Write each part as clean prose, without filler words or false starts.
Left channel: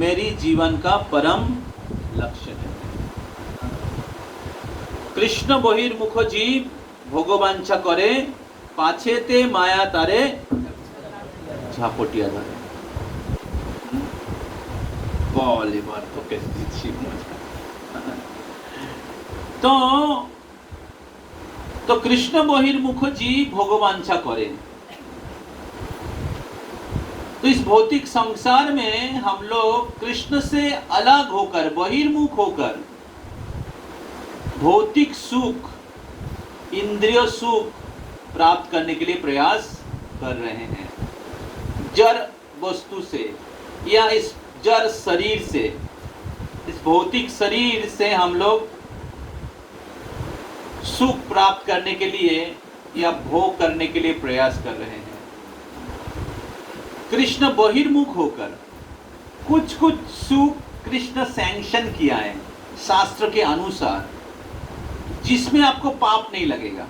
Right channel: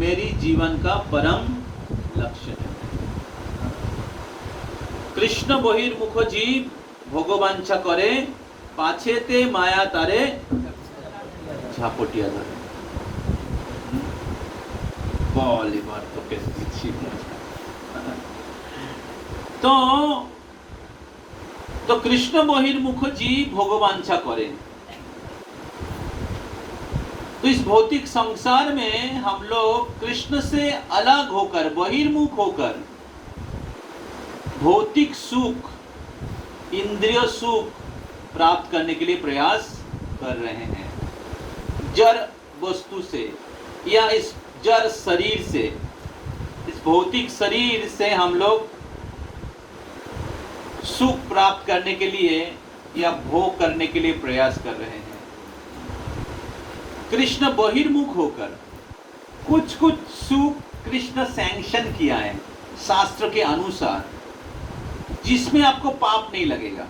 मेरी जीवन का परम लक्ष्य है। कृष्ण बहिर्मुख जीव भोगवांछा करे, पाछेते माया तारे झापटिया धरे। बोले बात तो कैसी तो कृष्ण बहिर्मुख जीव भोगवांछा करे। तो इस भौतिक संसार में हम लोग कृष्ण से अलग होकर, बहिर्मुख होकर भौतिक सुख, इंद्रिय सुख प्राप्त करने के लिए प्रयास कर रहे हैं। जड़ वस्तु से या इस जड़ शरीर से, इस भौतिक शरीर से हम लोग सुख प्राप्त करने के लिए या भोग करने के लिए प्रयास कर रहे हैं। कृष्ण बहिर्मुख होकर कुछ कुछ सुख कृष्ण सैंक्शन किया है शास्त्र के अनुसार, जिसमें आपको पाप नहीं लगेगा।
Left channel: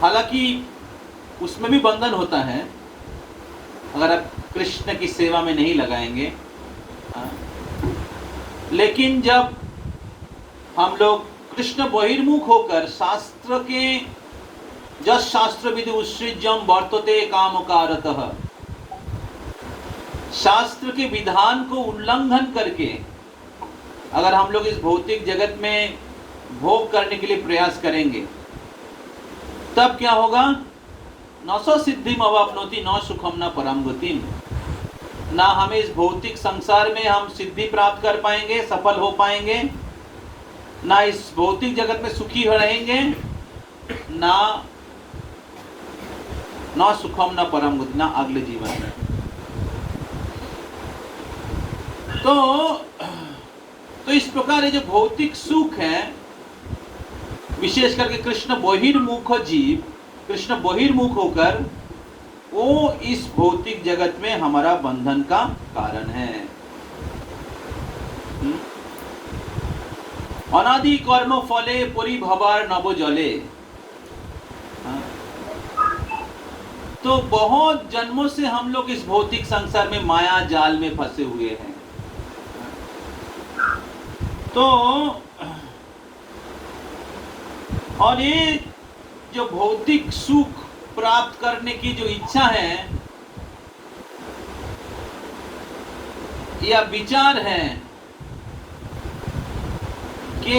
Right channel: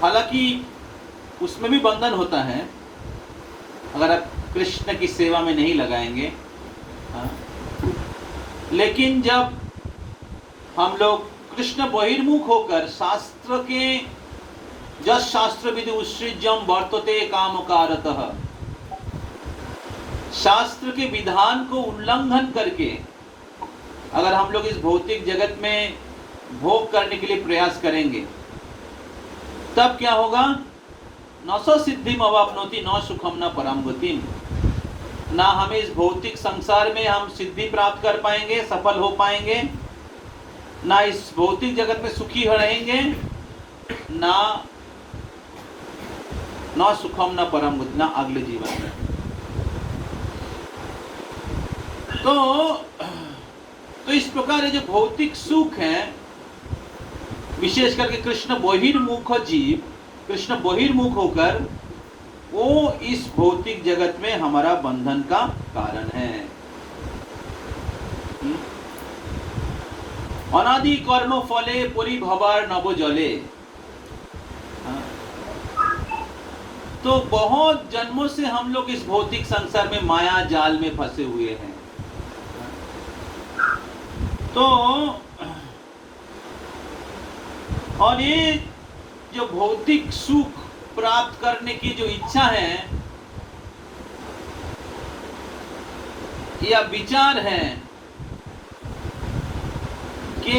हालांकि उसमें भी बंधन होता है अगर आप कृष्ण की सेवा में नहीं लगाएंगे। लेकिन जब हम लोग कृष्ण बहिर्मुख होकर शास्त्र के जस शास्त्र विधि उत्सृज्यम वर्तते कामकारतः, शास्त्र के विधान को उल्लंघन करके अगर हम लोग इस भौतिक जगत में भोग करने के लिए प्रयास करेंगे, तब क्या होगा? न स सिद्धिम अवाप्नोति न सुखम न परम गतिम। ना हमें इस भौतिक संसार में हम सिद्धि प्राप्त कर पाएंगे, सफल हो पाएंगे, ना इस भौतिक जगत में सुखी रहेंगे, ना सुखम न परम गति, ना अगले जीवन में। तो इस प्रकार ये जो भौतिक सुख है, विशेष करके कृष्ण बहिर्मुख जीव, कृष्ण बहिर्मुख होकर वो इस भौतिक जगत में हमारा बंधन का कारण है। अनादि कर्म फले परिभवार नभ जले। तो बहुत जन्मों से हम लोग इस भौतिक संसार में माया जाल में फंसे हुए हैं। तो और ये जो भौतिक सुख प्राप्त करने की जो इच्छा है या विचार है कि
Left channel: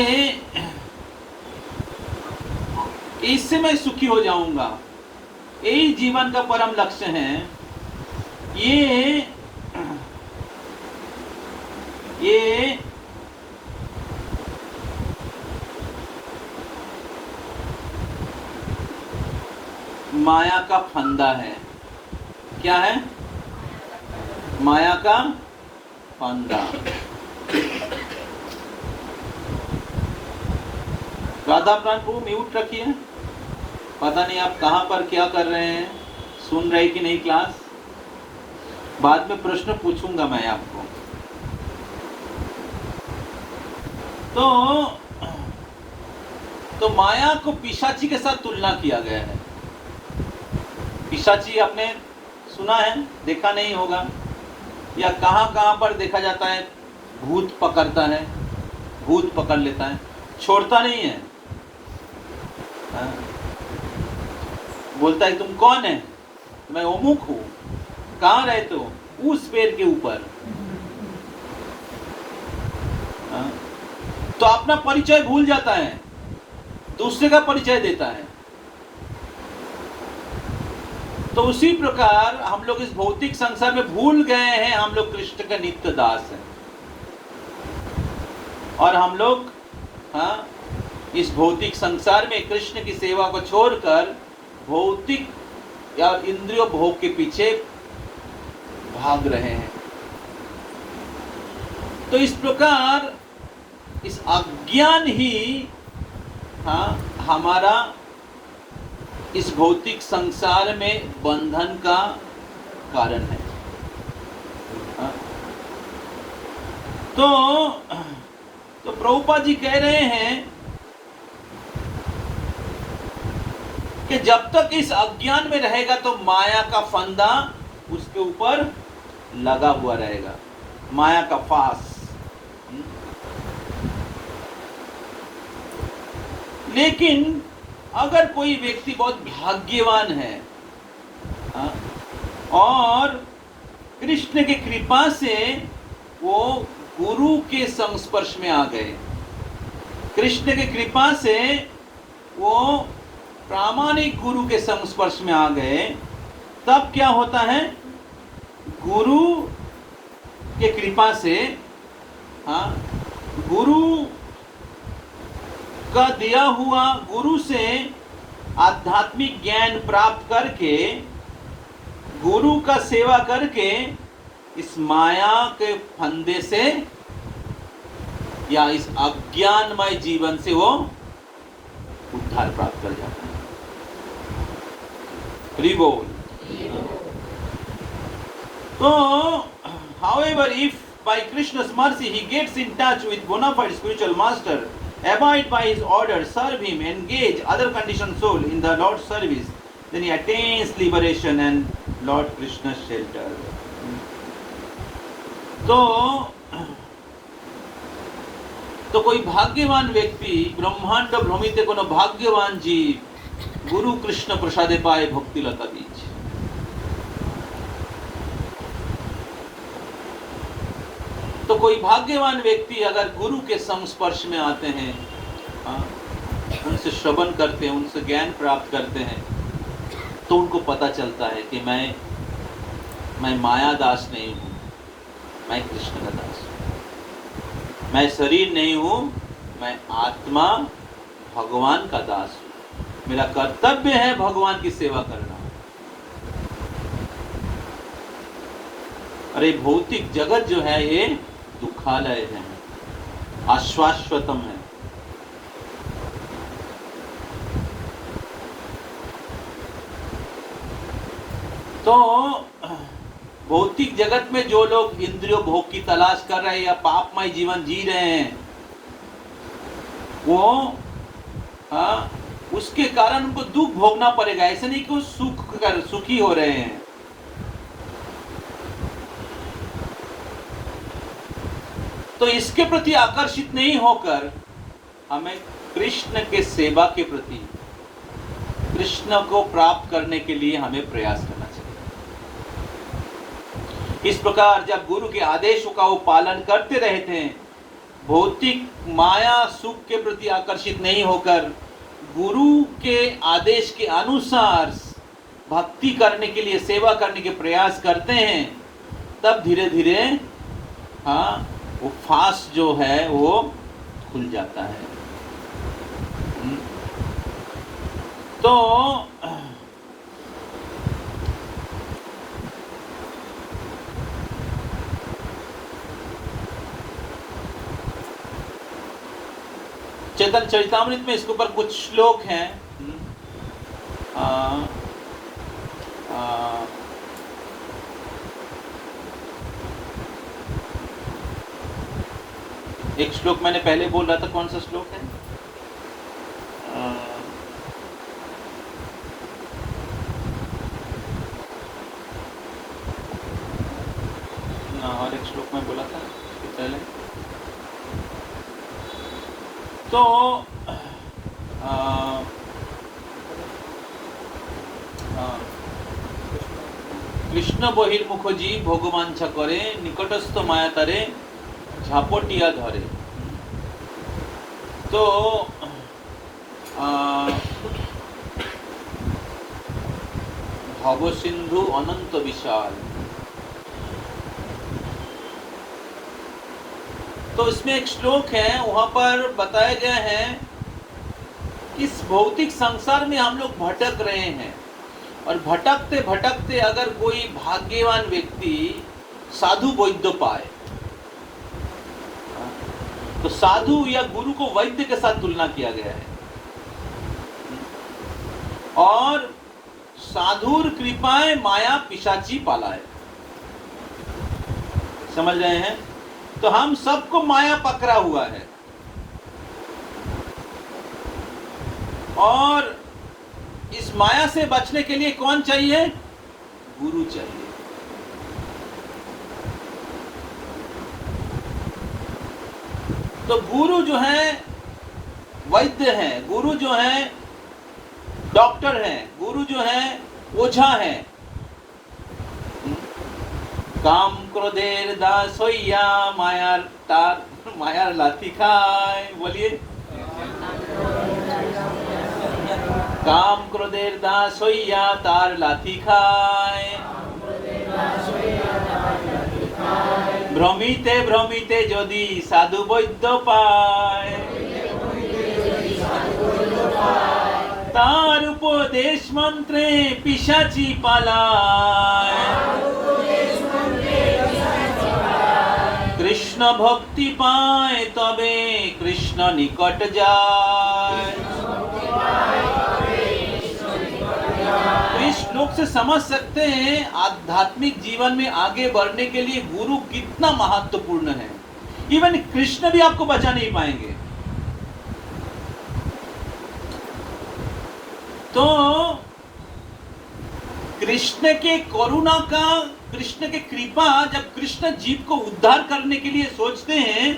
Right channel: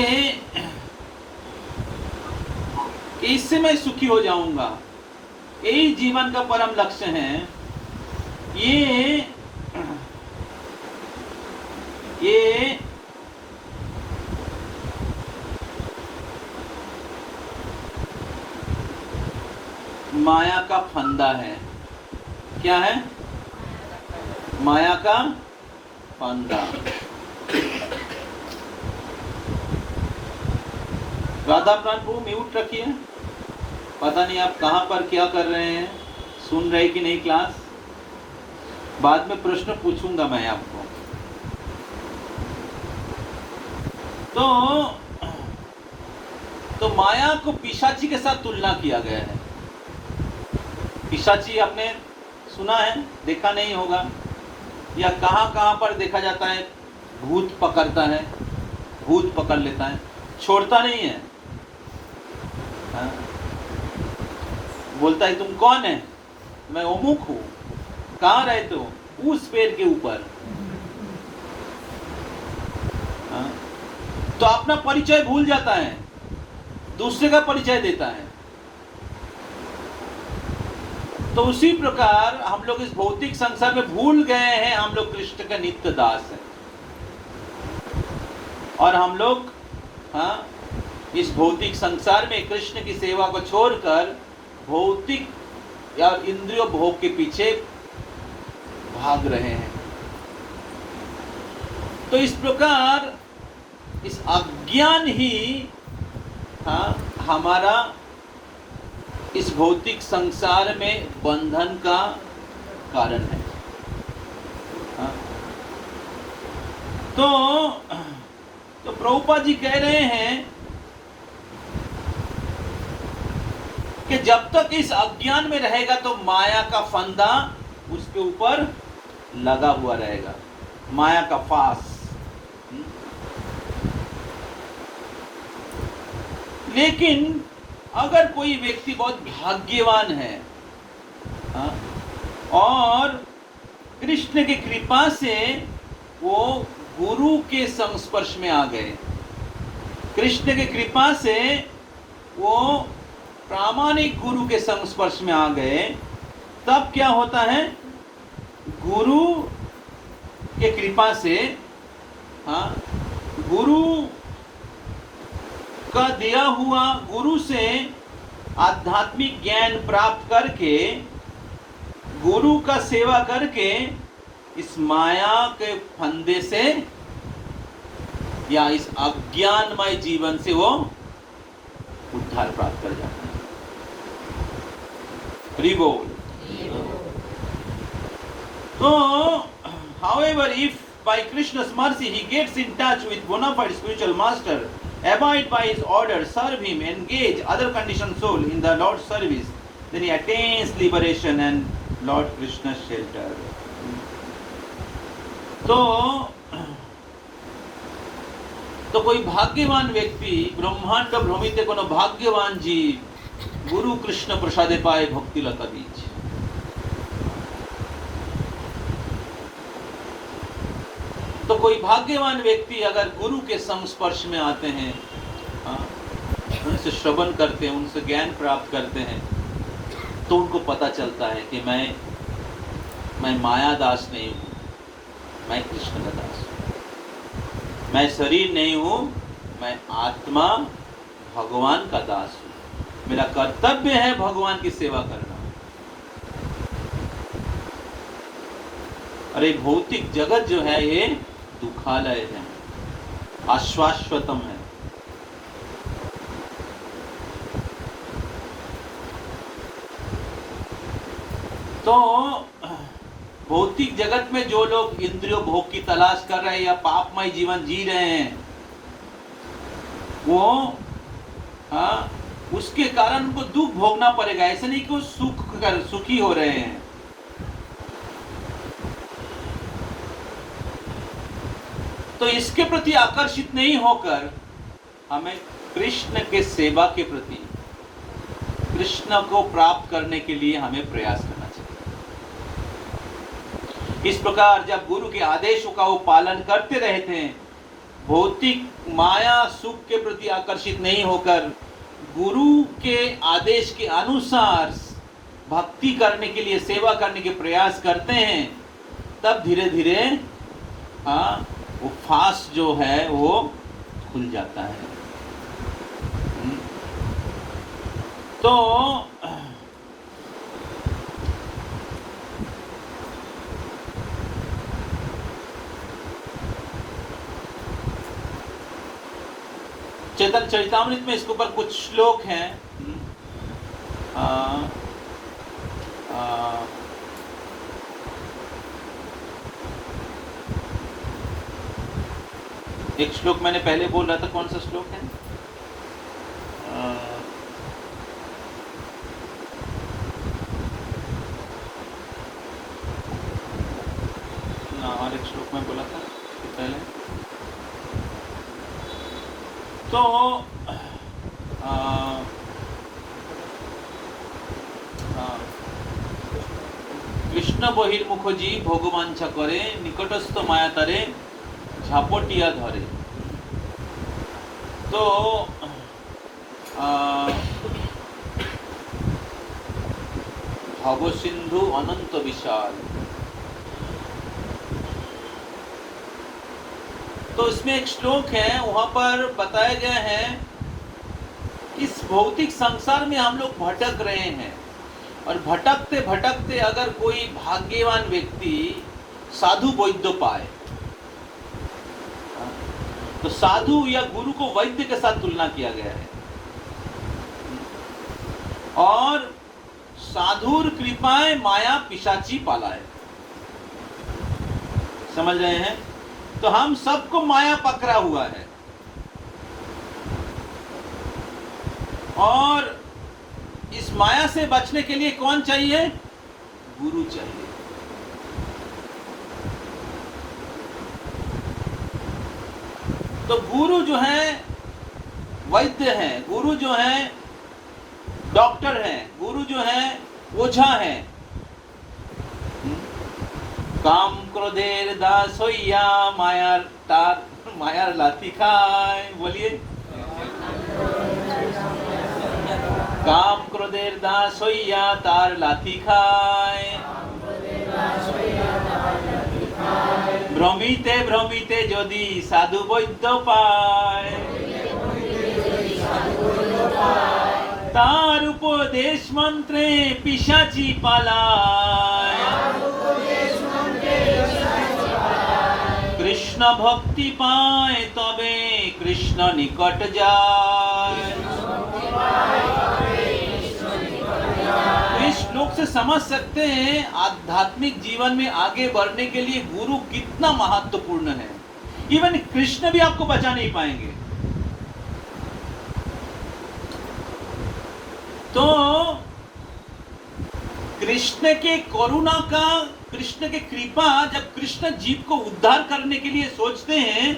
इससे मैं सुखी हो जाऊंगा, यही जीवन का परम लक्ष्य है, ये माया का फंदा है। क्या है? माया का फंदा। राधा प्राण को म्यूट रखिए। पता नहीं आप कहां पर क्या कर रहे हैं, सुन रहे कि नहीं क्लास? बाद में प्रश्न पूछूंगा मैं आपको। तो माया को पिशाची के साथ तुलना किया गया है। पिशाची आपने सुना है, देखा नहीं होगा, या कहां पर देखा जाता है? भूत पकड़ता है, भूत पकड़ लेता है, छोड़ता नहीं है। बोलता है तुम कौन है? मैं अमुक हूं। कहां रहते हो? उस पेड़ के ऊपर। तो अपना परिचय भूल जाता है, दूसरे का परिचय देता है। तो उसी प्रकार हम लोग इस भौतिक संसार में भूल गए हैं हम लोग कृष्ण के नित्य दास हैं, और हम लोग इस भौतिक संसार में कृष्ण की सेवा को छोड़कर भौतिक या इंद्रिय भोग के पीछे भाग रहे हैं। तो इस प्रकार इस अज्ञान ही हमारा इस भौतिक संसार में बंधन का कारण है। तो प्रभुपाद जी कह रहे हैं कि जब तक इस अज्ञान में रहेगा तो माया का फंदा उसके ऊपर लगा हुआ रहेगा, माया का फास। लेकिन अगर कोई व्यक्ति बहुत भाग्यवान है और कृष्ण की कृपा से वो गुरु के संस्पर्श में आ गए, कृष्ण की कृपा से वो प्रामाणिक गुरु के संस्पर्श में आ गए, तब क्या होता है, गुरु के कृपा से गुरु का दिया हुआ, गुरु से आध्यात्मिक ज्ञान प्राप्त करके, गुरु का सेवा करके इस माया के फंदे से या इस अज्ञानमय जीवन से वो उद्धार प्राप्त कर जाते हैं। रिबोल। तो however, if by Krishna's mercy he gets in touch with bona fide spiritual master, abide by his order, serve him, engage other conditioned soul in the Lord's service, then he attains liberation and Lord Krishna's shelter. तो कोई भाग्यवान व्यक्ति, ब्रह्मांड भ्रमिते कोनो भाग्यवान जीव गुरु कृष्ण प्रसादे पाए भक्ति लता बीज। तो कोई भाग्यवान व्यक्ति अगर गुरु के संस्पर्श में आते हैं, उनसे श्रवण करते हैं, उनसे ज्ञान प्राप्त करते हैं, तो उनको पता चलता है कि मैं माया दास नहीं हूँ, मैं कृष्ण का दास हूँ, मैं शरीर नहीं हूँ, मैं आत्मा भगवान का दास हूँ, मेरा कर्तव्य है भगवान की सेवा करना। अरे भौतिक जगत जो है ये दुखालय है, आश्वाश्वतम है। तो भौतिक जगत में जो लोग इंद्रियों भोग की तलाश कर रहे हैं या पापमय जीवन जी रहे हैं, वो उसके कारण उनको दुख भोगना पड़ेगा। ऐसे नहीं कि वो सुखी हो रहे हैं। तो इसके प्रति आकर्षित नहीं होकर हमें कृष्ण के सेवा के प्रति, कृष्ण को प्राप्त करने के लिए हमें प्रयास करना चाहिए। इस प्रकार जब गुरु के आदेशों का वो पालन करते रहते हैं, भौतिक माया सुख के प्रति आकर्षित नहीं होकर गुरु के आदेश के अनुसार भक्ति करने के लिए, सेवा करने के प्रयास करते हैं, तब धीरे धीरे वो फास जो है वो खुल जाता है। तो चैतन्य चरितामृत में इसके ऊपर कुछ श्लोक हैं। एक श्लोक मैंने पहले बोल रहा था, कौन सा श्लोक है? और एक श्लोक में बोला था पहले। तो कृष्ण बहिर्मुख जी भोगवांछा करे, निकटस्थ माया तारे झापटिया धरे। तो भव सिंधु अनंत विशाल। तो इसमें एक श्लोक है, वहां पर बताया गया है इस भौतिक संसार में हम लोग भटक रहे हैं, और भटकते भटकते अगर कोई भाग्यवान व्यक्ति साधु वैद्य पाए, तो साधु या गुरु को वैद्य के साथ तुलना किया गया है। और साधुर कृपाएं माया पिशाची पालाए। समझ रहे हैं? तो हम सबको माया पकड़ा हुआ है, और इस माया से बचने के लिए कौन चाहिए? गुरु चाहिए। तो गुरु जो है वैद्य है, गुरु जो है डॉक्टर है, गुरु जो है ओझा है। काम क्रोधेर दास होइया मायार लाठी खाए। बोलिए, काम क्रोधेर दास होइया तार लाठी खाए। भ्रमिते भ्रमिते यदि साधु वैद्य पाए, तार उपदेश मंत्रे पिशाची पालाय। कृष्ण भक्ति पाए तबे कृष्ण निकट जाए। इस श्लोक से समझ सकते हैं आध्यात्मिक जीवन में आगे बढ़ने के लिए गुरु कितना महत्वपूर्ण है। इवन कृष्ण भी आपको बचा नहीं पाएंगे। तो कृष्ण के करुणा का, कृष्ण के कृपा, जब कृष्ण जीव को उद्धार करने के लिए सोचते हैं,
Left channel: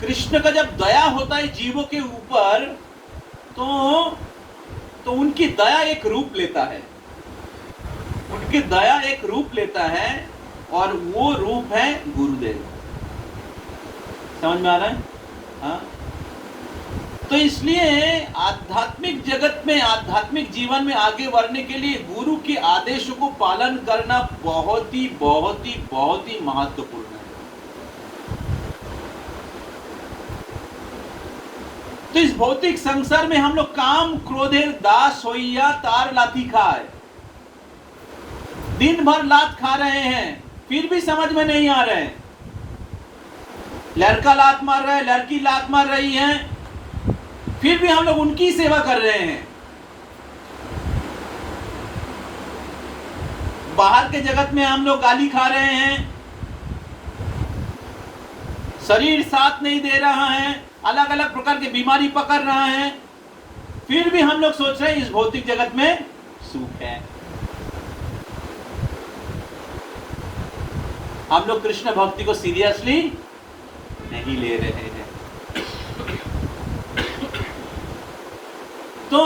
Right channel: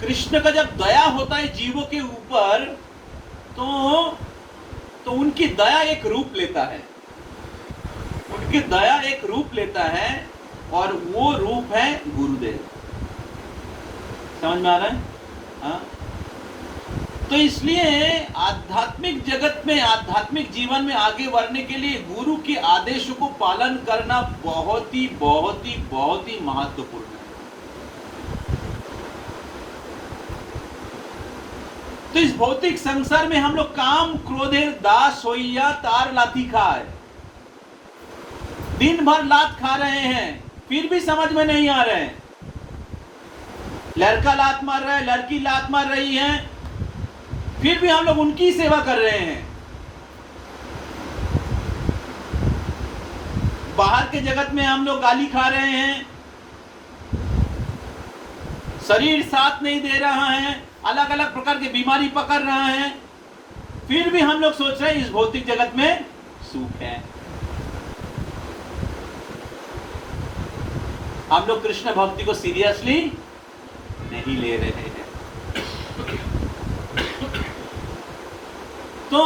कृष्ण का जब दया होता है जीवों के ऊपर, तो उनकी दया एक रूप लेता है, उनकी दया एक रूप लेता है, और वो रूप है गुरुदेव। समझ में आ रहा है? हाँ? तो इसलिए आध्यात्मिक जगत में, आध्यात्मिक जीवन में आगे बढ़ने के लिए गुरु के आदेशों को पालन करना बहुत ही महत्वपूर्ण है। तो इस भौतिक संसार में हम लोग काम क्रोधेर दास होइया तार लाठी खाए, दिन भर लात खा रहे हैं, फिर भी समझ में नहीं आ रहे हैं। लड़का लात मार रहा है, लड़की लात मार रही है, फिर भी हम लोग उनकी सेवा कर रहे हैं। बाहर के जगत में हम लोग गाली खा रहे हैं, शरीर साथ नहीं दे रहा है, अलग अलग प्रकार की बीमारी पकड़ रहा है, फिर भी हम लोग सोच रहे हैं इस भौतिक जगत में सुख है। हम लोग कृष्ण भक्ति को सीरियसली नहीं ले रहे हैं। तो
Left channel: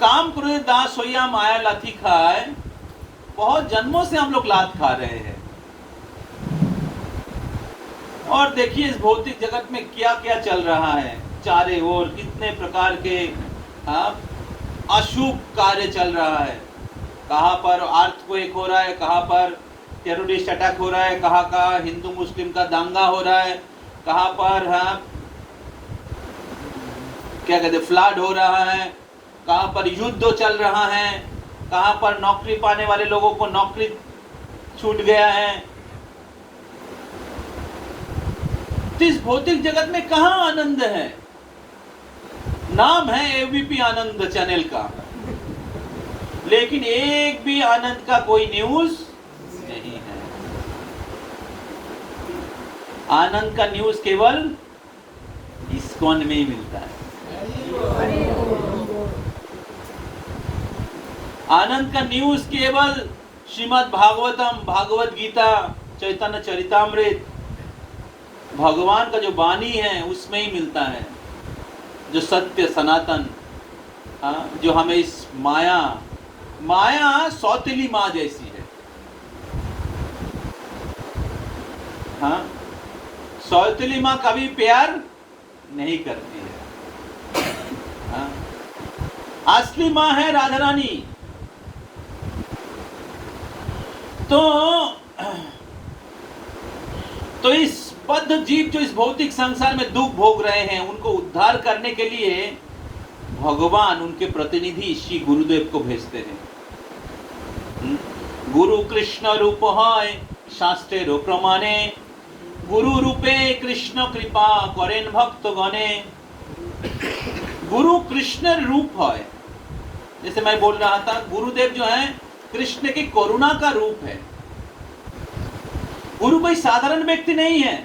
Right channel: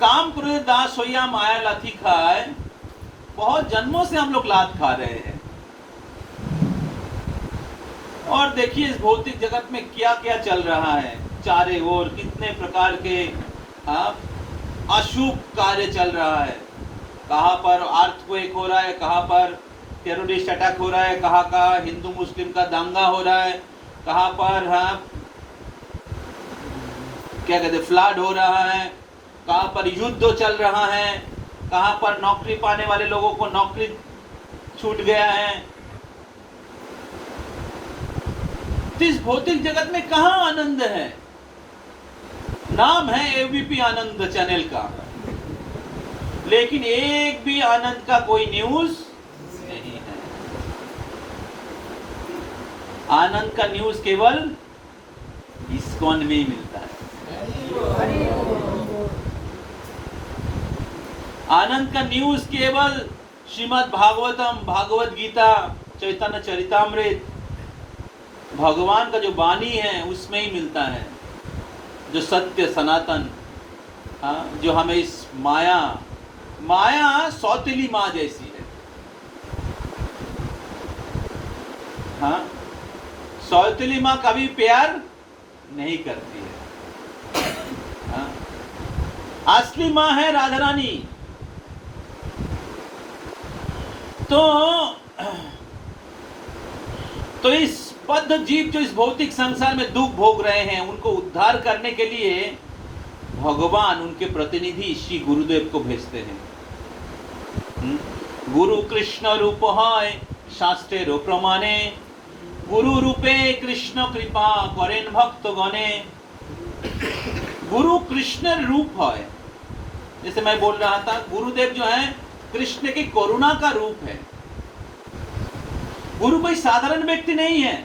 काम क्रोध दास होइया माया लाठी खाए, बहुत जन्मों से हम लोग लात खा रहे हैं। और देखिए इस भौतिक जगत में क्या क्या चल रहा है, चारे ओर कितने प्रकार के अशुभ कार्य चल रहा है। कहां पर अर्थक्वेक हो रहा है, कहां पर टेररिस्ट अटैक हो रहा है, कहां का हिंदू मुस्लिम का दंगा हो रहा है, कहां पर क्या कहते फ्लड हो रहा है, कहां पर युद्ध चल रहा है, कहां पर नौकरी पाने वाले लोगों को नौकरी छूट गया है। तो इस भौतिक जगत में कहां आनंद है? नाम है एबीपी आनंद चैनल का, लेकिन एक भी आनंद का कोई न्यूज नहीं है। आनंद का न्यूज केवल इस्कॉन में ही मिलता है। आनंद का न्यूज केवल श्रीमद् भागवतम, भागवत गीता, चैतन्य चरितामृत, भगवान का जो वाणी है उसमें ही मिलता है, जो सत्य सनातन, जो हमें इस माया सौतेली माँ जैसी है। सौतेली माँ कभी प्यार नहीं करती है। असली माँ है राधा रानी। तो इस बद्ध जीव जो इस भौतिक संसार में दुख भोग रहे हैं, उनको उद्धार करने के लिए भगवान उनके प्रतिनिधि श्री गुरुदेव को भेजते हैं। गुरु कृष्ण रूप है शास्त्रेर प्रमाणे, गुरु रूपे कृष्ण कृपा करें भक्त गणे। गुरु कृष्ण रूप है, जैसे मैं बोल रहा था, गुरुदेव जो है कृष्ण की करुणा का रूप है। गुरु कोई साधारण व्यक्ति नहीं है।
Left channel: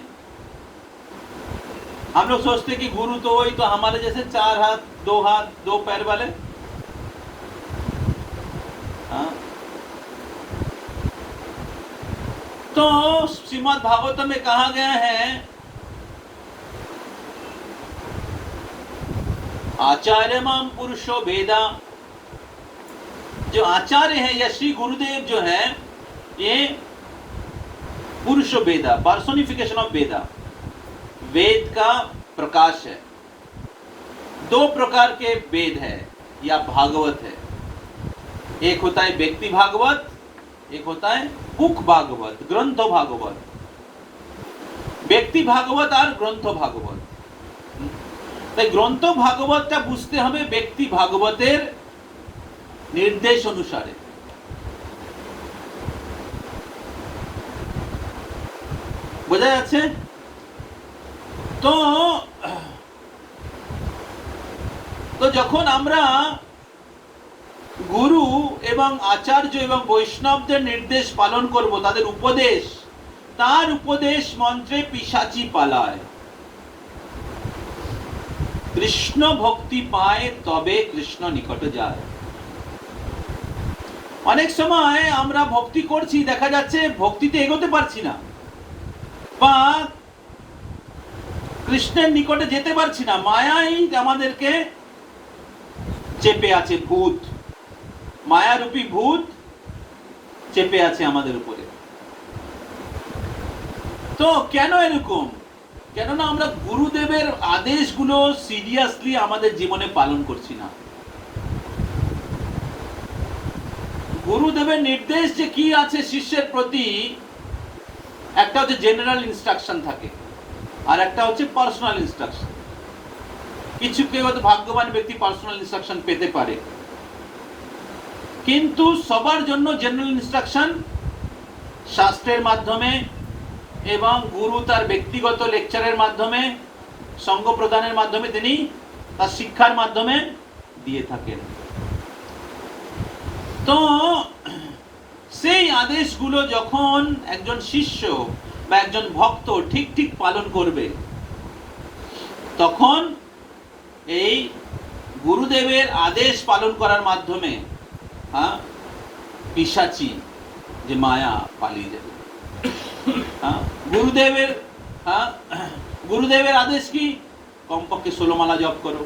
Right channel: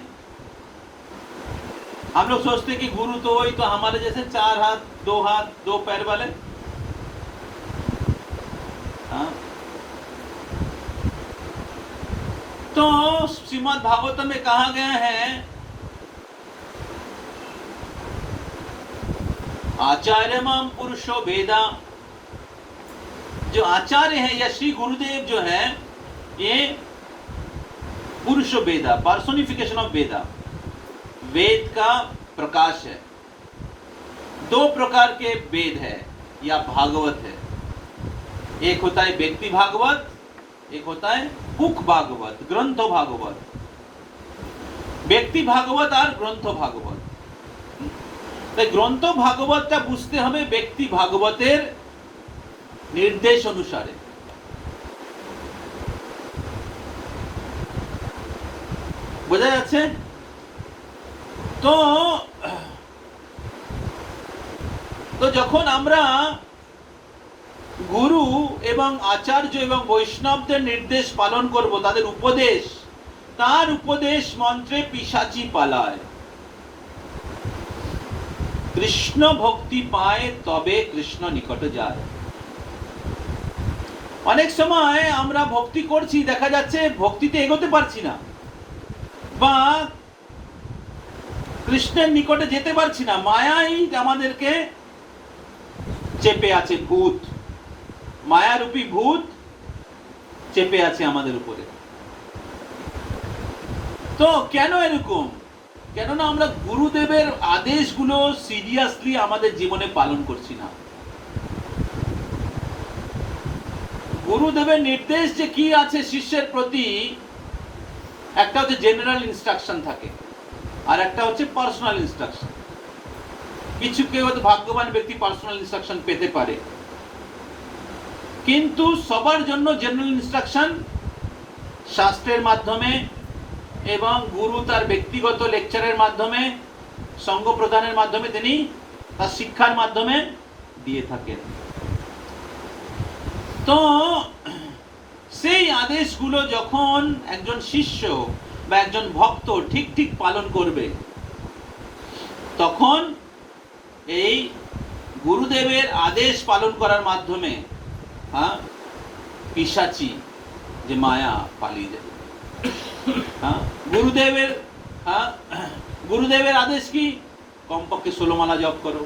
हम लोग सोचते कि गुरु तो वही तो हमारे जैसे 4 हाथ 2 पैर वाले, तो श्रीमद् भागवत में कहा गया है, आचार्य माम पुरुषो वेदा, जो आचार्य है या श्री गुरुदेव जो है, ये पुरुषो वेदा, पर्सोनिफिकेशन ऑफ वेदा, वेद का प्रकाश है। दो प्रकार के वेद है या भागवत है, एक होता है व्यक्ति भागवत, एक होता है बुक भागवत, ग्रंथ भागवत। व्यक्ति भागवत और ग्रंथ भागवत। তাই গ্রন্থ ভাগবতটা বুঝতে হবে ব্যক্তি ভাগবতের নির্দেশ অনুসারে। বোঝা যাচ্ছে? তো যখন আমরা গুরু এবং আচার্য এবং বৈষ্ণবদের নির্দেশ পালন করব, তাদের উপদেশ, তার উপদেশ মন্ত্রে পিশাচি পালায়। কৃষ্ণ ভক্তি পায় তবে কৃষ্ণ নিকটে যায়। অনেক সময় আমরা ভক্তি করছি, দেখা যাচ্ছে ভক্তিতে এগোতে পারছি না বা কৃষ্ণের নিকটে যেতে পারছি না। মায়াই আমাদেরকে চেপে আছে, ভূত, মায়ারূপী ভূত চেপে আছে আমাদের উপরে। তো কেন এরকম? কেননা আমরা গুরুদেবের আদেশগুলো সিরিয়াসলি আমাদের জীবনে পালন করছি না। গুরুদেবের নির্দেশ যে কি আছে শিষ্যের প্রতি, একটা হচ্ছে জেনারেল ইনস্ট্রাকশন থাকে আর একটা হচ্ছে পার্সোনাল ইনস্ট্রাকশন। কিছু কেউ হয়তো ভাগ্যবান ব্যক্তি পার্সোনাল ইনস্ট্রাকশন পেতে পারে, কিন্তু সবার জন্য জেনারেল ইনস্ট্রাকশন শাস্ত্রের মাধ্যমে এবং গুরু তার ব্যক্তিগত লেকচারের মাধ্যমে, সঙ্গ প্রদানের মাধ্যমে, তিনি তার শিক্ষার মাধ্যমে দিয়ে থাকেন। তো সেই আদেশগুলো যখন একজন শিষ্য বা একজন ভক্ত ঠিক ঠিক পালন করবে, তখন এই গুরুদেবের আদেশ পালন করার মাধ্যমে পিশাচি যে মায়া পালিয়ে যাবে। গুরুদেবের আদেশ কি? কমপক্ষে 16 মালা জপ করো।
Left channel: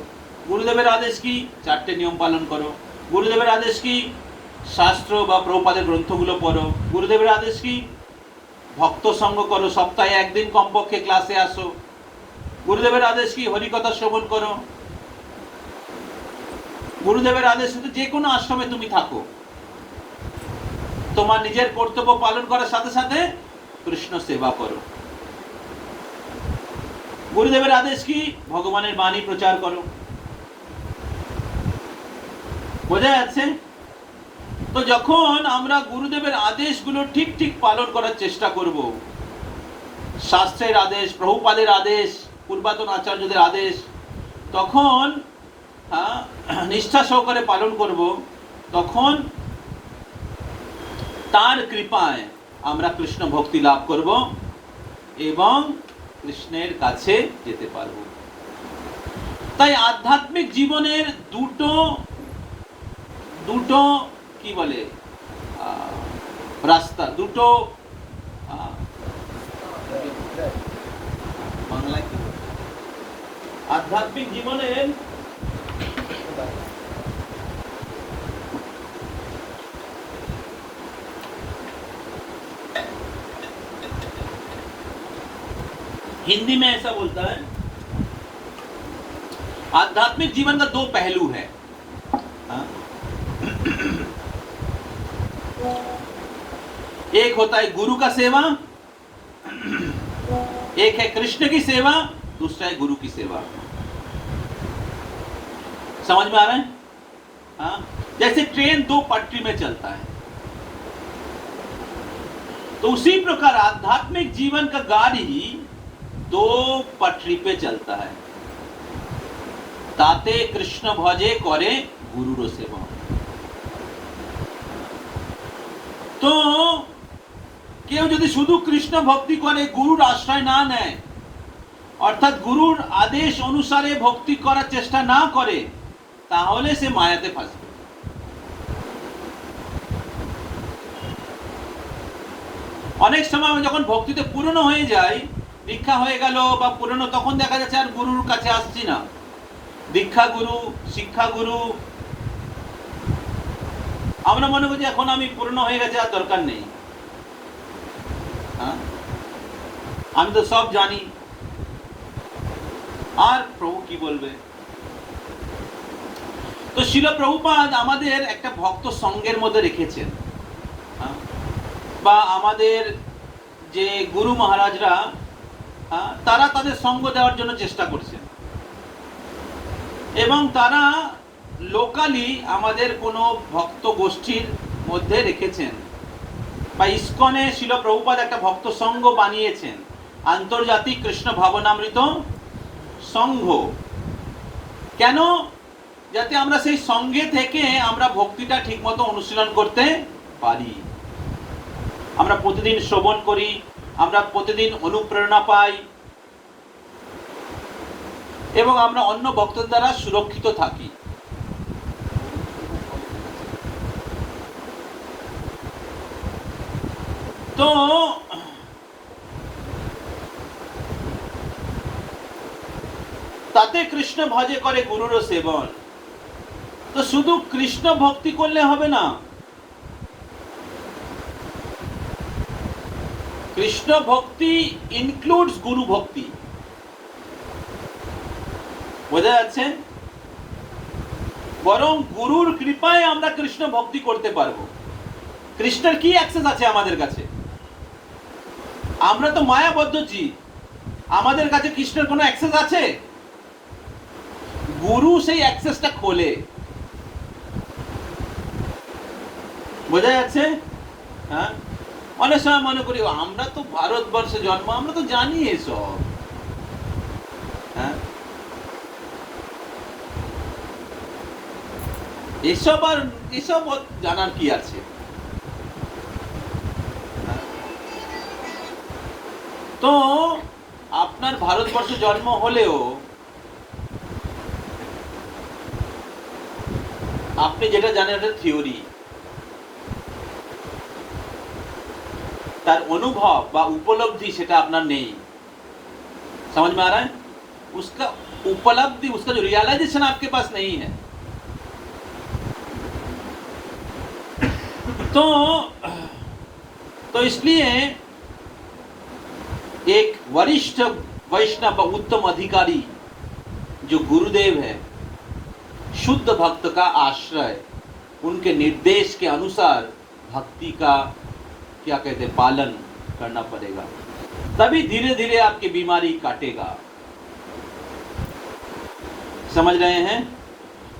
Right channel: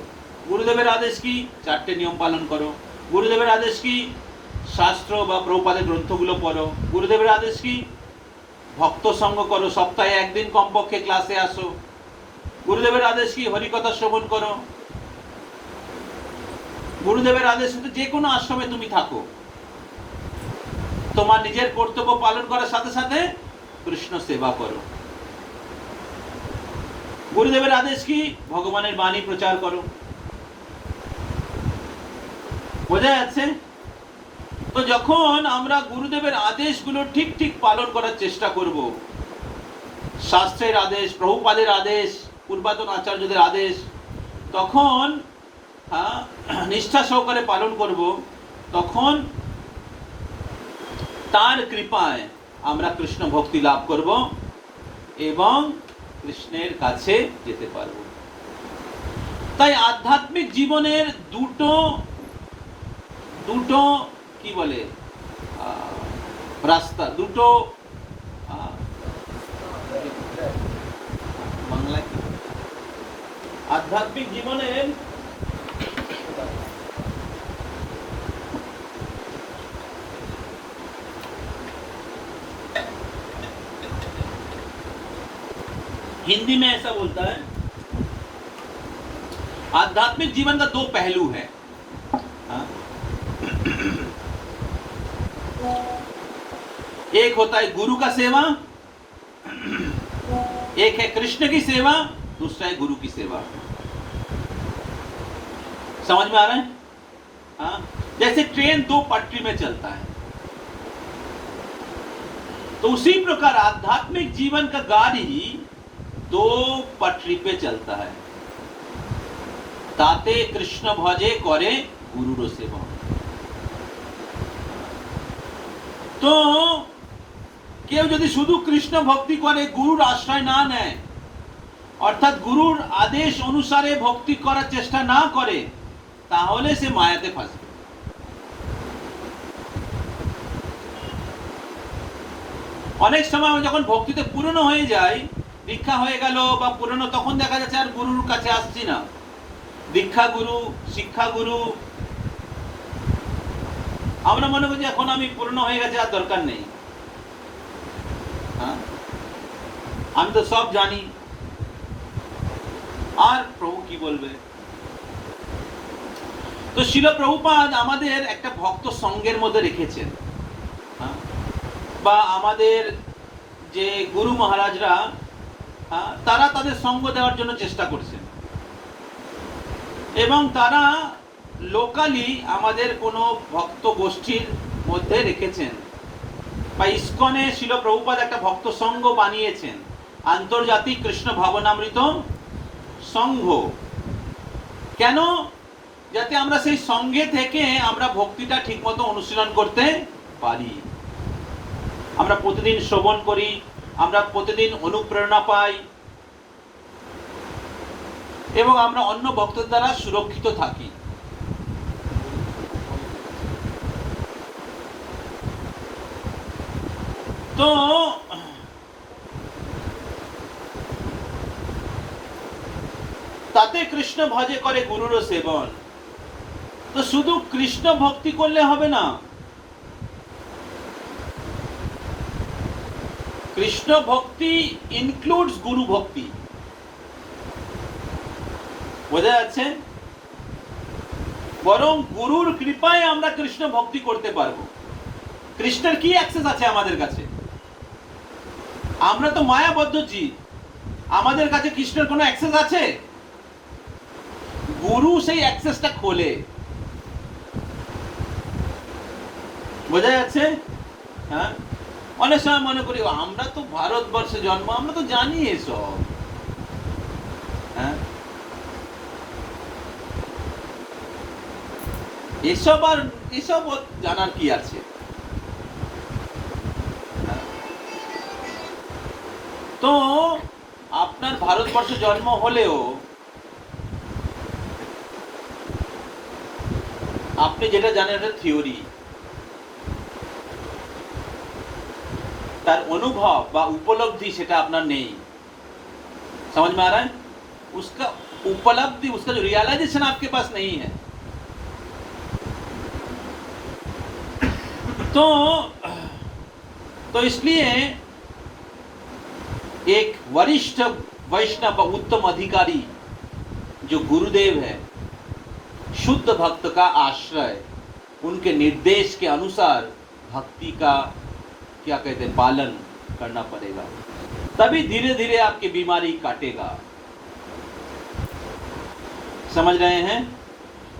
গুরুদেবের আদেশ কি? 4টে নিয়ম পালন করো। গুরুদেবের আদেশ কি? শাস্ত্র বা প্রভুপাদের গ্রন্থগুলো পড়ো। গুরুদেবের আদেশ কি? ভক্ত সঙ্গ করো, সপ্তাহে একদিন কমপক্ষে ক্লাসে আসো। গুরুদেবের আদেশ কি? হরিকথা শ্রবণ করো। গুরুদেবের আদেশ যে কোনো আশ্রমে তুমি থাকো, তোমার নিজের কর্তব্য পালন করার সাথে সাথে কৃষ্ণ সেবা করো। গুরুদেবের আদেশ কি? ভগবানের বাণী প্রচার করো। বোঝা যাচ্ছে? তো যখন আমরা গুরুদেবের আদেশগুলো ঠিক ঠিক পালন করার চেষ্টা করব, শাস্ত্রের আদেশ, প্রভুপাদের আদেশ, পূর্বাতন আচার্যদের আদেশ, তখন নিষ্ঠা সহকারে পালন করব, তখন তার কৃপায় আমরা কৃষ্ণ ভক্তি লাভ করব এবং কৃষ্ণের কাছে যেতে পারব। তাই আধ্যাত্মিক জীবনের দুটো কি বলে রাস্তা, দুটো বাংলায় কি, আধ্যাত্মিক জীবনের हिंदी में ऐसा बोलता है, आध्यात्मिक जीवन का 2 पहलू है। एक होता है गुरु का सेवा, एक है कृष्ण की सेवा, दूसरा है गुरु की सेवा। समझ में आ रहा है? हाँ, जैसे ट्रेन 2 पटरी में चलता है, तो उसी प्रकार आध्यात्मिक जीवन का गाड़ी 2 पटरी पे चलता है। ताते कृष्ण भजे करे गुरुर सेवा। तो কেউ যদি শুধু কৃষ্ণ ভক্তি করে, গুরুর আশ্রয় না নেয়, অর্থাৎ গুরুর আদেশ অনুসারে ভক্তি করার চেষ্টা না করে, তাহলে সে মায়াতে ফাঁসবে। অনেক সময় যখন ভক্তিতে পুরনো হয়ে যায়, দীক্ষা হয়ে গেল বা পুরনো, তখন দেখা যাচ্ছে আর গুরুর কাছে আসছি না। দীক্ষা গুরু, শিক্ষা গুরু, আমরা মনে করছি এখন আমি পুরনো হয়ে গেছে, আর দরকার নেই। হ্যাঁ, আমি তো সব জানি, আর প্রভু কি বলবে। তো শিল প্রভুপাদ আমাদের একটা ভক্ত সঙ্গের মধ্যে রেখেছেন, বা আমাদের যে গুরু মহারাজরা তারা তাদের সঙ্গ দেওয়ার জন্য চেষ্টা করছেন, এবং তারা লোকালি আমাদের কোনো ভক্ত গোষ্ঠীর মধ্যে রেখেছেন, বা ইসকনে শিল প্রভুপাদ একটা ভক্ত সংঘ বানিয়েছেন, আন্তর্জাতিক কৃষ্ণ ভাবনামৃত সংঘ। কেন? যাতে আমরা সেই সঙ্গে থেকে আমরা ভক্তিটা ঠিকমতো অনুশীলন করতে পারি। আমরা প্রতিদিন শ্রবণ করি, আমরা প্রতিদিন অনুপ্রেরণা পাই, এবং আমরা অন্য ভক্তদের দ্বারা সুরক্ষিত থাকি। তো তাতে কৃষ্ণ ভজে করে গুরুর সেবন। তো শুধু কৃষ্ণ ভক্তি করলে হবে না, কৃষ্ণ ভক্তি ইনক্লুডস গুরু ভক্তি। বোঝা যাচ্ছে? বরং গুরুর কৃপায় আমরা কৃষ্ণ ভক্তি করতে পারবো। কৃষ্ণের কি অ্যাক্সেস আছে আমাদের কাছে? আমরা তো মায়াবদ্ধ জীব, আমাদের কাছে কৃষ্ণের কোনো অ্যাক্সেস আছে? গুরু সেই অ্যাক্সেসটা খোলে। বোঝা যাচ্ছে? হ্যাঁ, অনেক সময় মনে করি আমরা তো ভারতবর্ষে জন্ম, আমরা তো জানি এসব। হ্যাঁ, এসব জানার কি আছে? তো আপনার ভারতবর্ষে জন্ম হলেও আপনি যেটা জানেন এটা থিওরি, তার অনুভব বা उपलब्धि সেটা আপনার নেই। समझ में आ रहा है? उसका उपलब्धि, उसका जो रियलाइजेशन आपके पास नहीं है। तो इसलिए एक वरिष्ठ वैष्णव उत्तम अधिकारी जो गुरुदेव है, शुद्ध भक्त का आश्रय, उनके निर्देश के अनुसार भक्ति का क्या कहते हैं पालन करना पड़ेगा, तभी धीरे धीरे आपकी बीमारी काटेगा। समझ रहे हैं?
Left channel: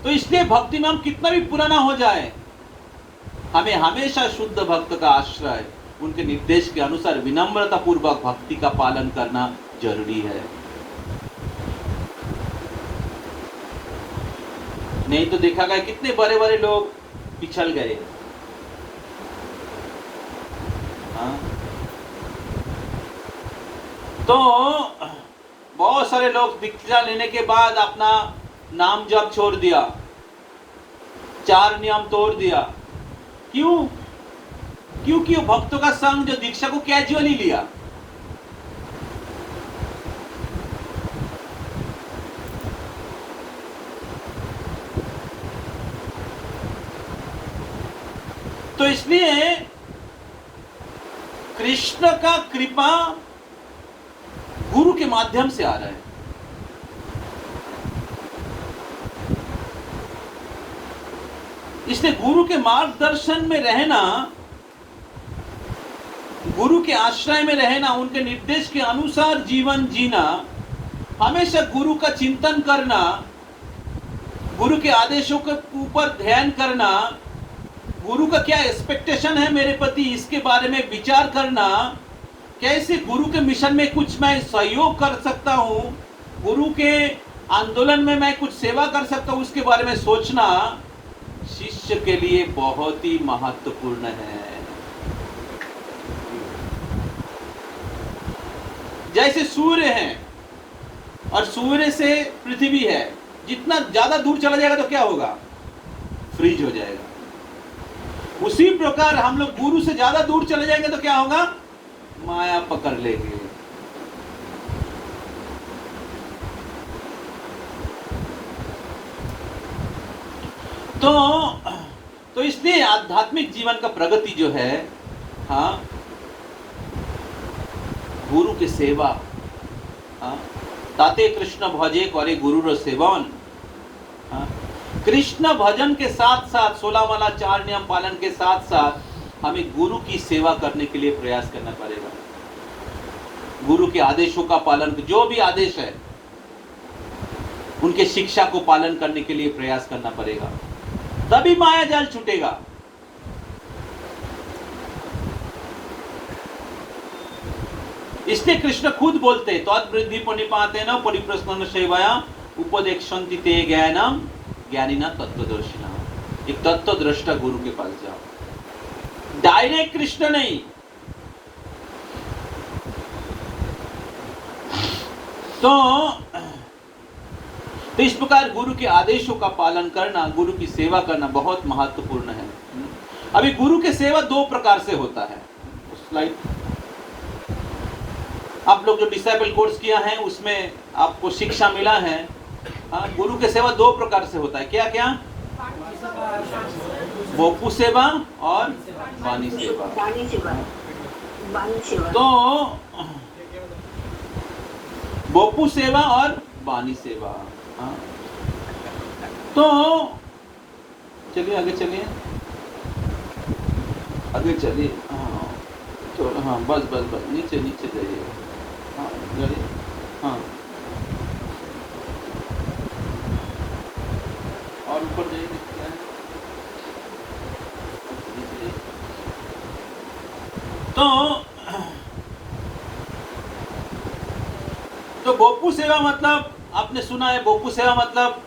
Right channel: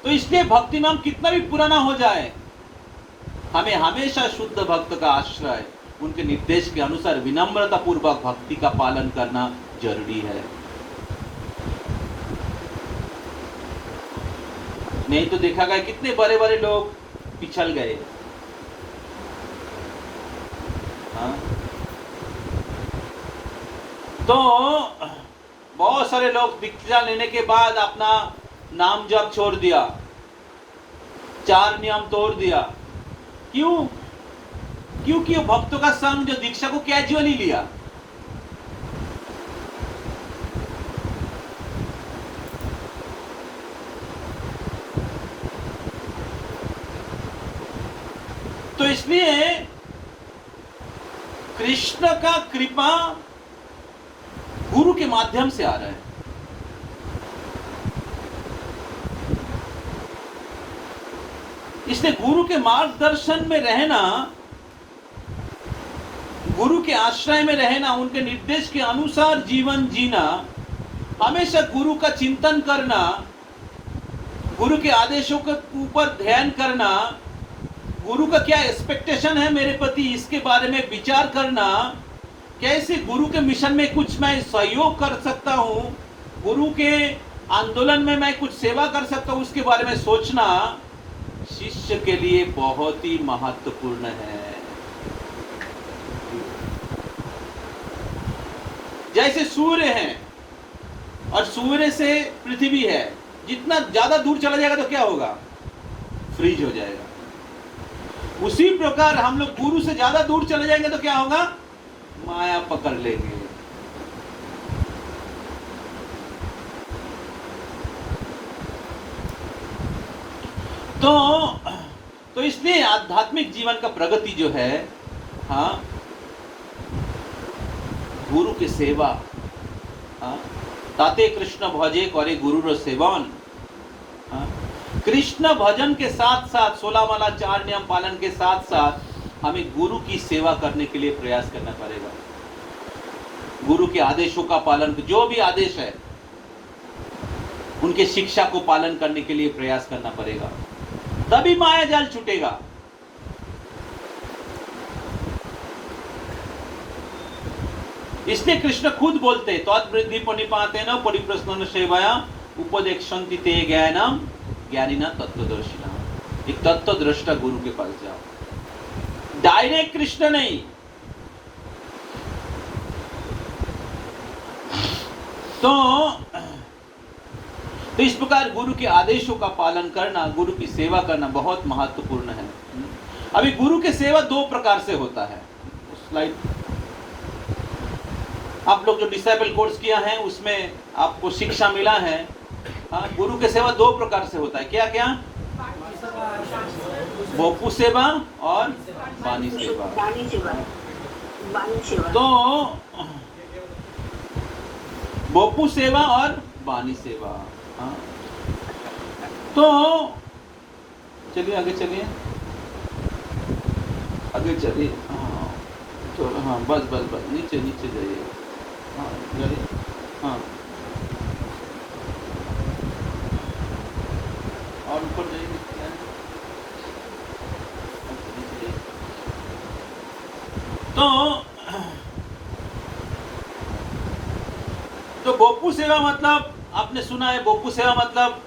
तो इसलिए भक्ति नाम कितना भी पुराना हो जाए, हमें हमेशा शुद्ध भक्त का आश्रय, उनके निर्देश के अनुसार विनम्रता पूर्वक भक्ति का पालन करना जरूरी है। नहीं तो देखा गया कितने बड़े बड़े लोग पिछल गए। तो बहुत सारे लोग दीक्षा लेने के बाद अपना नाम जप छोड़ दिया, 4 नियम तोड़ दिया। क्यों? क्योंकि भक्तों का संग जो दीक्षा को कैजुअली लिया। तो इसलिए कृष्ण का कृपा गुरु के माध्यम से आ रहा है। इसलिए गुरु के मार्गदर्शन में रहना, गुरु के आश्रय में रहना, उनके निर्देश के अनुसार जीवन जीना, हमेशा गुरु का चिंतन करना, गुरु के आदेशों के ऊपर ध्यान करना, गुरु का क्या एक्सपेक्टेशन है मेरे प्रति, इसके बारे में विचार करना, कैसे गुरु के मिशन में कुछ मैं सहयोग कर सकता हूँ, गुरु के आंदोलन में मैं कुछ सेवा कर सकता हूँ, उसके बारे में सोचना शिष्य के लिए बहुत ही महत्वपूर्ण है। जैसे सूर्य है और सूर्य से पृथ्वी है, जितना ज्यादा दूर चला जाएगा तो क्या होगा? फ्रीज हो जाएगा। उसी प्रकार हम लोग गुरु से ज्यादा दूर चले जाएंगे तो क्या होगा? माया पकड़ लेगी। तो इसलिए आध्यात्मिक जीवन का प्रगति जो है, हाँ, गुरु की सेवा, हाँ, ताते कृष्ण भजे करे गुरु सेवन, हाँ, कृष्ण भजन के साथ साथ 16 माला 4 नियम पालन के साथ साथ हमें गुरु की सेवा करने के लिए प्रयास करना पड़ेगा। गुरु के आदेशों का पालन, जो भी आदेश है उनके शिक्षा को पालन करने के लिए प्रयास करना पड़ेगा, तभी माया जाल छूटेगा। इसलिए कृष्ण खुद बोलते तद्वृद्धि परिपाते न परिप्रश्न सेवाया उपदेक्षन्ति ते ज्ञानम ज्ञानिना तत्वदर्शिना। एक तत्वदृष्टा गुरु के पास जाओ, डायरेक्ट कृष्ण नहीं। तो इस प्रकार गुरु के आदेशों का पालन करना, गुरु की सेवा करना बहुत महत्वपूर्ण है। अभी गुरु की सेवा 2 प्रकार से होता है। स्लाइड आप लोग जो डिसाइबल कोर्स किया है उसमें आपको शिक्षा मिला है, हाँ, गुरु की सेवा 2 प्रकार से होता है। क्या क्या? बोपू सेवा और वाणी सेवा। तो बोपू सेवा और वाणी सेवा, हाँ। तो चलिए आगे चलिए, आगे चलिए, हाँ, चलो, हाँ, बस बस बस नीचे नीचे जाइए, हाँ, जाइए, हाँ, और ऊपर जाइए। तो बोपू सेवा मतलब आपने सुना है, बोपू सेवा मतलब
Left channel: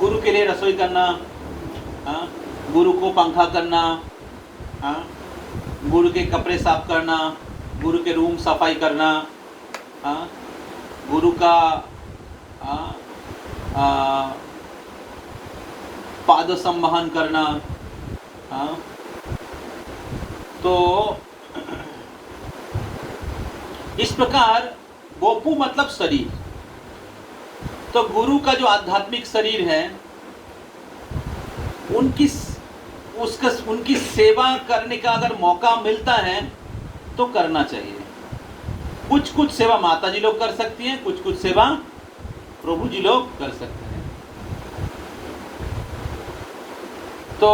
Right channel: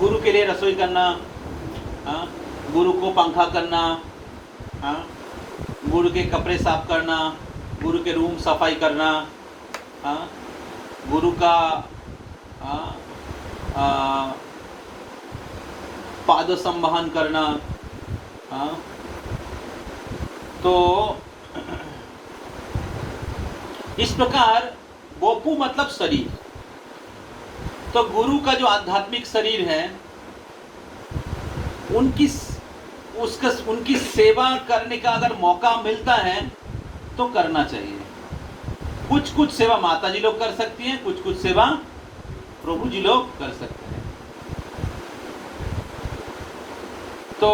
गुरु के लिए रसोई करना, हाँ, गुरु को पंखा करना, हाँ, गुरु के कपड़े साफ करना, गुरु के रूम सफाई करना, हाँ, गुरु का पाद संवहन करना, हाँ। तो इस प्रकार बोपू मतलब शरीर। तो गुरु का जो आध्यात्मिक शरीर है उनकी सेवा करने का अगर मौका मिलता है तो करना चाहिए। कुछ सेवा माता जी लोग कर सकती हैं, कुछ सेवा प्रभु जी लोग कर सकते हैं। तो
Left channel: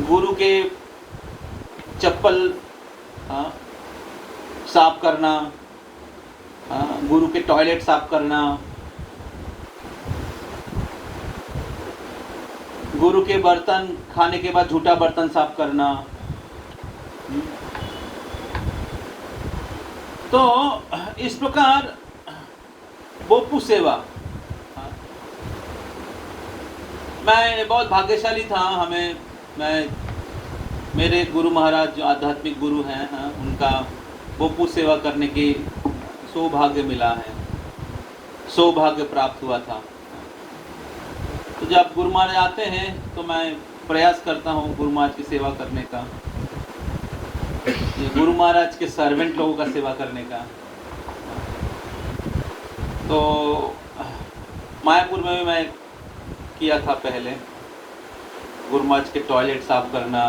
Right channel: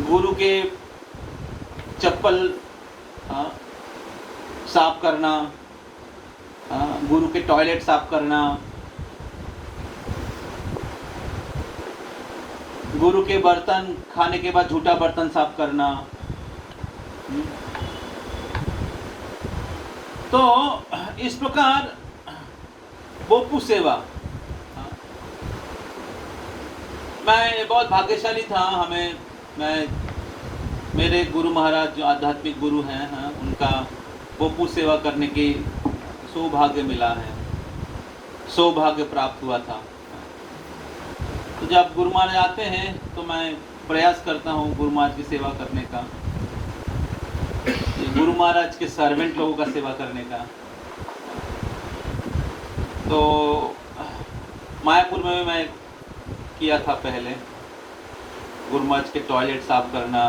गुरु के चप्पल, हाँ, साफ करना, हाँ, गुरु के टॉयलेट साफ करना, गुरु के बर्तन खाने के बाद झूठा बर्तन साफ करना। तो इस प्रकार बोपू सेवा, हाँ। मैं बहुत भाग्यशाली था, मेरे गुरु महाराज जो आध्यात्मिक गुरु हैं, हाँ, उनका बोपू सेवा करने की सौभाग्य मिला है, सौभाग्य प्राप्त हुआ था। तो जब गुरु महाराज आते हैं तो मैं प्रयास करता हूँ गुरु महाराज की सेवा करने का, गुरु महाराज के सर्वेंट लोगों का सेवा करने का। तो मायापुर में मैं किया था पहले, गुरु महाराज के टॉयलेट साफ करना,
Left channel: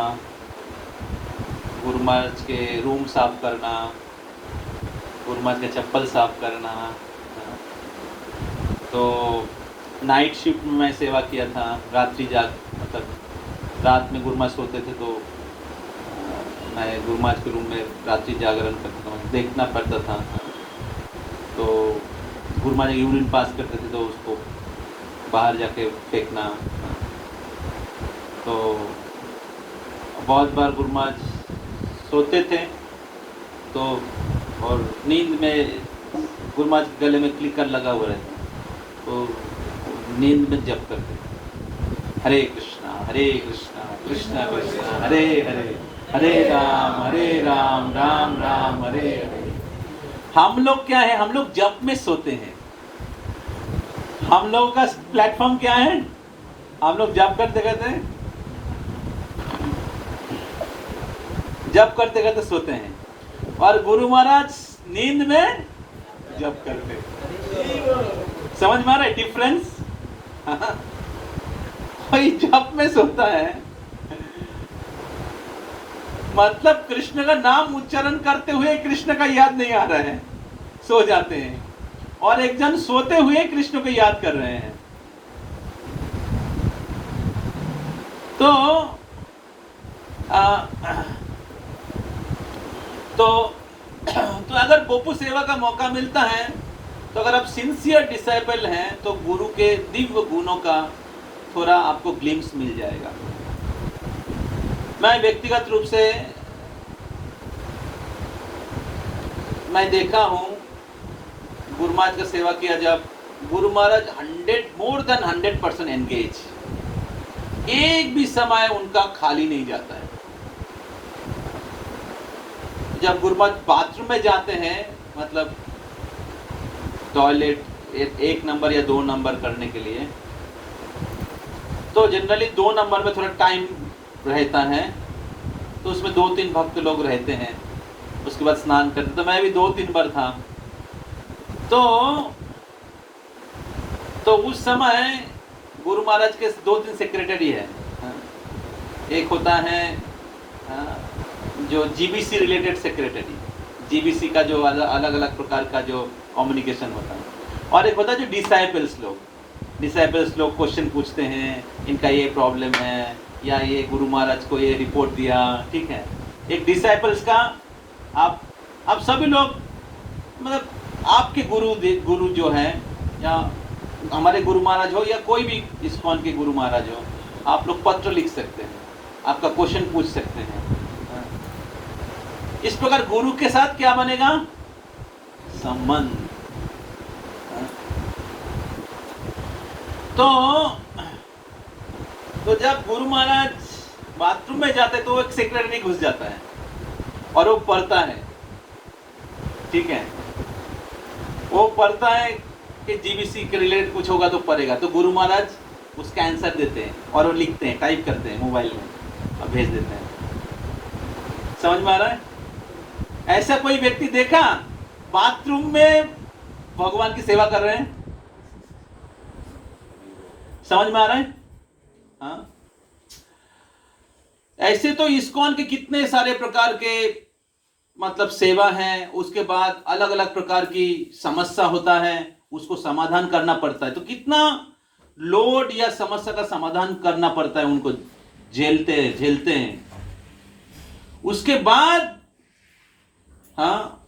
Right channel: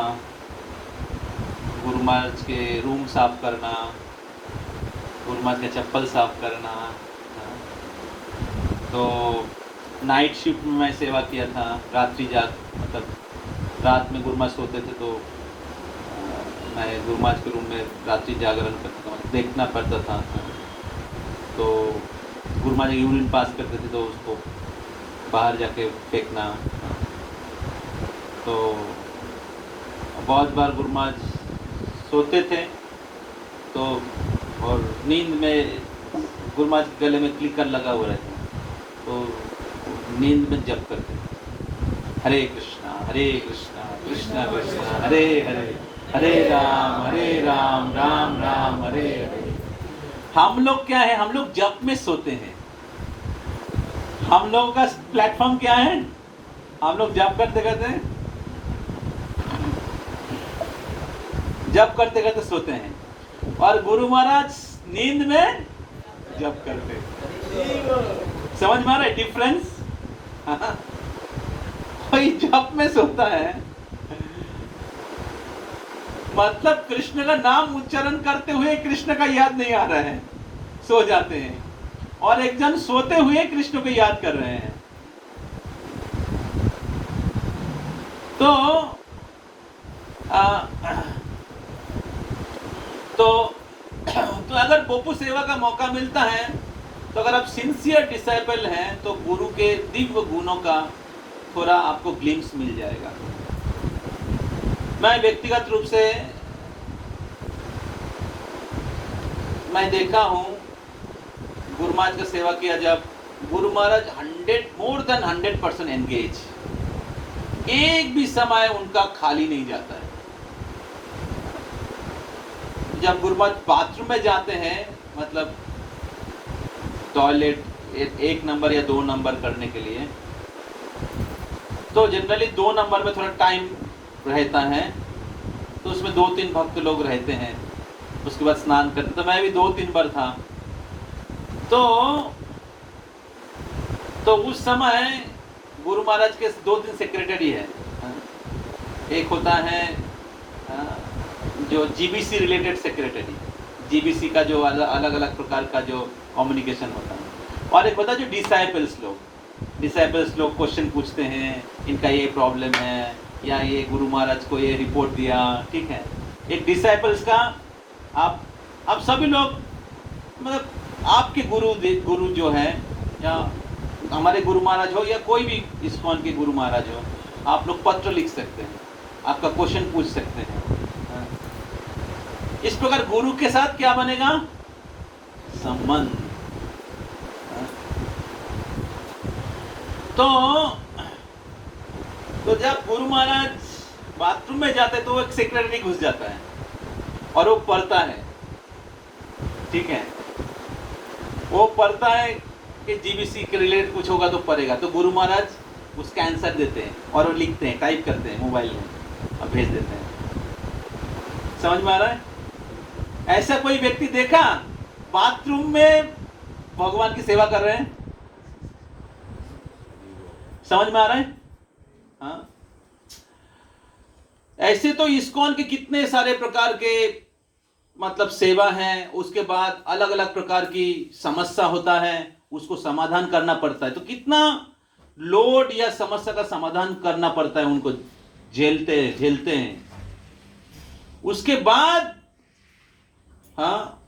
गुरु महाराज के रूम साफ करना, गुरु महाराज के चप्पल साफ करना। तो नाइट शिफ्ट में मैं सेवा किया था, रात्रि जाग, मतलब रात में गुरु महाराज सोते थे तो मैं गुरु महाराज के रूम में रात्रि जागरण करता था, देखना पड़ता था। तो गुरु महाराज यूरिन पास करते थे तो उसको बाहर जाके फेंकना। तो बहुत बार गुरु महाराज सोते थे तो, और नींद में गुरु महाराज के गले में क्लिकर लगा हुआ रहता, तो नींद में जप करते, हरे कृष्णा कृष्णा कृष्णा हरे हरे, हरे राम राम राम हरे हरे। हम लोग क्या है, हम लोग जप में सोते हैं। हम लोगों का प्लेटफॉर्म क्या है, हम लोग जप करते करते सोते हैं, और गुरु महाराज नींद में जप करते। समझ में आ रहा है डिफरेंस? कोई जप में सोता है, मतलब कृष्ण का नाम उच्चारण करते हुए कृष्ण का याद नहीं आ रहा है, सो जाते हैं, और एक जन सोते हुए कृष्ण को याद कर रहे हैं। तो अगर बोपू सेवा का मौका मिलता है, तो अगर आप सिंसियर डिसाइपल हैं, तो गुरु के दिव्य गुणों का थोड़ा आपको ग्लिम्स मिल जाएगा। मैं व्यक्तिगत रूप से मैं देखा हूं, गुरु महाराज का सेवा किया, जब Guru Maharaj more than 100% engage, एक भी समय उनका खाली नहीं जाता है। जब गुरु महाराज बाथरूम में जाते हैं, मतलब टॉयलेट 1 नंबर या 2 नंबर करने के लिए, तो जनरली 2 नंबर में थोड़ा टाइम रहता है, तो उसमें 2-3 भक्त लोग रहते हैं, उसके बाद स्नान करते। तो मैं भी 2-3 बार था, तो उस समय गुरु महाराज के 2-3 सेक्रेटरी है। एक होता है जो जीबीसी रिलेटेड सेक्रेटरी, जीबीसी का जो अलग अलग प्रकार का जो कम्युनिकेशन होता है, और एक होता है जो डिसाइपल्स लोग क्वेश्चन पूछते हैं, इनका ये प्रॉब्लम है, या ये गुरु महाराज को ये रिपोर्ट दिया, ठीक है। एक डिसाइपल्स का आप सभी लोग, मतलब आपके गुरु जो है, या हमारे गुरु महाराज हो, या कोई भी इस्कॉन के गुरु महाराज हो, आप लोग पत्र लिख सकते हैं, आपका क्वेश्चन पूछ सकते हैं। इस प्रकार गुरु के साथ क्या बनेगा? संबंध। तो जब गुरु महाराज बाथरूम में जाते, तो एक सेक्रेटरी घुस जाता है और वो पढ़ता है, ठीक है, वो पढ़ता है कि जीबीसी के रिलेटेड कुछ होगा तो पढ़ेगा, तो गुरु महाराज उसका आंसर देते हैं, और वो लिखते हैं, टाइप करते हैं मोबाइल में और भेज देते हैं। समझ में आ रहा है? ऐसा कोई व्यक्ति देखा बाथरूम में भगवान की सेवा कर रहे हैं? समझ में आ रहा है? हाँ, ऐसे तो इस्कॉन के कितने सारे प्रकार के मतलब सेवा हैं, उसके बाद अलग अलग प्रकार की समस्या होता है, उसको समाधान करना पड़ता है। तो कितना लोड या समस्या का समाधान करना पड़ता है, उनको झेलते हैं। उसके बाद हाँ,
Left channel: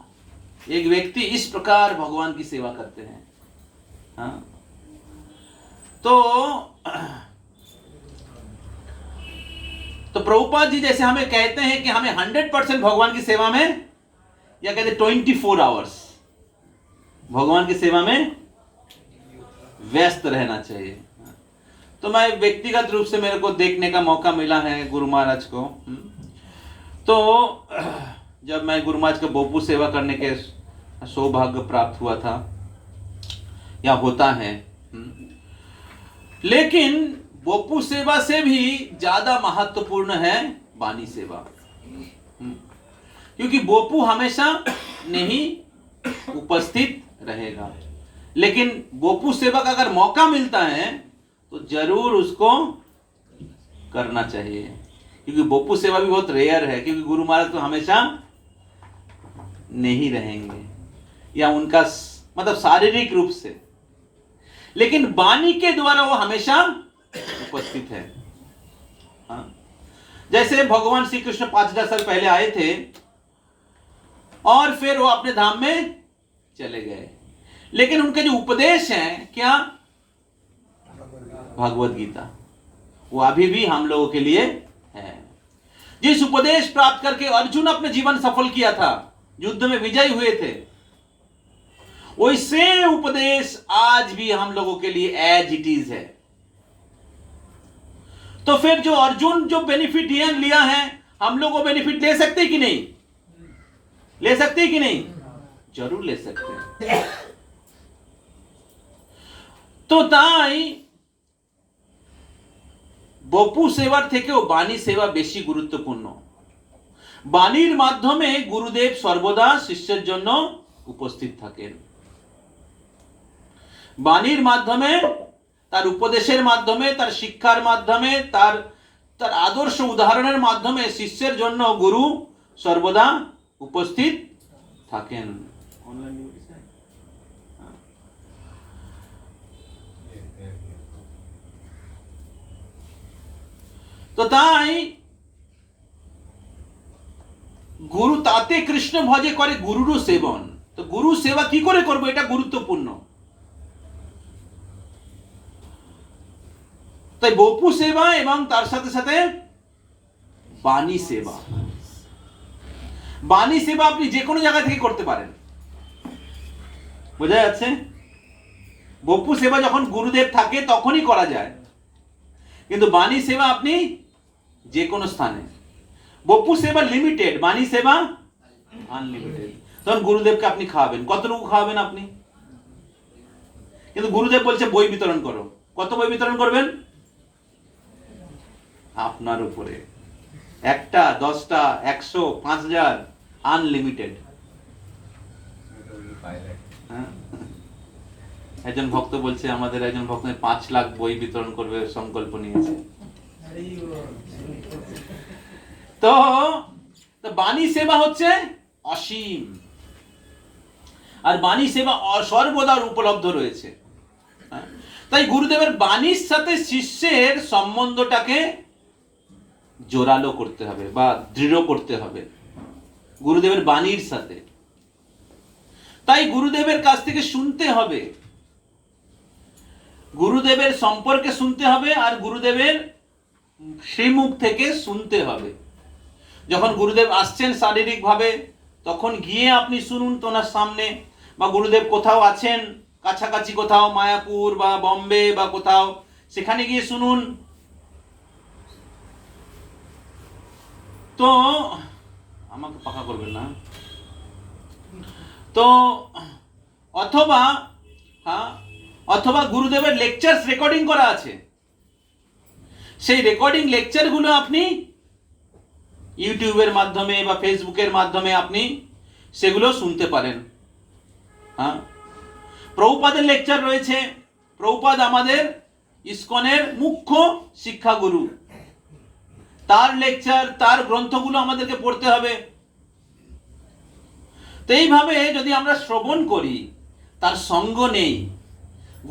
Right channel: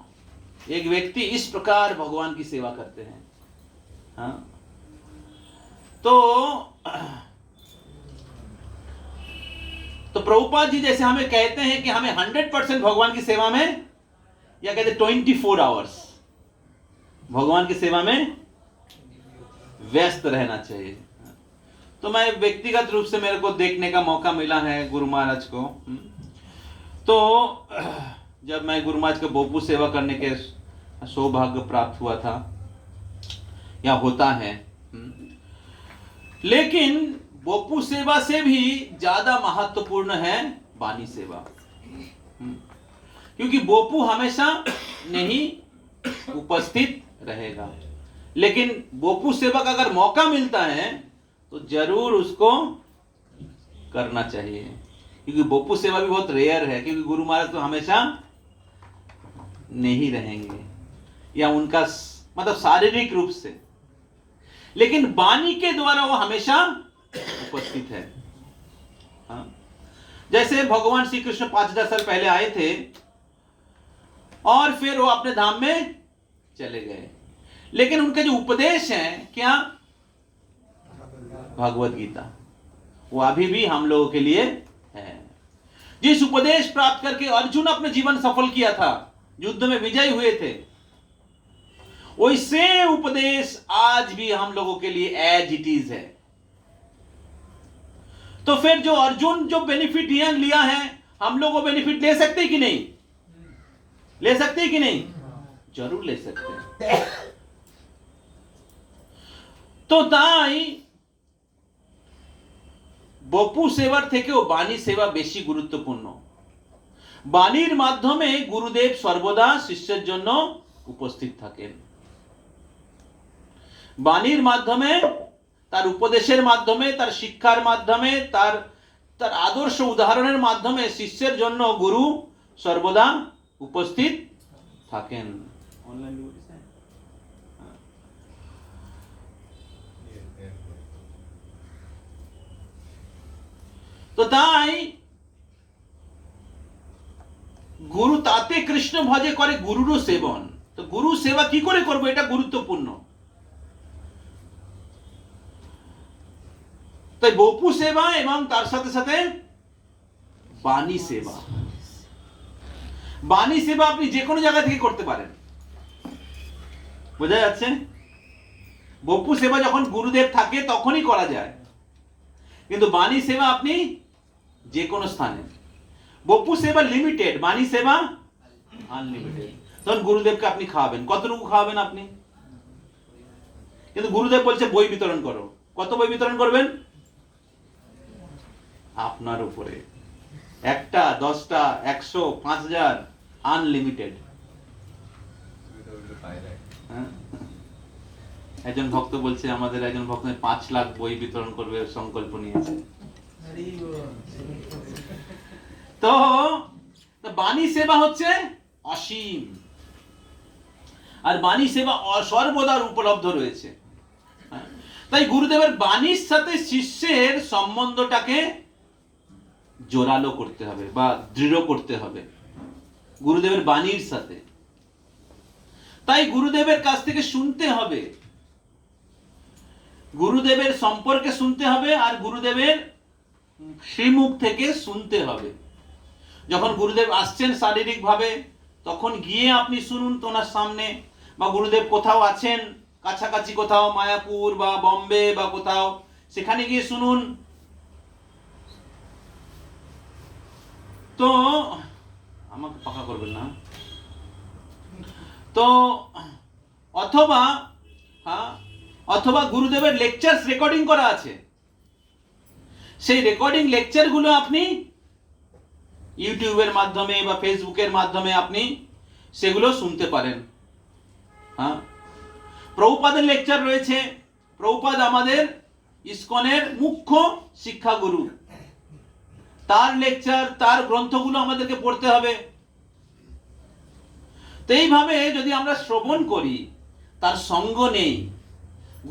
एक व्यक्ति इस प्रकार भगवान की सेवा करते हैं। हाँ, तो प्रभुपाद जी जैसे हमें कहते हैं कि हमें 100% भगवान की सेवा में, या कहते 24 आवर्स भगवान की सेवा में व्यस्त रहना चाहिए। तो मैं व्यक्तिगत रूप से मेरे को देखने का मौका मिला है गुरु महाराज को। तो जब मैं गुरु महाराज के बोपू सेवा करने के सौभाग्य प्राप्त हुआ था, या होता है, लेकिन बोपू सेवा से भी ज्यादा महत्वपूर्ण है बानी सेवा, क्योंकि बोपू हमेशा नहीं उपस्थित रहेगा, लेकिन बोपू सेवा का अगर मौका मिलता है तो जरूर उसको करना चाहिए, क्योंकि बोपू सेवा भी बहुत रेयर है, क्योंकि गुरु महाराज तो हमेशा नहीं रहेंगे, या उनका मतलब शारीरिक रूप से, लेकिन वाणी के द्वारा वो हमेशा उपस्थित है। हाँ? जैसे भगवान श्री कृष्ण 5,000 साल पहले आए थे और फिर वो अपने धाम में चले गए, लेकिन उनके जो उपदेश हैं क्या? भगवत गीता, वो अभी भी हम लोगों के लिए है। जिस उपदेश प्राप्त करके अर्जुन अपने जीवन सफल किया था, युद्ध में विजयी हुए थे, वैसे उपदेश आज भी हम लोगों के लिए एज इट इज है। तो फिर जो अर्जुन जो बेनिफिट लिया है, हम लोग वो बेनिफिट ले सकते कि नहीं? ले सकते कि नहीं? जरूर ले सकते हैं। तो ताई বপু সেবার থেকেও বাণী সেবা বেশি গুরুত্বপূর্ণ। বাণীর মাধ্যমে গুরুদেব সর্বদা শিষ্যের জন্য উপস্থিত থাকেন। বাণীর মাধ্যমে, তার উপদেশের মাধ্যমে, তার শিক্ষার মাধ্যমে, তার আদর্শ উদাহরণের মাধ্যমে শিষ্যের জন্য গুরু সর্বদা উপস্থিত থাকেন। তো তাই গুরু তাতে কৃষ্ণ ভজে করে গুরুরও সেবন। তো গুরু সেবা কি করে করবো, এটা গুরুত্বপূর্ণ। তাই বপু সেবা এবং তার সাথে সাথে বাণী সেবা। বাণী সেবা আপনি যে কোনো জায়গা থেকে করতে পারেন, বোঝা যাচ্ছে? বপু সেবা যখন গুরুদেব থাকে তখনই করা যায়, কিন্তু বাণী সেবা আপনি যে কোনো স্থানে। বপু সেবা লিমিটেড, বাণী সেবা আনলিমিটেড। তখন গুরুদেবকে আপনি খাওয়াবেন, কতটুকু খাওয়াবেন আপনি? কিন্তু গুরুদেব বলছে বই বিতরণ করো। কত বই বিতরণ করবেন? আপনার উপরে। 1টা, 10টা, 100, 5000, আনলিমিটেড। একজন ভক্ত বলছে, আমাদের একজন ভক্ত 5 লাখ বই বিতরণ করবে সংকল্প নিয়েছে। তো বাণী সেবা হচ্ছে অসীম, আর বাণী সেবা সর্বদা উপলব্ধ রয়েছে। তাই গুরুদেবের বাণীর সাথে শিষ্যের সম্বন্ধটাকে জোরালো করতে হবে বা দৃঢ় করতে হবে গুরুদেবের বাণীর সাথে। তাই গুরুদেবের কাছ থেকে শুনতে হবে, গুরুদেবের সম্পর্কে শুনতে হবে, আর গুরুদেবের শ্রীমুখ থেকে শুনতে হবে। যখন গুরুদেব আসছেন শারীরিক ভাবে, তখন গিয়ে আপনি শুনুন তোনার সামনে, বা গুরুদেব কোথাও আছেন কাছাকাছি, কোথাও মায়াপুর বা বম্বে বা কোথাও, সেখানে গিয়ে শুনুন। তো আমাকে পাকা করবেন না। তো অথবা গুরুদেবের লেকচারস রেকর্ডিং করা আছে, সেই রেকর্ডিং লেকচারগুলো আপনি ইউটিউবের মাধ্যমে বা ফেসবুকের মাধ্যমে আপনি সেগুলো শুনতে পারেন। প্রভুপাদের লেকচার রয়েছে। প্রভুপাদ আমাদের ইসকনের মুখ্য শিক্ষাগুরু, তার লেকচার, তার গ্রন্থগুলো আমাদেরকে পড়তে হবে। তো এইভাবে যদি আমরা শ্রবণ করি, তার সঙ্গ নেই,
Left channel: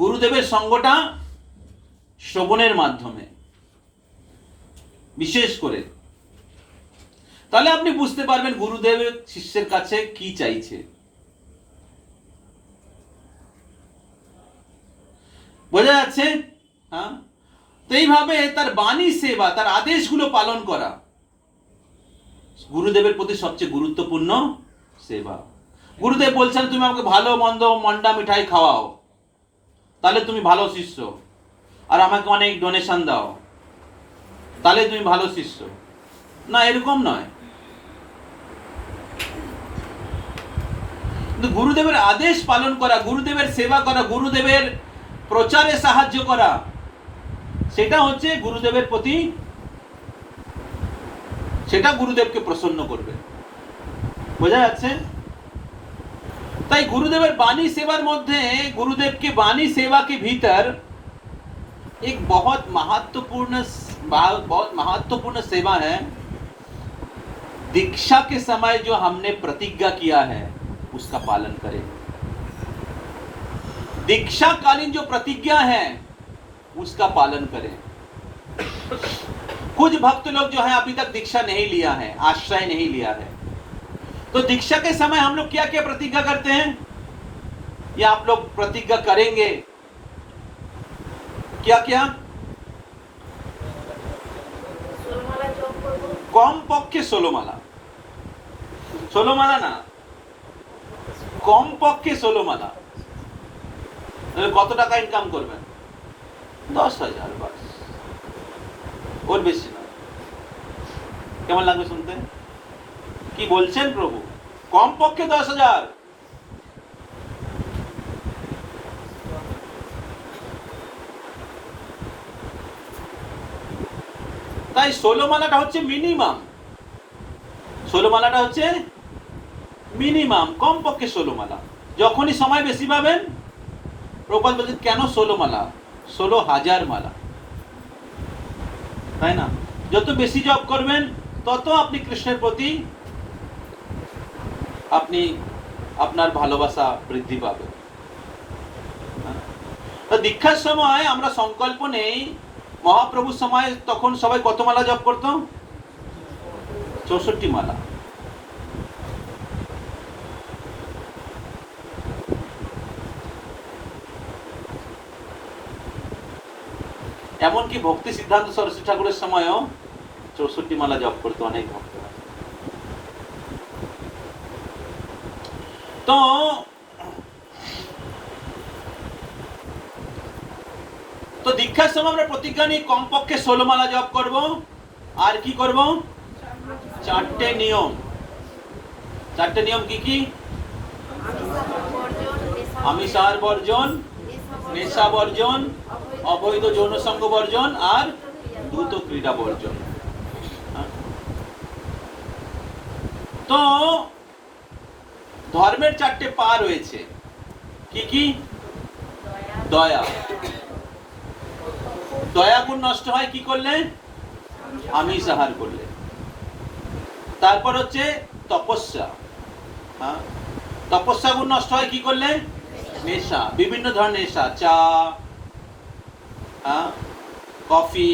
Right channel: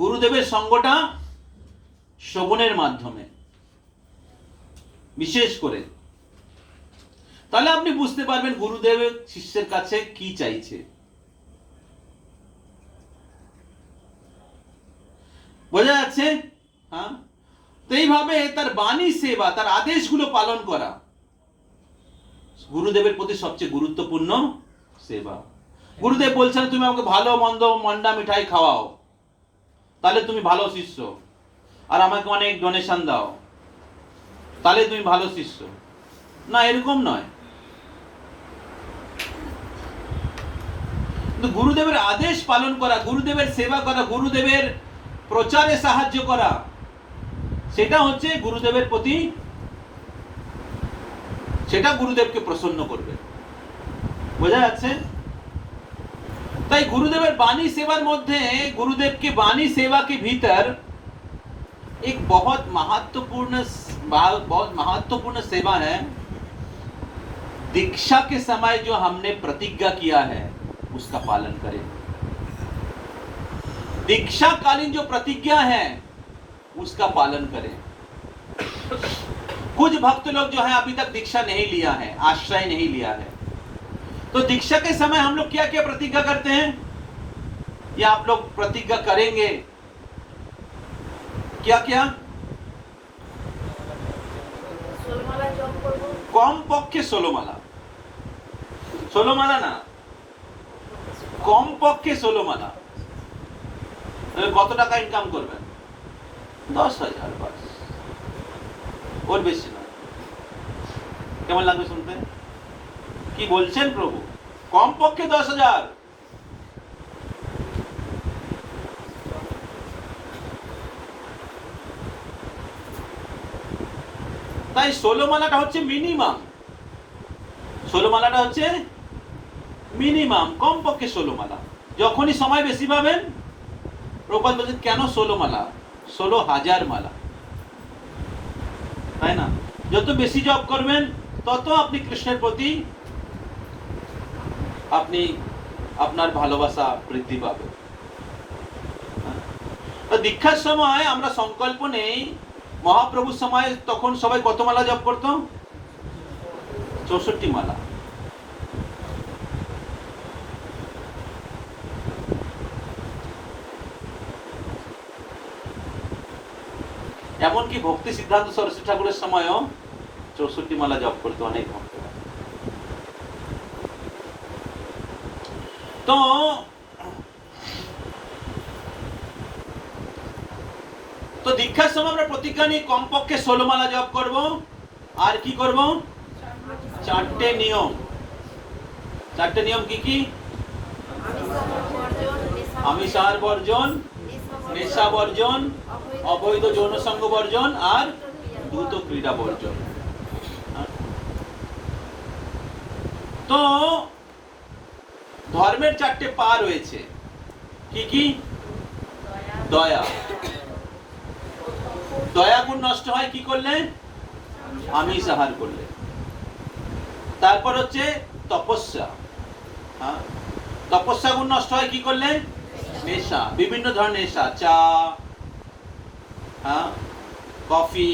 গুরুদেবের সঙ্গটা শ্রবণের মাধ্যমে বিশেষ করে, তাহলে আপনি বুঝতে পারবেন গুরুদেবের শিষ্যের কাছে কি চাইছে। বোঝা যাচ্ছে? তো এইভাবে তার বাণী সেবা, তার আদেশগুলো পালন করা গুরুদেবের প্রতি সবচেয়ে গুরুত্বপূর্ণ সেবা। গুরুদেব বলছেন তুমি আমাকে ভালো মন্দ মন্ডা মিঠাই খাওয়াও, তাহলে তুমি ভালো শিষ্য, আর আমাকে অনেক ডোনেশন দাও, তাহলে তুমি ভালো শিষ্য। না, এরকম নয়। কিন্তু গুরুদেবের আদেশ পালন করা, গুরুদেবের সেবা করা, গুরুদেবের প্রচারে সাহায্য করা, সেটা হচ্ছে গুরুদেবের প্রতি, সেটা গুরুদেবকে প্রসন্ন করবে। বোঝা যাচ্ছে? তাই गुरुदेवर वाणी सेवार मध्य गुरुदेव की वाणी सेवा के भीतर एक बहुत महत्वपूर्ण सेवा है। दीक्षा के समय जो हमने प्रतिज्ञा किया है उसका पालन करें। दीक्षा कालीन जो प्रतिज्ञा है उसका पालन करें। कुछ भक्त लोग जो है अभी तक दीक्षा नहीं लिया है, आश्रय नहीं लिया है, तो दीक्षा के समय हम लोग क्या क्या प्रतिज्ञा करते हैं, या आप लोग प्रतिज्ञा करेंगे क्या क्या? कम पक्षे 16 माला, 16 माला ना, कम पक्षे 16 माला। কত টাকা ইনকাম করবেন? 10,000 বাস, ওর বেশি না। কেমন লাগবে শুনতে? কি বলছেন প্রভু? কমপক্ষে 10,000। তাই 16 মালাটা হচ্ছে মিনিমাম, 16 মালাটা হচ্ছে মিনিমাম, কমপক্ষে 16 মালা। যখনই সময় বেশি পাবেন, প্রভুপাদ বলছেন কেন 16 মালা, 16,000 মালা, তাই না? যত বেশি জপ করবেন তত আপনি কৃষ্ণের প্রতি আপনি আপনার ভালোবাসা বৃদ্ধি পাবে। তো দীক্ষার সময় আমরা সংকল্প নেই, মহাপ্রভুর সময় তখন সবাই কত মালা জপ করত? 64 মালা। এমনকি ভক্তি সিদ্ধান্ত সরস্বতী ঠাকুরের সময়ও 64 মালা জপ করতো অনেক ভক্ত। তো তো দীক্ষার সময় আমরা প্রতিজ্ঞা নিই কমপক্ষে 16 মালা জপ করব। আর কি করব? 4টে নিয়ম। 4টে নিয়ম কি কি? আমিষাহার বর্জন, নেশা বর্জন, অবৈধ যৌন সঙ্গ বর্জন আর দ্রুত ক্রীড়া বর্জন। তো ধর্মের 4টে পা রয়েছে। কি কি? দয়া। দয়া গুণ নষ্ট হয় কি করলে? আমিষ আহার করলে। তারপর হচ্ছে তপস্যা। তপস্যা গুণ নষ্ট হয় কি করলে? নেশা, বিভিন্ন ধরনের নেশা, চা, কফি,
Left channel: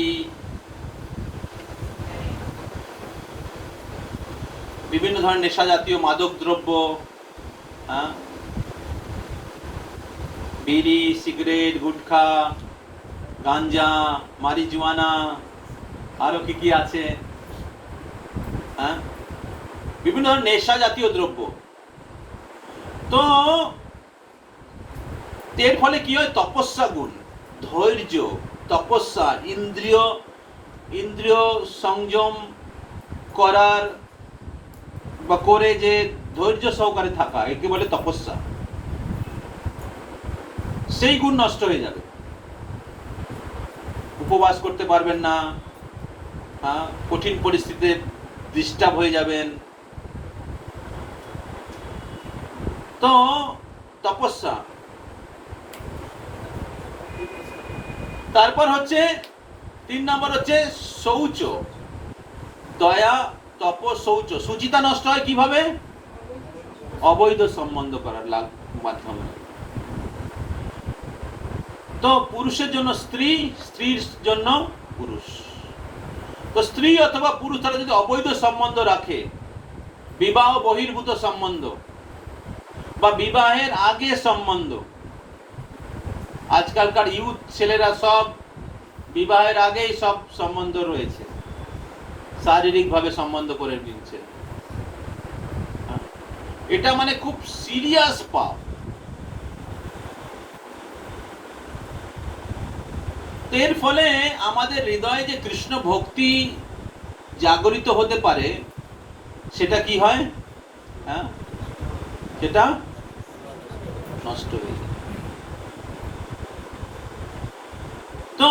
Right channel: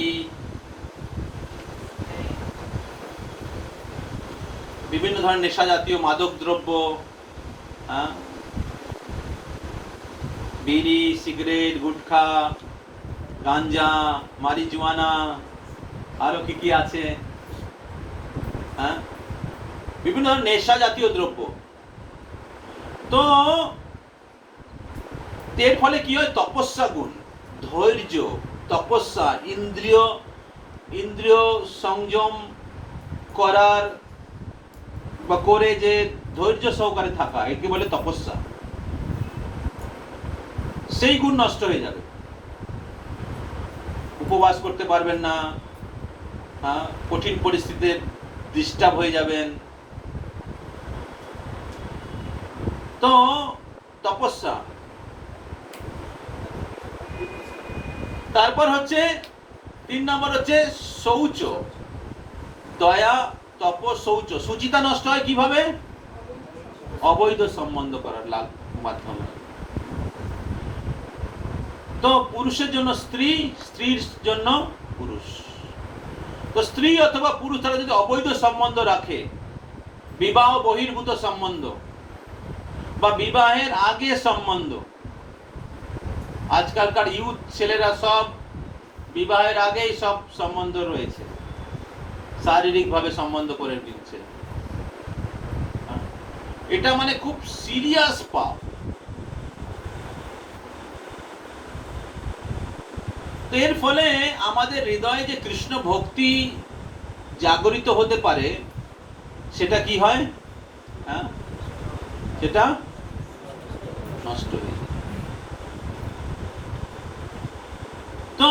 বিভিন্ন ধরনের নেশা জাতীয় মাদক দ্রব্য, বিড়ি, সিগারেট, গুটখা, গাঞ্জা, মারিজুয়ানা, আরো কি কি আছে, বিভিন্ন ধরনের নেশা জাতীয় দ্রব্য। তো এর ফলে কি হয়? তপস্যা গুণ, ধৈর্য, তপস্যা, ইন্দ্রিয় সংযম করার বা করে যে ধৈর্য সহকারে থাকা, একে বলে তপস্যা। সেই গুণ নষ্ট হয়ে যাবে। উপবাস করতে পারবেন না, কঠিন পরিস্থিতিতে ডিস্টার্ব হয়ে যাবেন। তো তপস্যা। তারপর হচ্ছে 3 নম্বর হচ্ছে শৌচ। দয়া, তপ, শৌচ। সুচিতা নষ্ট হয় কিভাবে? অবৈধ সম্বন্ধ করার মাধ্যমে। তো পুরুষের জন্য স্ত্রী, স্ত্রীর জন্য পুরুষ। তো স্ত্রী অথবা পুরুষ তারা যদি অবৈধ সম্বন্ধ রাখে, বিবাহ বহির্ভূত সম্বন্ধ বা বিবাহের আগে সম্বন্ধ, আজকালকার ইউথ ছেলেরা সব বিবাহের আগেই সব সম্বন্ধ রয়েছে, শারীরিক ভাবে সম্বন্ধ করে নিচ্ছে। এটা মানে খুব সিরিয়াস পাপ। এর ফলে আমাদের হৃদয়ে যে কৃষ্ণ ভক্তি জাগরিত হতে পারে, সেটা কি হয়? সেটা নষ্ট হয়ে যায়। তো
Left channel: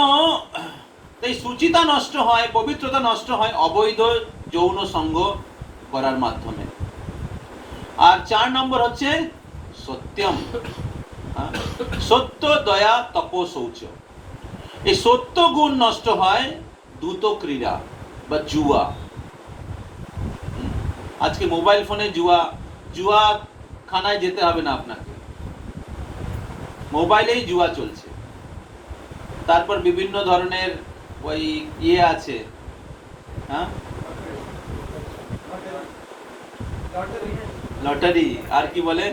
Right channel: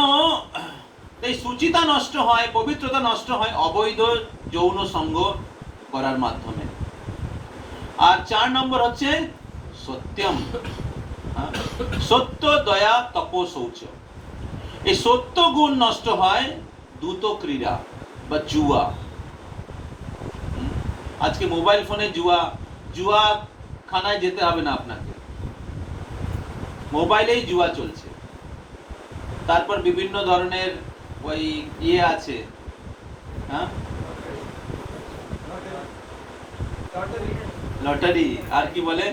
এই সুচিতা নষ্ট হয়, পবিত্রতা নষ্ট হয় অবৈধ যৌন সঙ্গ করার মাধ্যমে। আর 4 নম্বর হচ্ছে সত্যম। সত্য, দয়া, তপ, শৌচ। এই সত্য গুণ নষ্ট হয় দ্রুত ক্রীড়া বা জুয়া। আজকে মোবাইল ফোনে জুয়া খানায় যেতে হবে না আপনাকে, মোবাইলেই জুয়া চলছে। তারপর বিভিন্ন ধরনের ওই আছে, লটারি, আর কি বলে,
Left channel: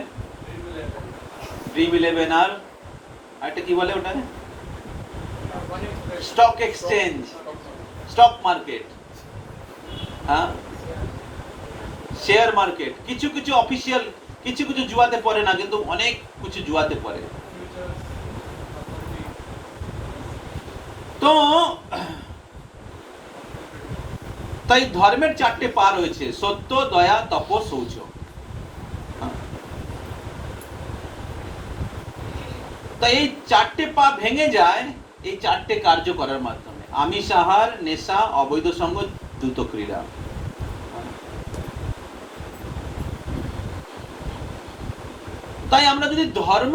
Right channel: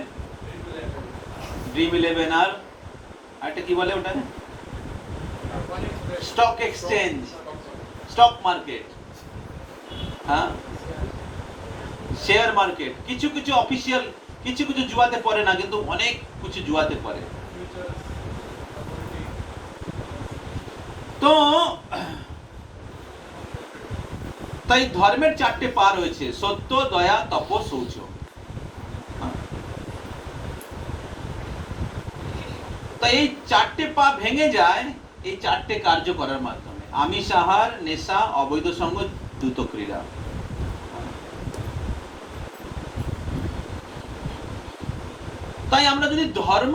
Dream11, আর একটা কি বলে ওটা, stock exchange, stock market, share market. কিছু কিছু অফিসিয়াল, কিছু কিছু জুয়াতে পড়ে না, কিন্তু অনেক কিছু জুয়াতে পড়ে। তো তাই ধর্মের 4টে পা রয়েছে, সত্য, দয়া, তপ, শৌচ। তাই এই 4টে পা ভেঙে যায় এই 4টে কার্য করার মাধ্যমে। আমিষ আহার, নেশা, অবৈধ সঙ্গ, দ্রুত ক্রীড়া। তাই আমরা যদি ধর্ম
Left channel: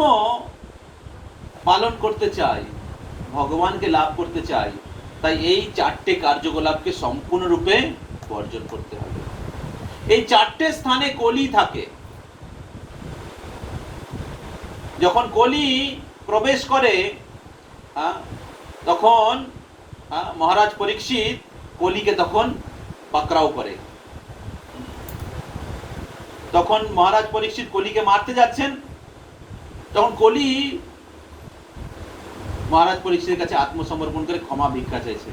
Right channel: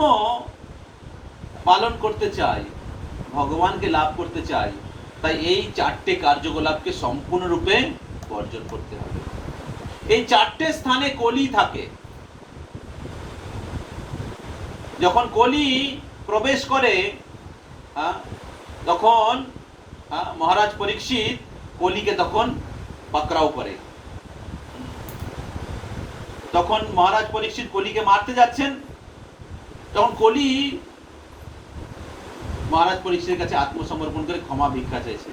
পালন করতে চাই, ভগবানকে লাভ করতে চাই, তাই এই চারটে কার্যকলাপকে সম্পূর্ণরূপে বর্জন করতে হবে। এই চারটে স্থানে কলি থাকে। যখন কলি প্রবেশ করে তখন মহারাজ পরীক্ষিত কলিকে তখন পাকড়াও করে। তখন মহারাজ পরীক্ষিত কলিকে মারতে যাচ্ছেন, তখন কলি মহারাজ পরীক্ষিতের কাছে আত্মসমর্পণ করে ক্ষমা ভিক্ষা চাইছে,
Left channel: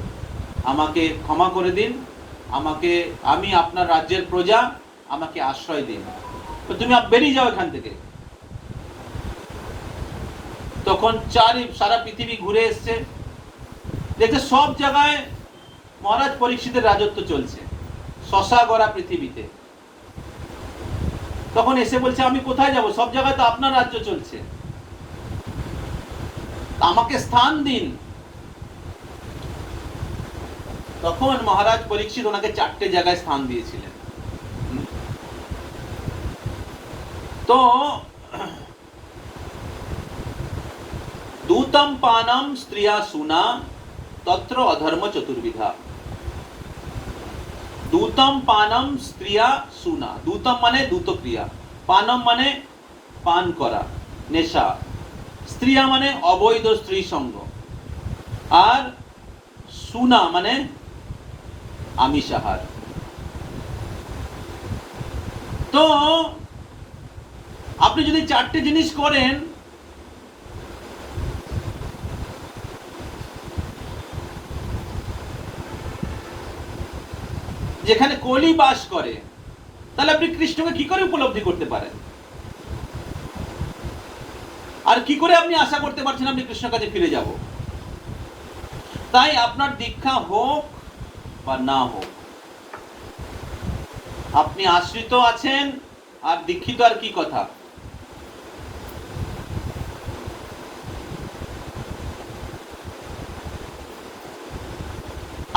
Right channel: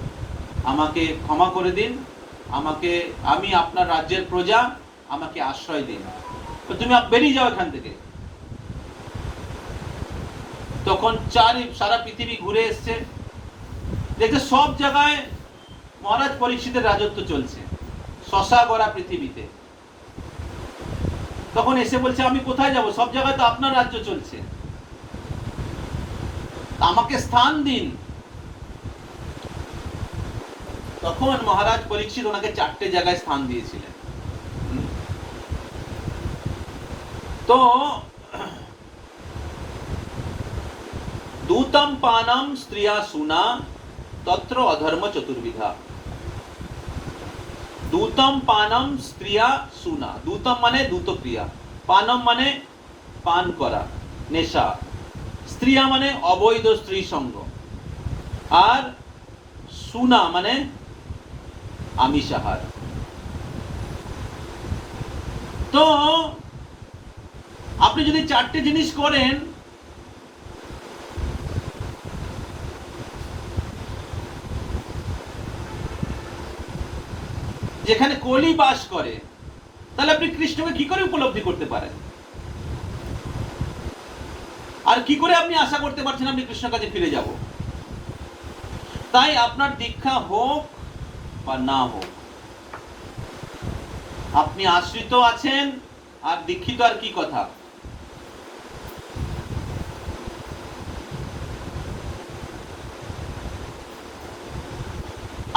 আমাকে ক্ষমা করে দিন, আমি আপনার রাজ্যের প্রজা, আমাকে আশ্রয় দিন, তুমি বেরিয়ে যাও এখান থেকে। তখন সারা পৃথিবী ঘুরে এসছে, দেখছে সব জায়গায় মহারাজ পরীক্ষিতের রাজত্ব চলছে, শশা গড়া পৃথিবীতে। তখন এসে বলছে আমি কোথায় যাব, সব জায়গায় তো আপনার রাজ্য চলছে, আমাকে স্থান দিন। তখন মহারাজ পরীক্ষিত ওনাকে 4টে জায়গায় স্থান দিয়েছিলেন। তো दूतम पानम स्त्रिया सुना तत्र अधर्म चतुर्विधा। दूतम पानम स्त्रिया सुना, दूतम माने दूत क्रिया, पानम माने पान करा नेशा, स्त्रिया माने अवैध स्त्री संग, और सुना माने आमिष आहार। तो আপনি যদি 4টে জিনিস করেন, যেখানে কলি বাস করে, তাহলে আপনি কৃষ্ণকে কি করে উপলব্ধি করতে পারেন? আর কি করে আপনি আশা করতে পারছেন আপনি কৃষ্ণের কাছে ফিরে যাব? তাই আপনার দীক্ষা হোক বা না হোক, আপনি আশ্রিত আছেন আর দীক্ষিত আর কি কথা।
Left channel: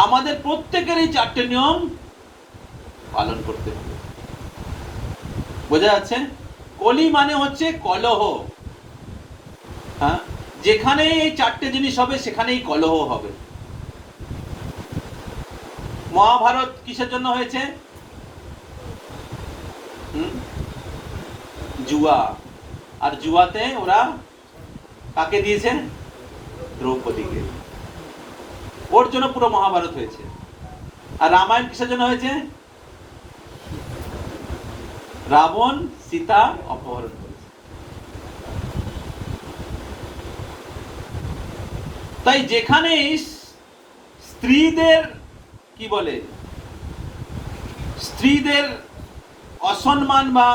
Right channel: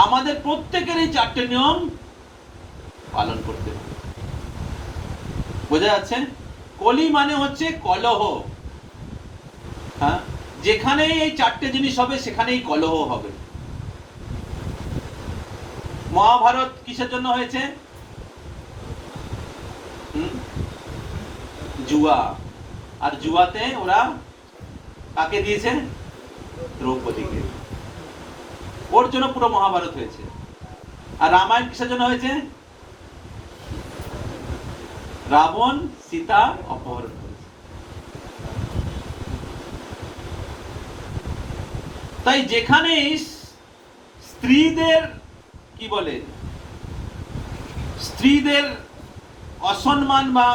আমাদের প্রত্যেকের এই 4টে নিয়ম পালন করতে হবে। বোঝা যাচ্ছে? কলি মানে হচ্ছে কলহ। হ্যাঁ, যেখানে এই 4টে জিনিস হবে সেখানেই কলহ হবে। মহাভারত কিসের জন্য হয়েছে? জুয়া। আর জুয়াতে ওরা কাকে দিয়েছে? দ্রৌপদীকে। ওর জন্য পুরো মহাভারত হয়েছে। আর রামায়ণ কিসের জন্য হয়েছে? রাবণ সীতা অপহরণ করেছে। তাই যেখানে স্ত্রীদের কি বলে, স্ত্রীদের অসম্মান বা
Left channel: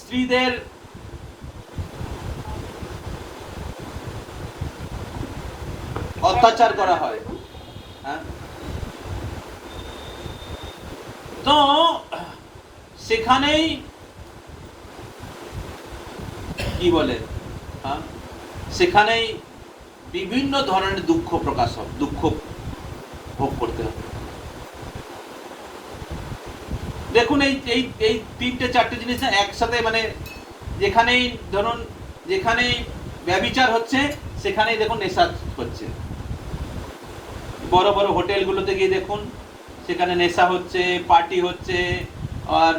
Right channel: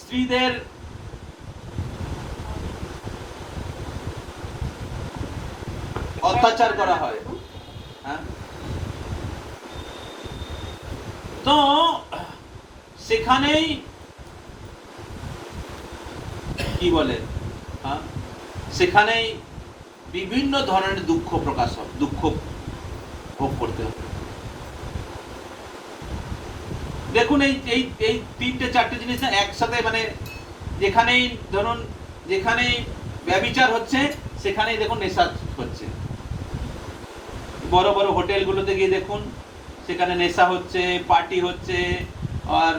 স্ত্রীদের অত্যাচার করা হয়, তো সেখানেই কি বলে, সেখানেই বিভিন্ন ধরনের দুঃখ প্রকাশ হবে, দুঃখ ভোগ করতে হবে। দেখুন এই 3টে-4টে জিনিস একসাথে, মানে যেখানেই ধরুন, যেখানেই ব্যভিচার হচ্ছে সেখানেই দেখুন নেশা হচ্ছে। বড় বড় হোটেলগুলোতে গিয়ে দেখুন, সেখানে নেশা হচ্ছে, পার্টি হচ্ছে, আর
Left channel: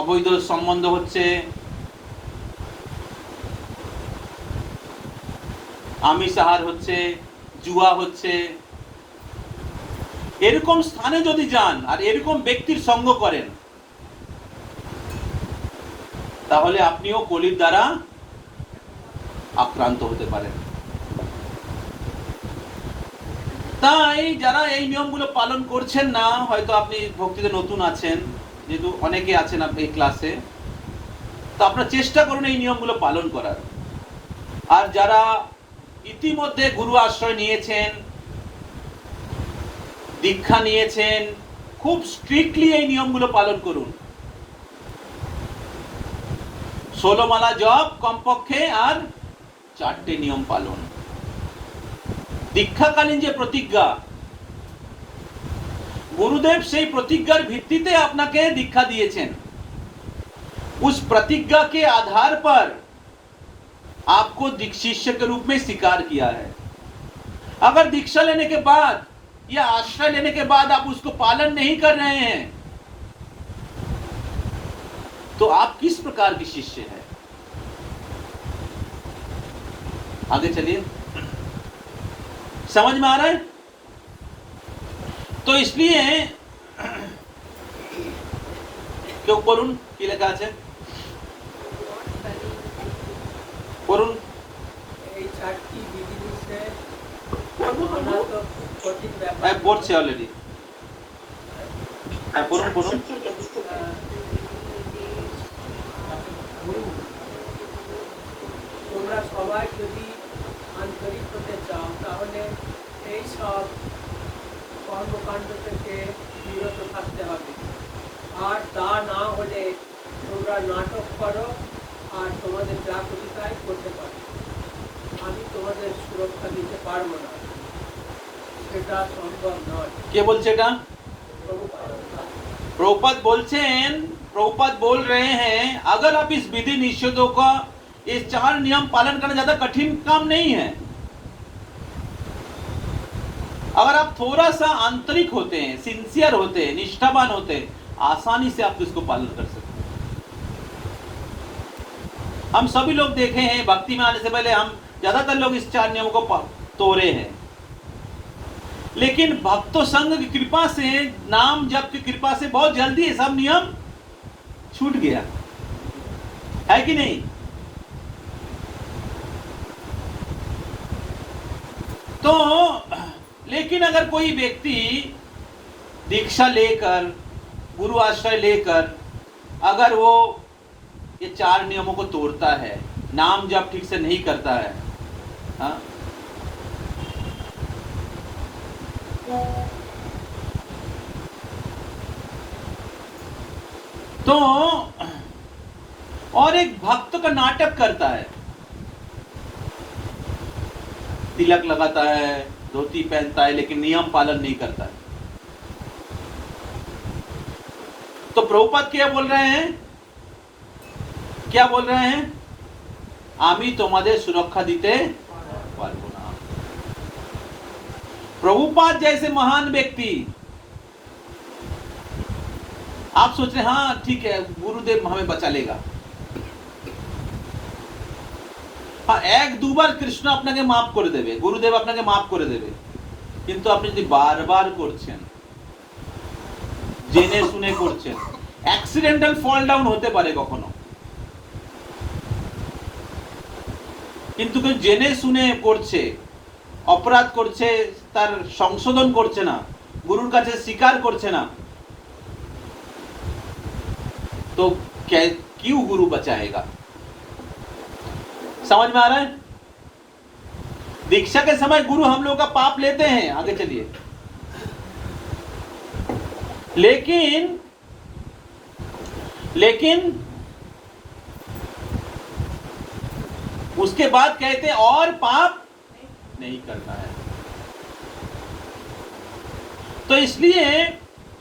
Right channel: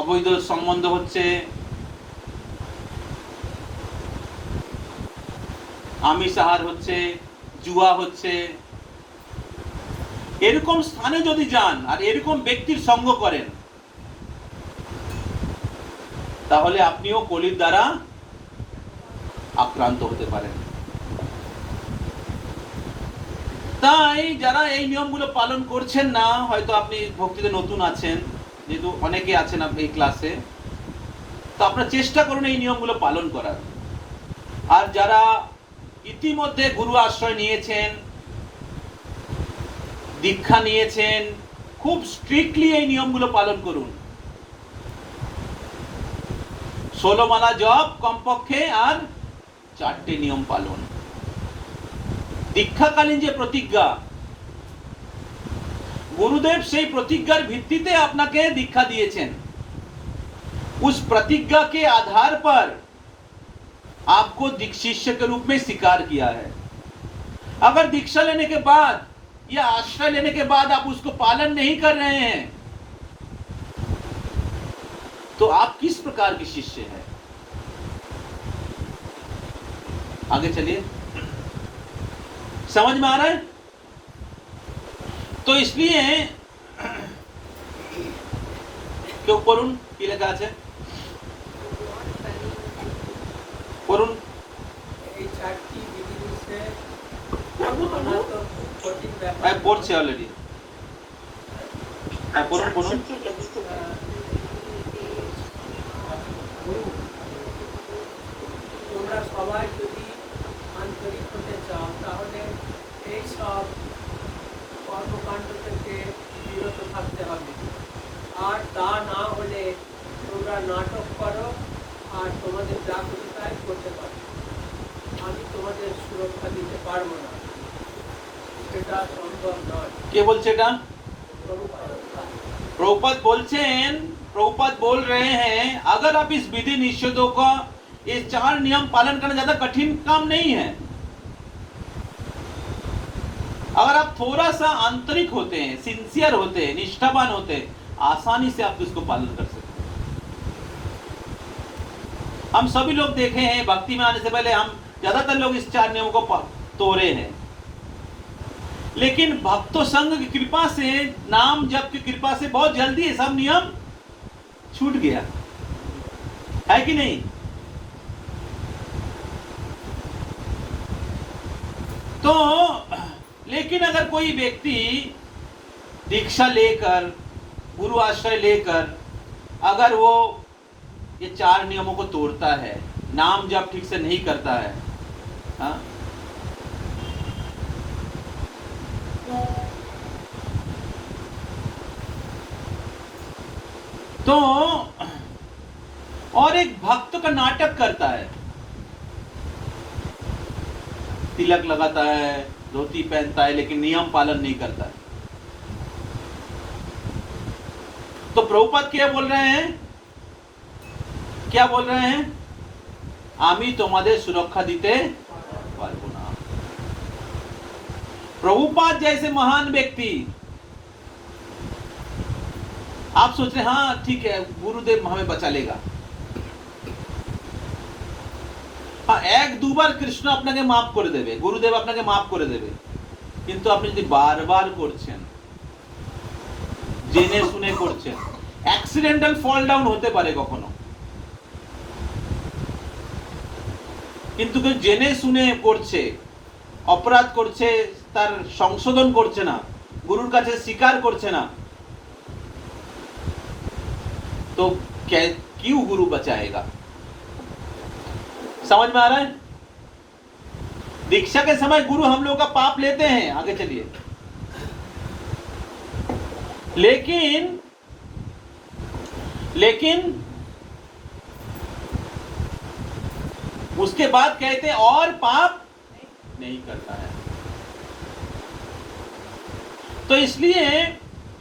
অবৈধ সম্বন্ধ হচ্ছে, আমিষ আহার হচ্ছে, জুয়া হচ্ছে। এরকম স্থানে যদি যান আর এরকম ব্যক্তির সঙ্গ করেন, তাহলে আপনিও কলির দ্বারা আক্রান্ত হতে পারেন। তাই যারা এই নিয়মগুলো পালন করছেন না, হয়তো আপনি ভক্তিতে নতুন আছেন, যেহেতু অনেকে আছেন আপনি এই ক্লাসে, তো আপনারা চেষ্টা করুন এই নিয়মগুলো পালন করার। আর যারা ইতিমধ্যে গুরু আশ্রয় নিয়েছেন, দীক্ষা নিয়েছেন, খুব স্ট্রিক্টলি এই নিয়মগুলো পালন করুন। 16 মালা জপ কমপক্ষে, আর 4টে নিয়ম পালন। দীক্ষাকালীন যে প্রতিজ্ঞা, গুরুদেব সেই প্রতিজ্ঞার ভিত্তিতে আপনাকে দীক্ষা দিয়েছেন। उस प्रतिज्ञा के आधार पर आपको शिष्य के रूप में स्वीकार किया है। अगर दीक्षा लेने के बाद या आश्रय लेने के बाद आप उसको पालन नहीं कर रहे हैं तो आप किस प्रकार के शिष्य हैं? आगे चलिए, समझ में आ रहा है? तो इसलिए क्यों করুন কি লেখা আছে করুন এই চারটি বিধিনিষেধ পড়ছে অলরেডি। হ্যাঁ পড়ুন পড়ুন। তোমরা সবাই যদি আন্তরিক হতে চাও তাহলে এই সব কর্মকাণ্ড থেকে বিরত থাকতে হবে। আর তা না হলে তোমরা নাটক করো আর তোমাদের যা করতে চাই করতে পারো, আমি তোমাদের সুরক্ষা দিতে পারবো না, এটা সম্ভব নয়। কে বলছে এটা? प्रभुपाद बोलছেন, प्रभुपाद बोल रहे हैं अगर आप इस विधि निषेधों का ये 4 नियम पालन करना ज्यादा कठिन काम नहीं है। अगर आप थोड़ा सा आंतरिक होते हैं, सिंसियर होते हैं, निष्ठावान होते हैं, आसानी से आप इसको पालन कर सकते हैं। हम सभी लोग देखे हैं भक्ति में आने से पहले हम ज्यादातर लोग इस 4 नियमों को तोड़े हैं, लेकिन भक्तों संघ की कृपा से, नाम जप की कृपा से बहुत जल्दी ये सब नियम छूट गया है कि नहीं? तो लेकिन अगर कोई व्यक्ति दीक्षा लेकर, गुरु आश्रय लेकर अगर वो ये 4 नियमों को तोड़ता है, नाम जप ठीक से नहीं करता है, हाँ, तो और एक भक्त का नाटक करता है, तिलक लगाता है, धोती पहनता है, लेकिन नियम पालन नहीं करता है। तो प्रभुपाद क्या बोल रहे हैं? क्या बोल रहे हैं? आमी तुम्हारे सुरक्षा दीते पारबो ना। प्रभुपाद जैसे महान व्यक्ति, आप सोच रहे हाँ ठीक है गुरुदेव हमें बचा लेगा, हाँ 1-2 বার কৃষ্ণ আপনাকে মাফ করে দেবে, গুরুদেব আপনাকে মাফ করে দেবে, কিন্তু আপনি যদি বারবার করছেন, জেনে শুনে করছেন, অ্যাক্সিডেন্টাল ফল ডাউন হতে পারে কখনো, কিন্তু কেউ জেনে শুনে করছে, অপরাধ করছে, তার সংশোধন করছে না, গুরুর কাছে স্বীকার করছে না, तो क्यों गुरु बचाएगा? समझ में आ रहा है? दीक्षा के समय गुरु हम लोग का पाप लेते हैं, आगे चलिए, लेकिन उसके बाद कहते हैं और पाप नहीं करना है। तो इसलिए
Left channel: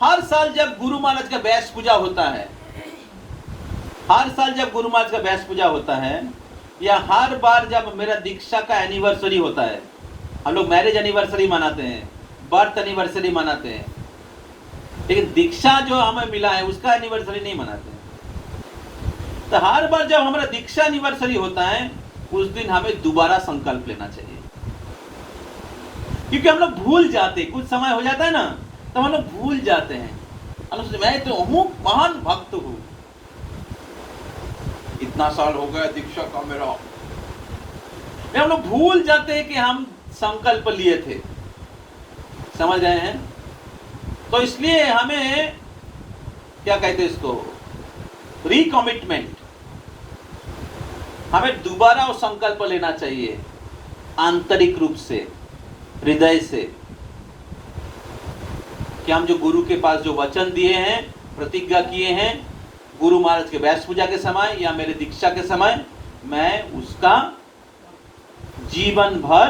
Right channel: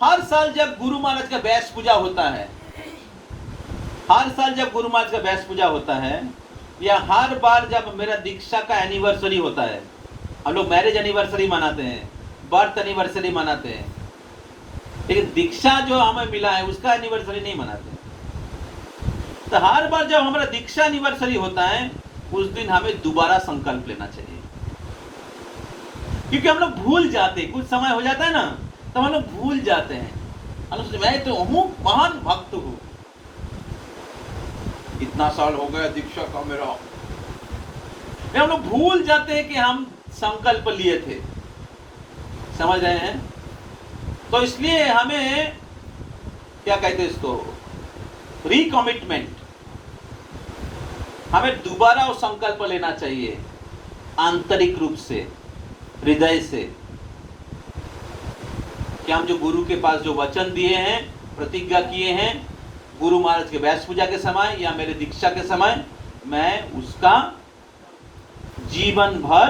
हर साल जब गुरु महाराज का बैस पूजा होता है, हर साल जब गुरु महाराज का बैस पूजा होता है, या हर बार जब मेरा दीक्षा का एनिवर्सरी होता है, हम लोग मैरिज एनिवर्सरी मनाते हैं, बर्थ एनिवर्सरी मनाते हैं, लेकिन दीक्षा जो हमें मिला है उसका एनिवर्सरी नहीं मनाते हैं। तो हर बार जब हमारा दीक्षा एनिवर्सरी होता है उस दिन हमें दोबारा संकल्प लेना चाहिए, क्योंकि हम लोग भूल जाते, कुछ समय हो जाता है ना तो हम लोग भूल जाते हैं, मैं तो हूँ महान भक्त हूँ, इतना साल हो गया दीक्षा का मेरा, हम लोग भूल जाते हैं कि हम संकल्प लिए थे। समझ रहे हैं? तो इसलिए हमें क्या कहते हैं इसको, रिकमिटमेंट, हमें दोबारा वो संकल्प लेना चाहिए आंतरिक रूप से, हृदय से, कि हम जो गुरु के पास जो वचन दिए हैं, प्रतिज्ञा किए हैं, गुरु महाराज के व्यास पूजा के समय या मेरे दीक्षा के समय, मैं उसका जीवन भर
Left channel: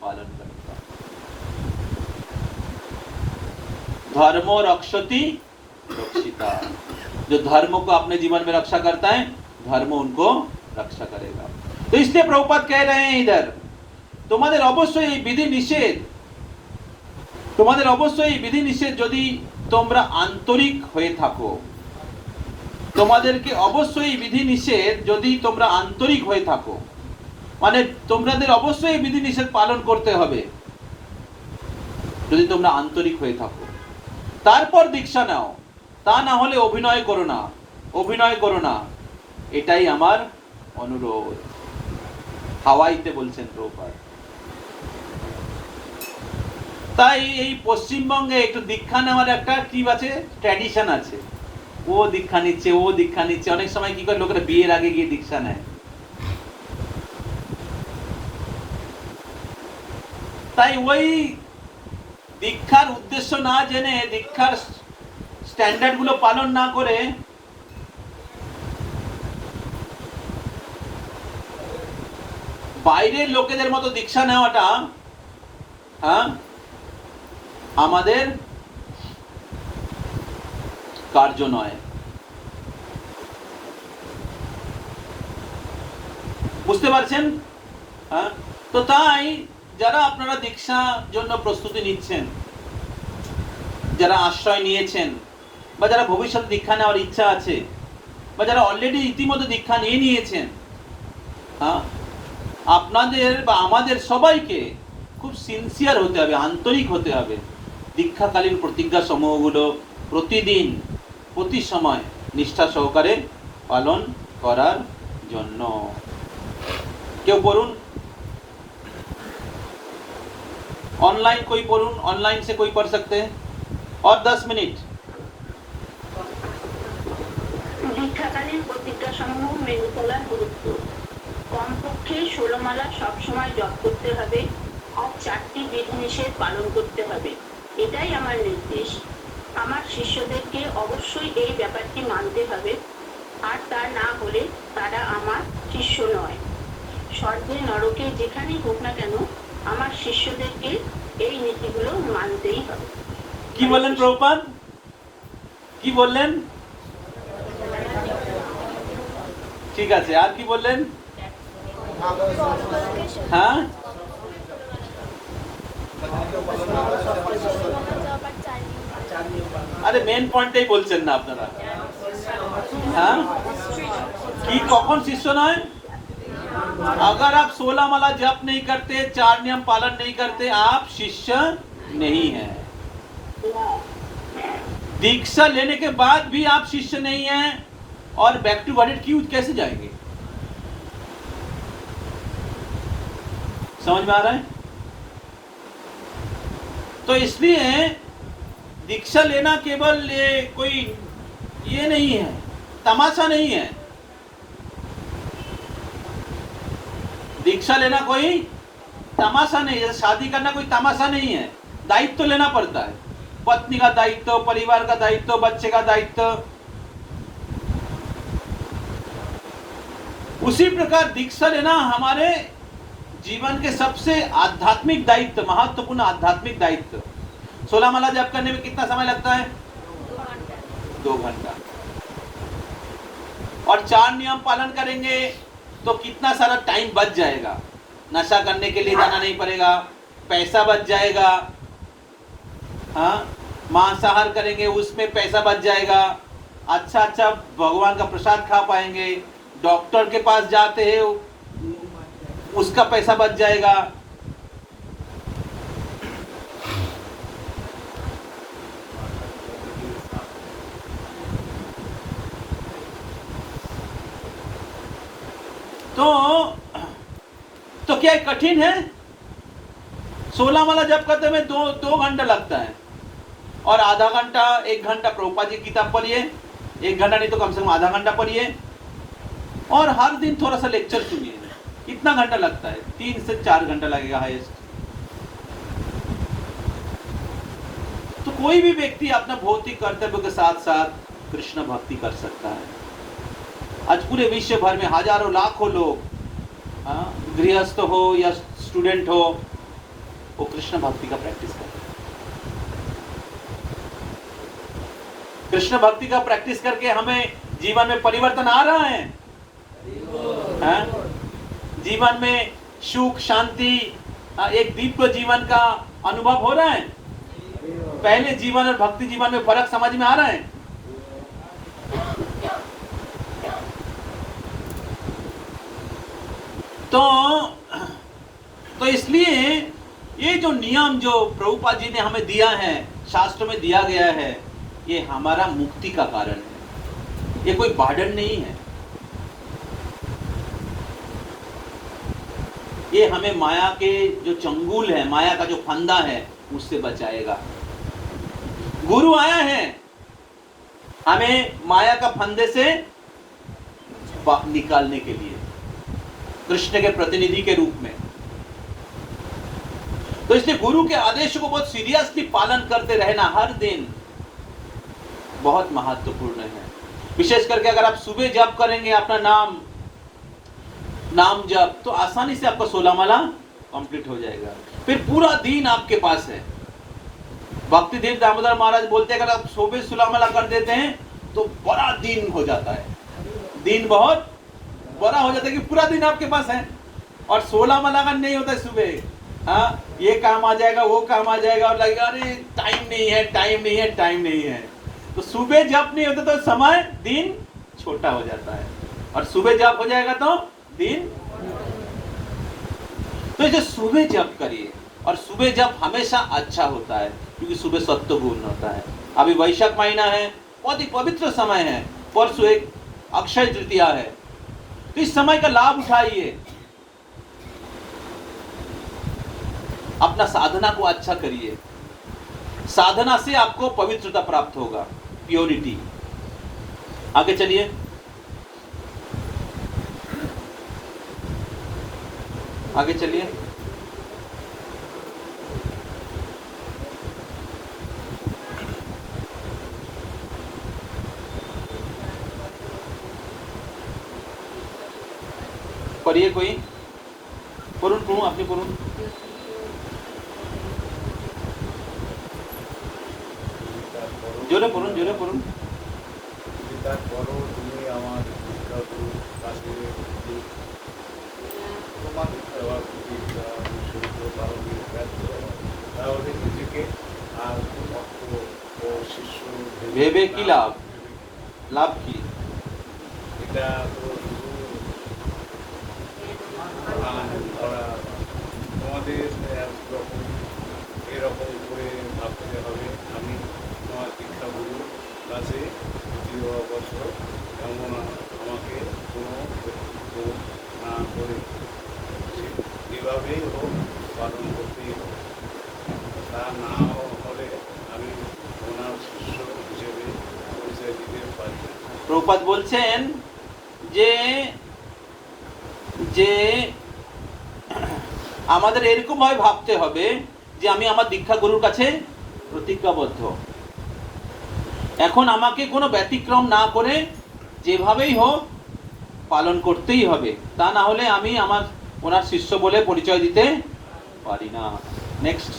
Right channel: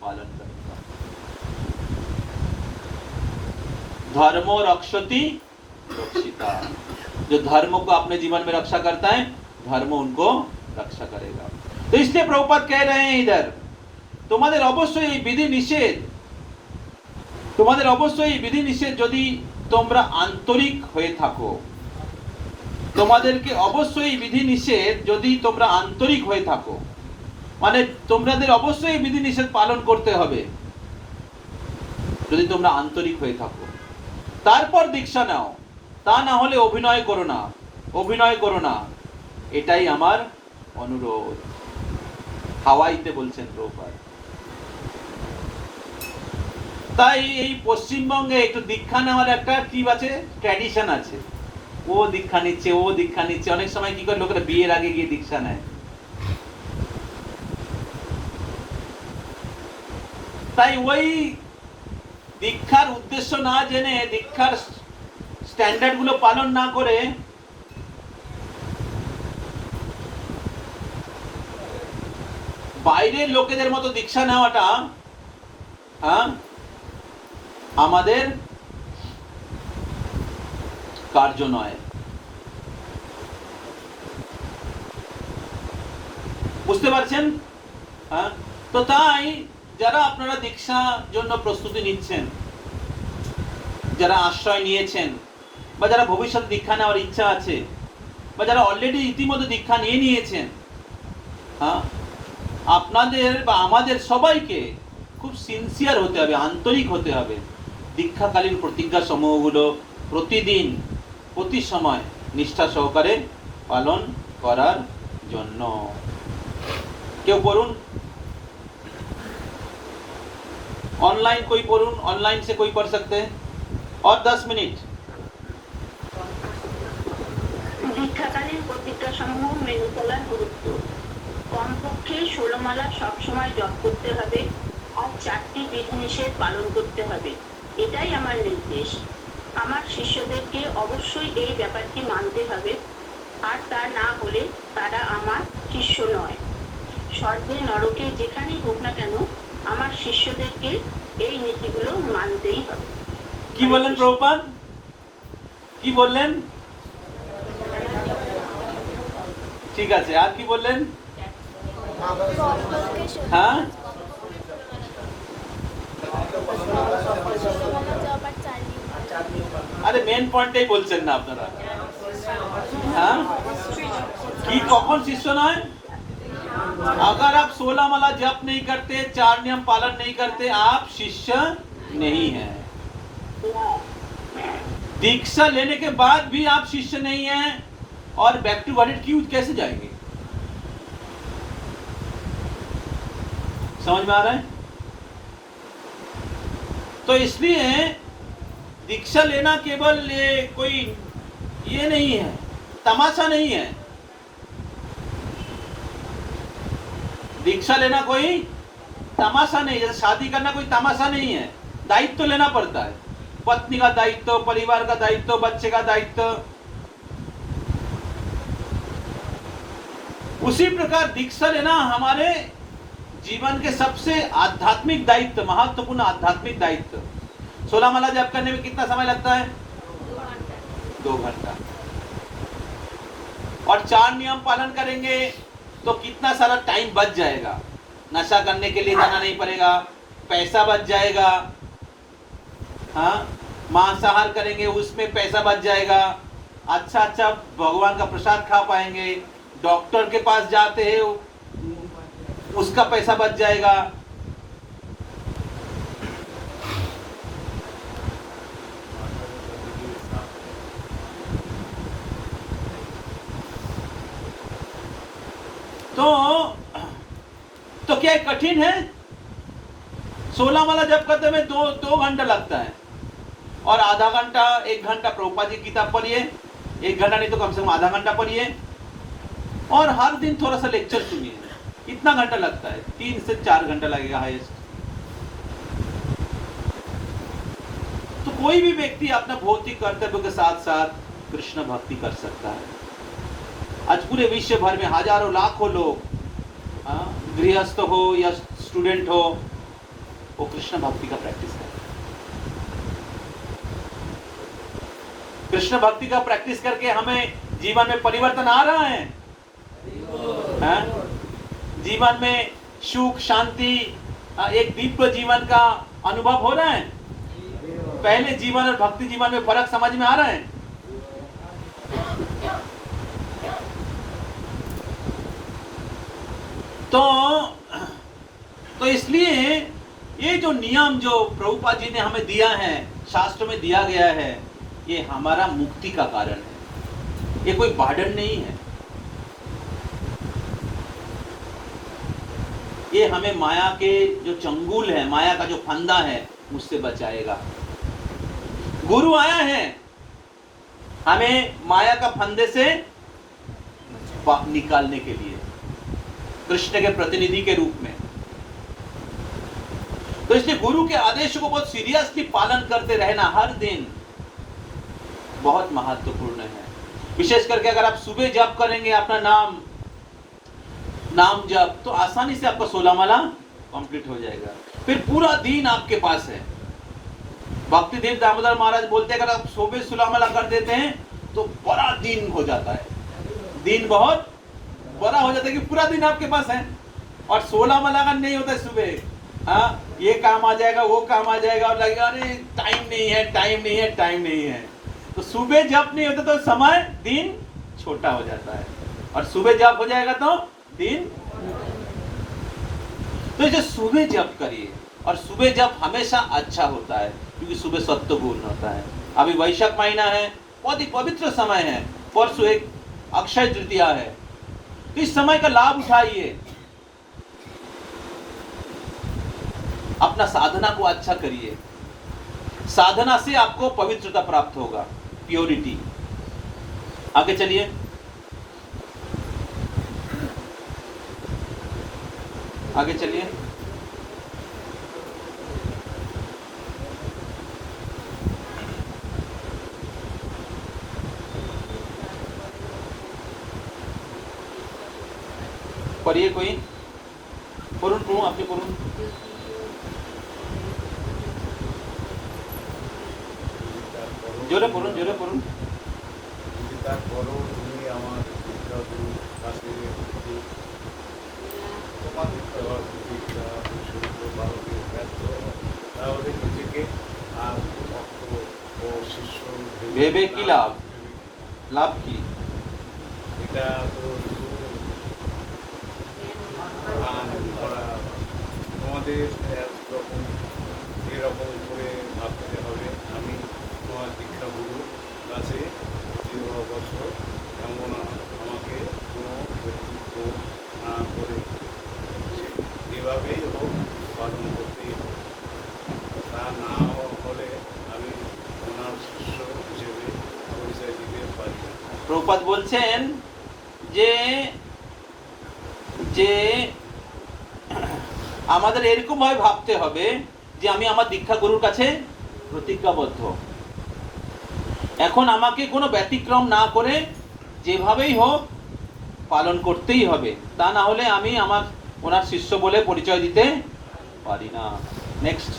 पालन करूंगा। धर्मो रक्षति रक्षिता। जो धर्म को अपने जीवन में रक्षा करता है, धर्म उनको रक्षा करेगा। तो इसलिए प्रभुपाद कह रहे हैं इधर, তোমাদের অবশ্যই বিধি নিষেধ, তোমাদের অবশ্যই বিধি নিষেধ যদি তোমরা আন্তরিক হয়ে থাকো, তোমাদেরকে অবশ্যই বিধি নিষেধ যদি তোমরা আন্তরিক হয়ে থাকো, মানে তোমাদের অবশ্যই বিধি নিষেধ পালন করতে হবে যদি তোমরা আন্তরিক হয়ে থাকো। তারপর দীক্ষা নাও, তা না হলে অভিনয় করো না, অভিনয় করো না, এটাই আমার অনুরোধ। হাওয়াইতে বলছেন প্রভুপাদ। তাই এই পশ্চিমবঙ্গে একটু দীক্ষা নেওয়ার একটা কি আছে, ট্র্যাডিশন আছে। ও দীক্ষা নিচ্ছে, ও দীক্ষা নিচ্ছে। অনেক সময় কি করে লোকেরা বিয়ের আগে গিয়ে দীক্ষা নেয়। তাই ওই দীক্ষার উদ্দেশ্য না জেনে, দীক্ষার স্ট্যান্ডার্ড গুলো পালন না করে বাইরের লোকেদের মতো দীক্ষা নেওয়াটা আমাদের কার্য নয়। বুঝতে পারছেন? তো তাই যারা আপনারা দীক্ষার জন্য প্রস্তুতি নিচ্ছেন, যারা আশ্রয় নিয়েছেন, বা যারা ভবিষ্যতে দীক্ষা নেওয়ার ইচ্ছা আছে, বা যারা অলরেডি ইতিমধ্যে দীক্ষা নিয়ে নিয়েছেন, আপনাদের বা আমাদের সবাইকে খুব সিনসিয়ার হতে হবে, আন্তরিক হতে হবে। দীক্ষাকালীন প্রতিজ্ঞা সমূহগুলো প্রতিদিন, প্রতি সময় নিষ্ঠা সহকারে পালন করার জন্য। কেউ পড়ুন, ऑनलाइन कोई पढ़ून, ऑनलाइन से कोई पढ़ सकते हैं। और 10 मिनट। দীক্ষাকালীন প্রতিজ্ঞা সমূহ মেনে চলার গুরুত্ব। কমপক্ষে 16 মালা সবসময় জপ করতে হবে আর 4টি বিধিনিষেধ পালন করতে হবে, এটাই আমার নির্দেশ। আমার শিষ্যদেরকে অবশ্যই এই ব্যাপারটি মানতে হবে, আর তা না হলে তারা আমার শিষ্য নয়। স্বর্গে নরকে যেখানেই হোক না কেন আমার শিষ্যদেরকে এই নীতিগুলো মানতেই হবে। কি বললেন প্রভুপাদ? কি বললেন? ঠিক আছে, আর কি বললেন? হ্যাঁ, আরে মেন পয়েন্টটাই বলছেন না আপনারা। হ্যাঁ, কি কখন শিষ্য নয়? अगर आप 16 माला जप नहीं करते, 4 नियम पालन नहीं करते, आप शिष्य नहीं हैं। दीक्षा लेने के बाद भी आप शिष्य नहीं हैं, और बैक टू गॉडेड क्यों कैसे जाएंगे? समझ में आ रहा है? तो इसलिए दीक्षा लेना केवल कोई ये नहीं है, तमाशा नहीं है। दीक्षा लेना कोई तमाशा नहीं है, शादी करना कोई तमाशा नहीं है। दायित्व तो लेना पड़ता है, पत्नी का दायित्व, परिवार का दायित्व, बच्चे का दायित्व। उसी प्रकार दीक्षा लेना हमारे जीवन के सबसे आध्यात्मिक दायित्व, महत्वपूर्ण आध्यात्मिक दायित्व। 16 माला जप करने में कितना समय लगता है? 2 घंटा। और 4 नियम पालन करेंगे तो कितना सारा टाइम बच जाएगा। नशा करने के लिए जाना नहीं पड़ेगा, पैसा बच जाएगा। हाँ, मांसाहार करेंगे उसमें पैसा बच जाएगा, अच्छा अच्छा भगवान का प्रसाद खा पाएंगे। डॉक्टर के पास जाते हैं उसका पैसा बच जाएगा। तो क्या कठिन है? 16 माला जप करते में 2 घंटा लगता है, और आधा घंटा 1 घंटा प्रभुपाद जी की किताब पढ़िए। 1 घंटा नहीं तो कम से कम आधा घंटा पढ़िए, और हर दिन थोड़ा सा लेक्चर सुनिए। कितना घंटा लगता है? 3 से 4 घंटा लगेगा हाईएस्ट। तो कोई भी व्यक्ति अपना भौतिक कर्तव्य के साथ साथ कृष्ण भक्ति कर सकता है। आज पूरे विश्व भर में हजारों लाखों लोग, गृहस्थ हो या स्टूडेंट हो, वो कृष्ण भक्ति का प्रैक्टिस करते हैं। कृष्ण भक्ति का प्रैक्टिस करके हमें जीवन में परिवर्तन आ रहा है, हाँ? जीवन में सुख शांति, एक दिव्य जीवन का अनुभव हो रहा है। पहले जीवन और भक्ति जीवन में फर्क समझ में आ रहा है। तो इसलिए ये जो नियम जो प्रभुपाद जी ने हमें दिया है, शास्त्र में दिया गया है, ये हमारा मुक्ति का कारण है, ये कोई बर्डन नहीं है। ये हमें माया के जो चंगुल है, माया का जो फंदा है, उससे बचाएगा। गुरु आया है हमें माया का फंदे से निकालने के लिए, कृष्ण के प्रतिनिधि के रूप में। तो इसलिए गुरु के आदेश को बहुत सीरियसली पालन करते रहना हर दिन बहुत महत्वपूर्ण है। विशेष करके अगर आप सुबह जप करेंगे अपना नाम जप, तो आसानी से आपका 16 माला कंप्लीट हो जाएगा। फिर पूरा दिन आपके पास है। भक्ति देव दामोदर महाराज बोलते हैं अगर आप सुबह 16 माला कर देते हैं तो बड़ा दिन हो जाता है, दिन बहुत बड़ा हो जाता है कि पूरा दिन आपके पास है। और 16 माला का नहीं होता है सुबह, हाँ ये काम आ जाएगा वो काम आ जाएगा और लगेगा अरे टाइम नहीं है, टाइम नहीं है, टाइम नहीं है। तो सुबह जब नहीं होता तो समय दिन छोटा हो जाता है, और सुबह जब हो जाएगा तो दिन। तो इसे सुबह जप करिए, और सुबह जप हमेशा अच्छा होता है क्योंकि सुबह सत्व गुण होता है। अभी वैशाख महीना है, बहुत ही पवित्र समय है, परसों एक अक्षय तृतीया है, तो इस समय का लाभ उठाइए, अपना साधना को अच्छा करिए। साधना से आपको पवित्रता प्राप्त होगा, प्योरिटी। आगे चलिए, आगे चलिए। पढ़िए कोई, पढ़ूं अपनी पढ़ूं। जोरे पढ़ूं। भेबे की लाभ की আমাদের যখন এরকম করে ভাবতে হবে আমি তোমার দীক্ষা গুরু কাছে 2 বছর এমন আমাকে কোনো বক্তব্য না করে এভাবেই হোক পালন করতেই হবে। তা না হলে আমি ওনার শিষ্য হিসেবে পরিচয় দিতে পারি না। প্রভুপাদ বলছেন যে যে আমাদের এরকম ভাবে ভাবতে হবে যে আমি আমার দীক্ষা গুরুর কাছে প্রতিজ্ঞাবদ্ধ, এখন আমাকে কোনো ব্যতিক্রম না করে যেভাবেই হোক পালন করতেই হবে, তা না হলে আমি আমার ওনার শিষ্য বলে পরিচয় দিতে পারি না। নেক্সট,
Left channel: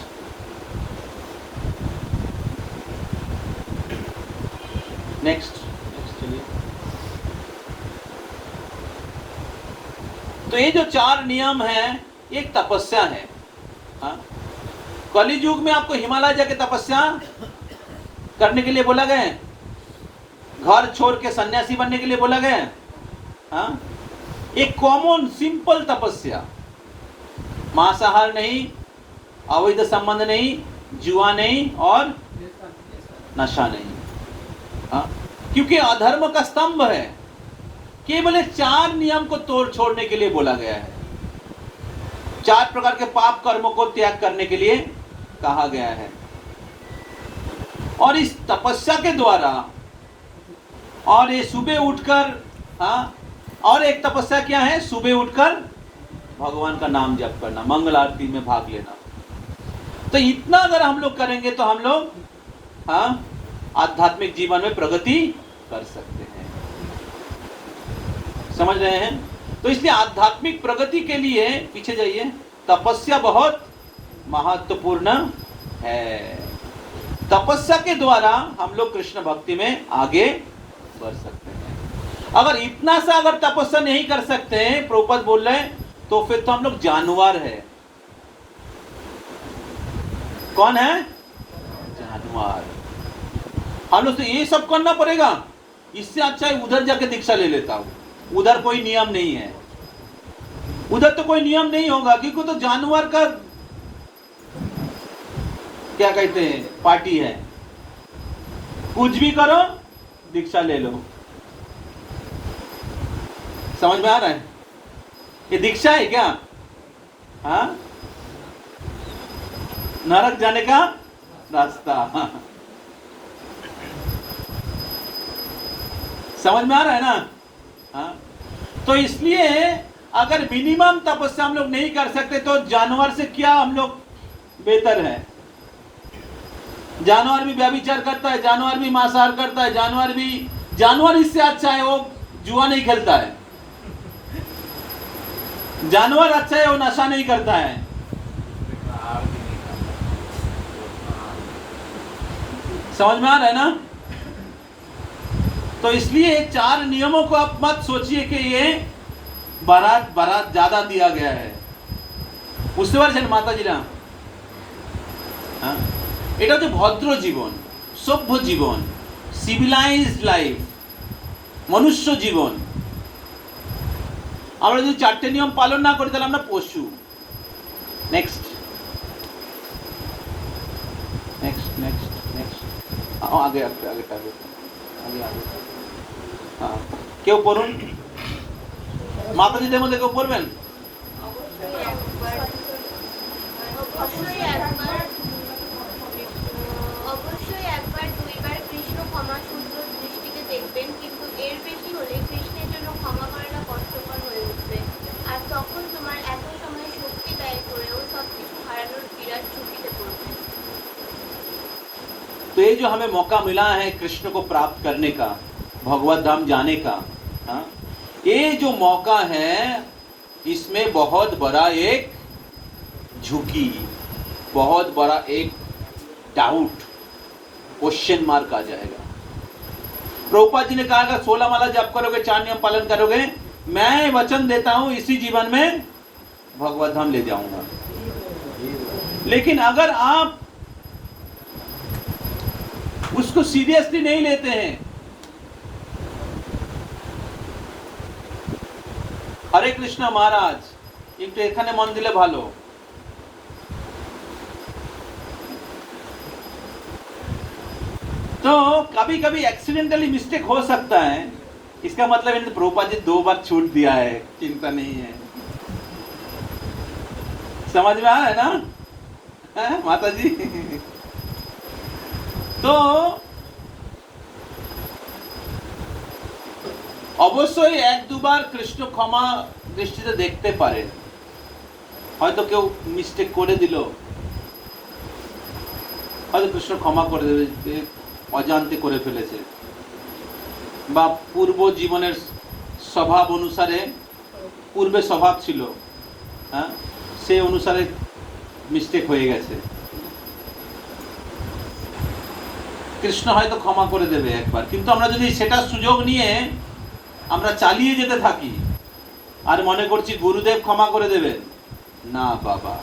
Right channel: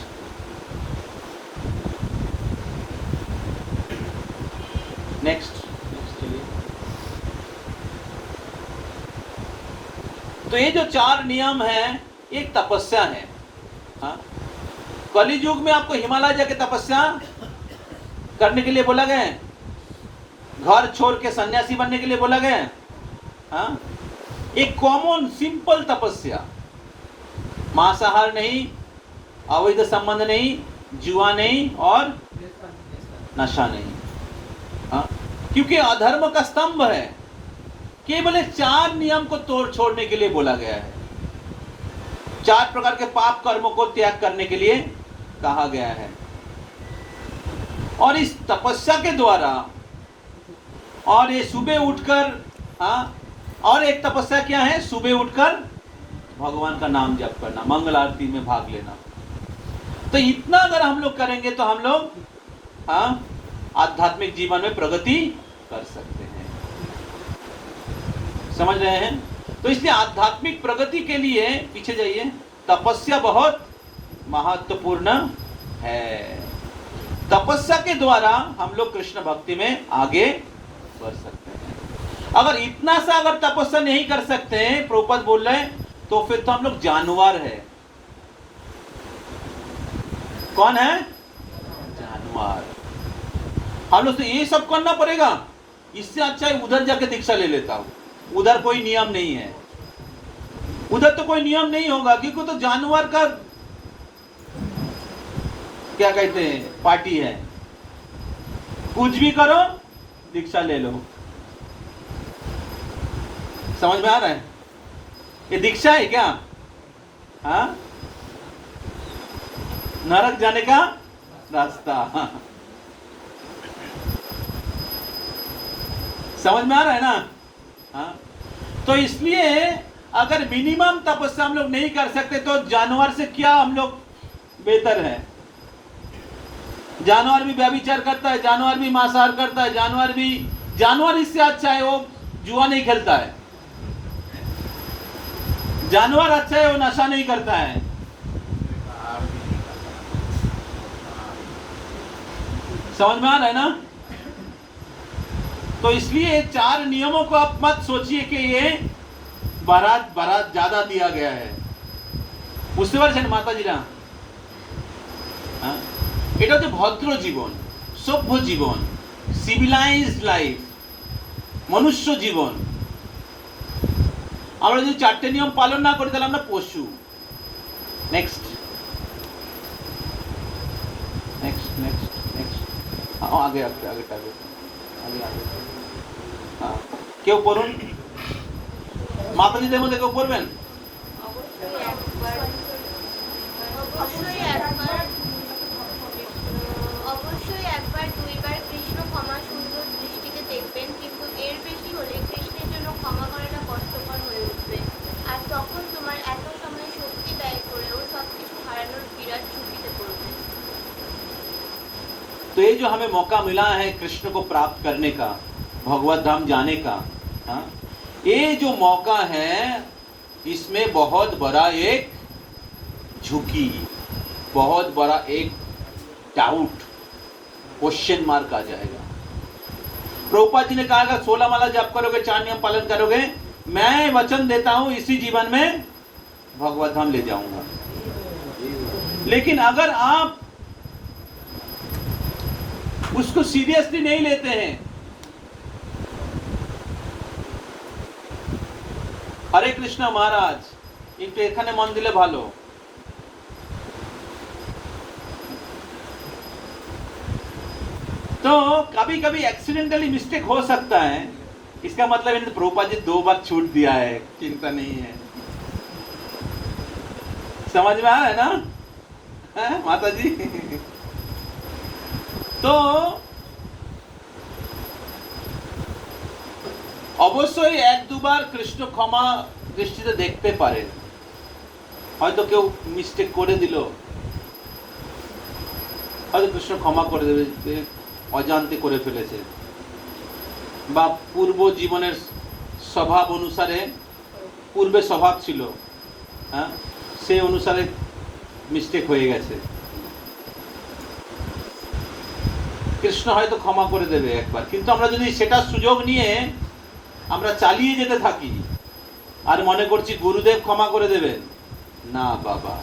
चलिए। तो ये जो 4 नियम है एक तपस्या है। हाँ? कलि युग में आपको हिमालय जाके तपस्या करने के लिए बोला गया है, घर छोड़ के सन्यासी बनने के लिए बोला गया है। हाँ? एक कॉमन सिंपल तपस्या, मांसाहार नहीं, अवैध संबंध नहीं, जुआ नहीं और नशा नहीं। हाँ? क्योंकि अधर्म का स्तंभ है, केवल 4 नियम को तोड़ छोड़ने के लिए बोला गया है, 4 प्रकार के पाप कर्मों को त्याग करने के लिए कहा गया है। और इस तपस्या के द्वारा, और ये सुबह उठकर, हाँ, और एक तपस्या क्या है, सुबह उठकर भगवान का नाम जप करना, मंगल आरती में भाग लेना। तो इतना अगर हम लोग करेंगे तो हम लोग, हाँ, आध्यात्मिक जीवन में प्रगति कर सकते हैं। समझ रहे हैं? तो इसलिए आध्यात्मिक प्रगति के लिए, पीछे जाइए, तपस्या बहुत महत्वपूर्ण है। तपस्या के द्वारा हम लोग कृष्ण भक्ति में आगे बढ़ सकते हैं। अगर इतना सा अगर तपस्या नहीं कर सकते हैं, प्रभुपाद बोल रहे हैं, तो फिर तो हम लोग जानवर है। कौन है? जानवर। हम लोग से ये सब करना पड़ेगा, इससे अच्छा है उधर जाके दीक्षा ले लेता हूं। उधर कोई नियम नहीं है, उधर तो कोई नियम नहीं होगा, क्योंकि तो जानवर का क्या कहते हैं पार्टी है। कुछ भी करो, दीक्षा ले लो। समझ में आ रहा है? ये दीक्षा है क्या? हाँ, नरक जाने का रास्ता। समझ में आ रहा है ना? हाँ, तो इसलिए अगर मिनिमम तपस्या हम लोग नहीं कर सकते तो जानवर से क्या हम लोग बेहतर है? जानवर भी व्यभिचार करता है, जानवर भी मांसाहार करता है, जानवर इससे अच्छा है, वो जुआ नहीं खेलता है। जानवर अच्छा है, वो नशा नहीं करता है। समझ में आ रहा है ना? तो इसलिए 4 नियमों को आप मत सोचिए कि ये बारात ज्यादा दिया गया है। বুঝতে পারছেন মাতাজিরা? এটা হচ্ছে ভদ্র জীবন, সভ্য জীবন, সিভিলাইজড লাইফ, মনুষ্য জীবন। আমরা যদি 4টে নিয়ম পালন না করি তাহলে আমরা পশু। নেক্সট নেক্সট নেক্সট নেক্সট আগে আগে আগে আগে আগে কেউ পড়ুন, মাতাজিদের মধ্যে কেউ পড়বেন? অবশ্যই একবার দুইবার কৃষ্ণ ক্ষমা সুন্দর দৃষ্টিতে দেখবেন, কিন্তু এর বেশি হলে কৃষ্ণের জন্য ক্ষমা করাটা কষ্টকর হয়ে উঠবে। আর তখন তোমার এত সময় শক্তি ব্যয় করেও সবকিছু হারানোর বিরাট ঝুঁকিতে পড়বে। तो ये जो हमें मौका मिला है कृष्ण को प्राप्त करने का, भगवत धाम जाने का, ये जो मौका है इसमें बहुत बड़ा एक झुकी, बहुत बड़ा एक डाउट, क्वेश्चन मार्क आ जाएगा। प्रभुपाद जी ने कहा कि 16 माला जप करोगे, 4 नियम पालन करोगे, मैं वचन देता हूं इसी जीवन में भगवत धाम ले जाऊंगा। लेकिन अगर आप उसको सीरियसली नहीं लेते हैं, हरे कृष्ण महाराज एक तो एखाने मन दिले भालो, तो कभी कभी एक्सीडेंटली मिस्टेक हो सकता है। इसका मतलब इन्होंने प्रभुपाद जी 2 बार छूट दिया है, चिंता नहीं है। समझ में आ रहा है ना माता जी? तो অবশ্যই 1-2 বার কৃষ্ণ ক্ষমা দৃষ্টিতে দেখতে পারেন। হয়তো কেউ মিস্টেক করে দিল, হয়তো কৃষ্ণ ক্ষমা করে দেবে, অজান্তে করে ফেলেছে, বা পূর্ব জীবনের স্বভাব অনুসারে, পূর্বে স্বভাব ছিল, হ্যাঁ, সেই অনুসারে মিস্টেক হয়ে গেছে। কৃষ্ণ হয়তো ক্ষমা করে দেবে একবার, কিন্তু আমরা যদি সেটা সুযোগ নিয়ে আমরা চালিয়ে যেতে থাকি আর মনে করছি গুরুদেব ক্ষমা করে দেবেন, না বাবা।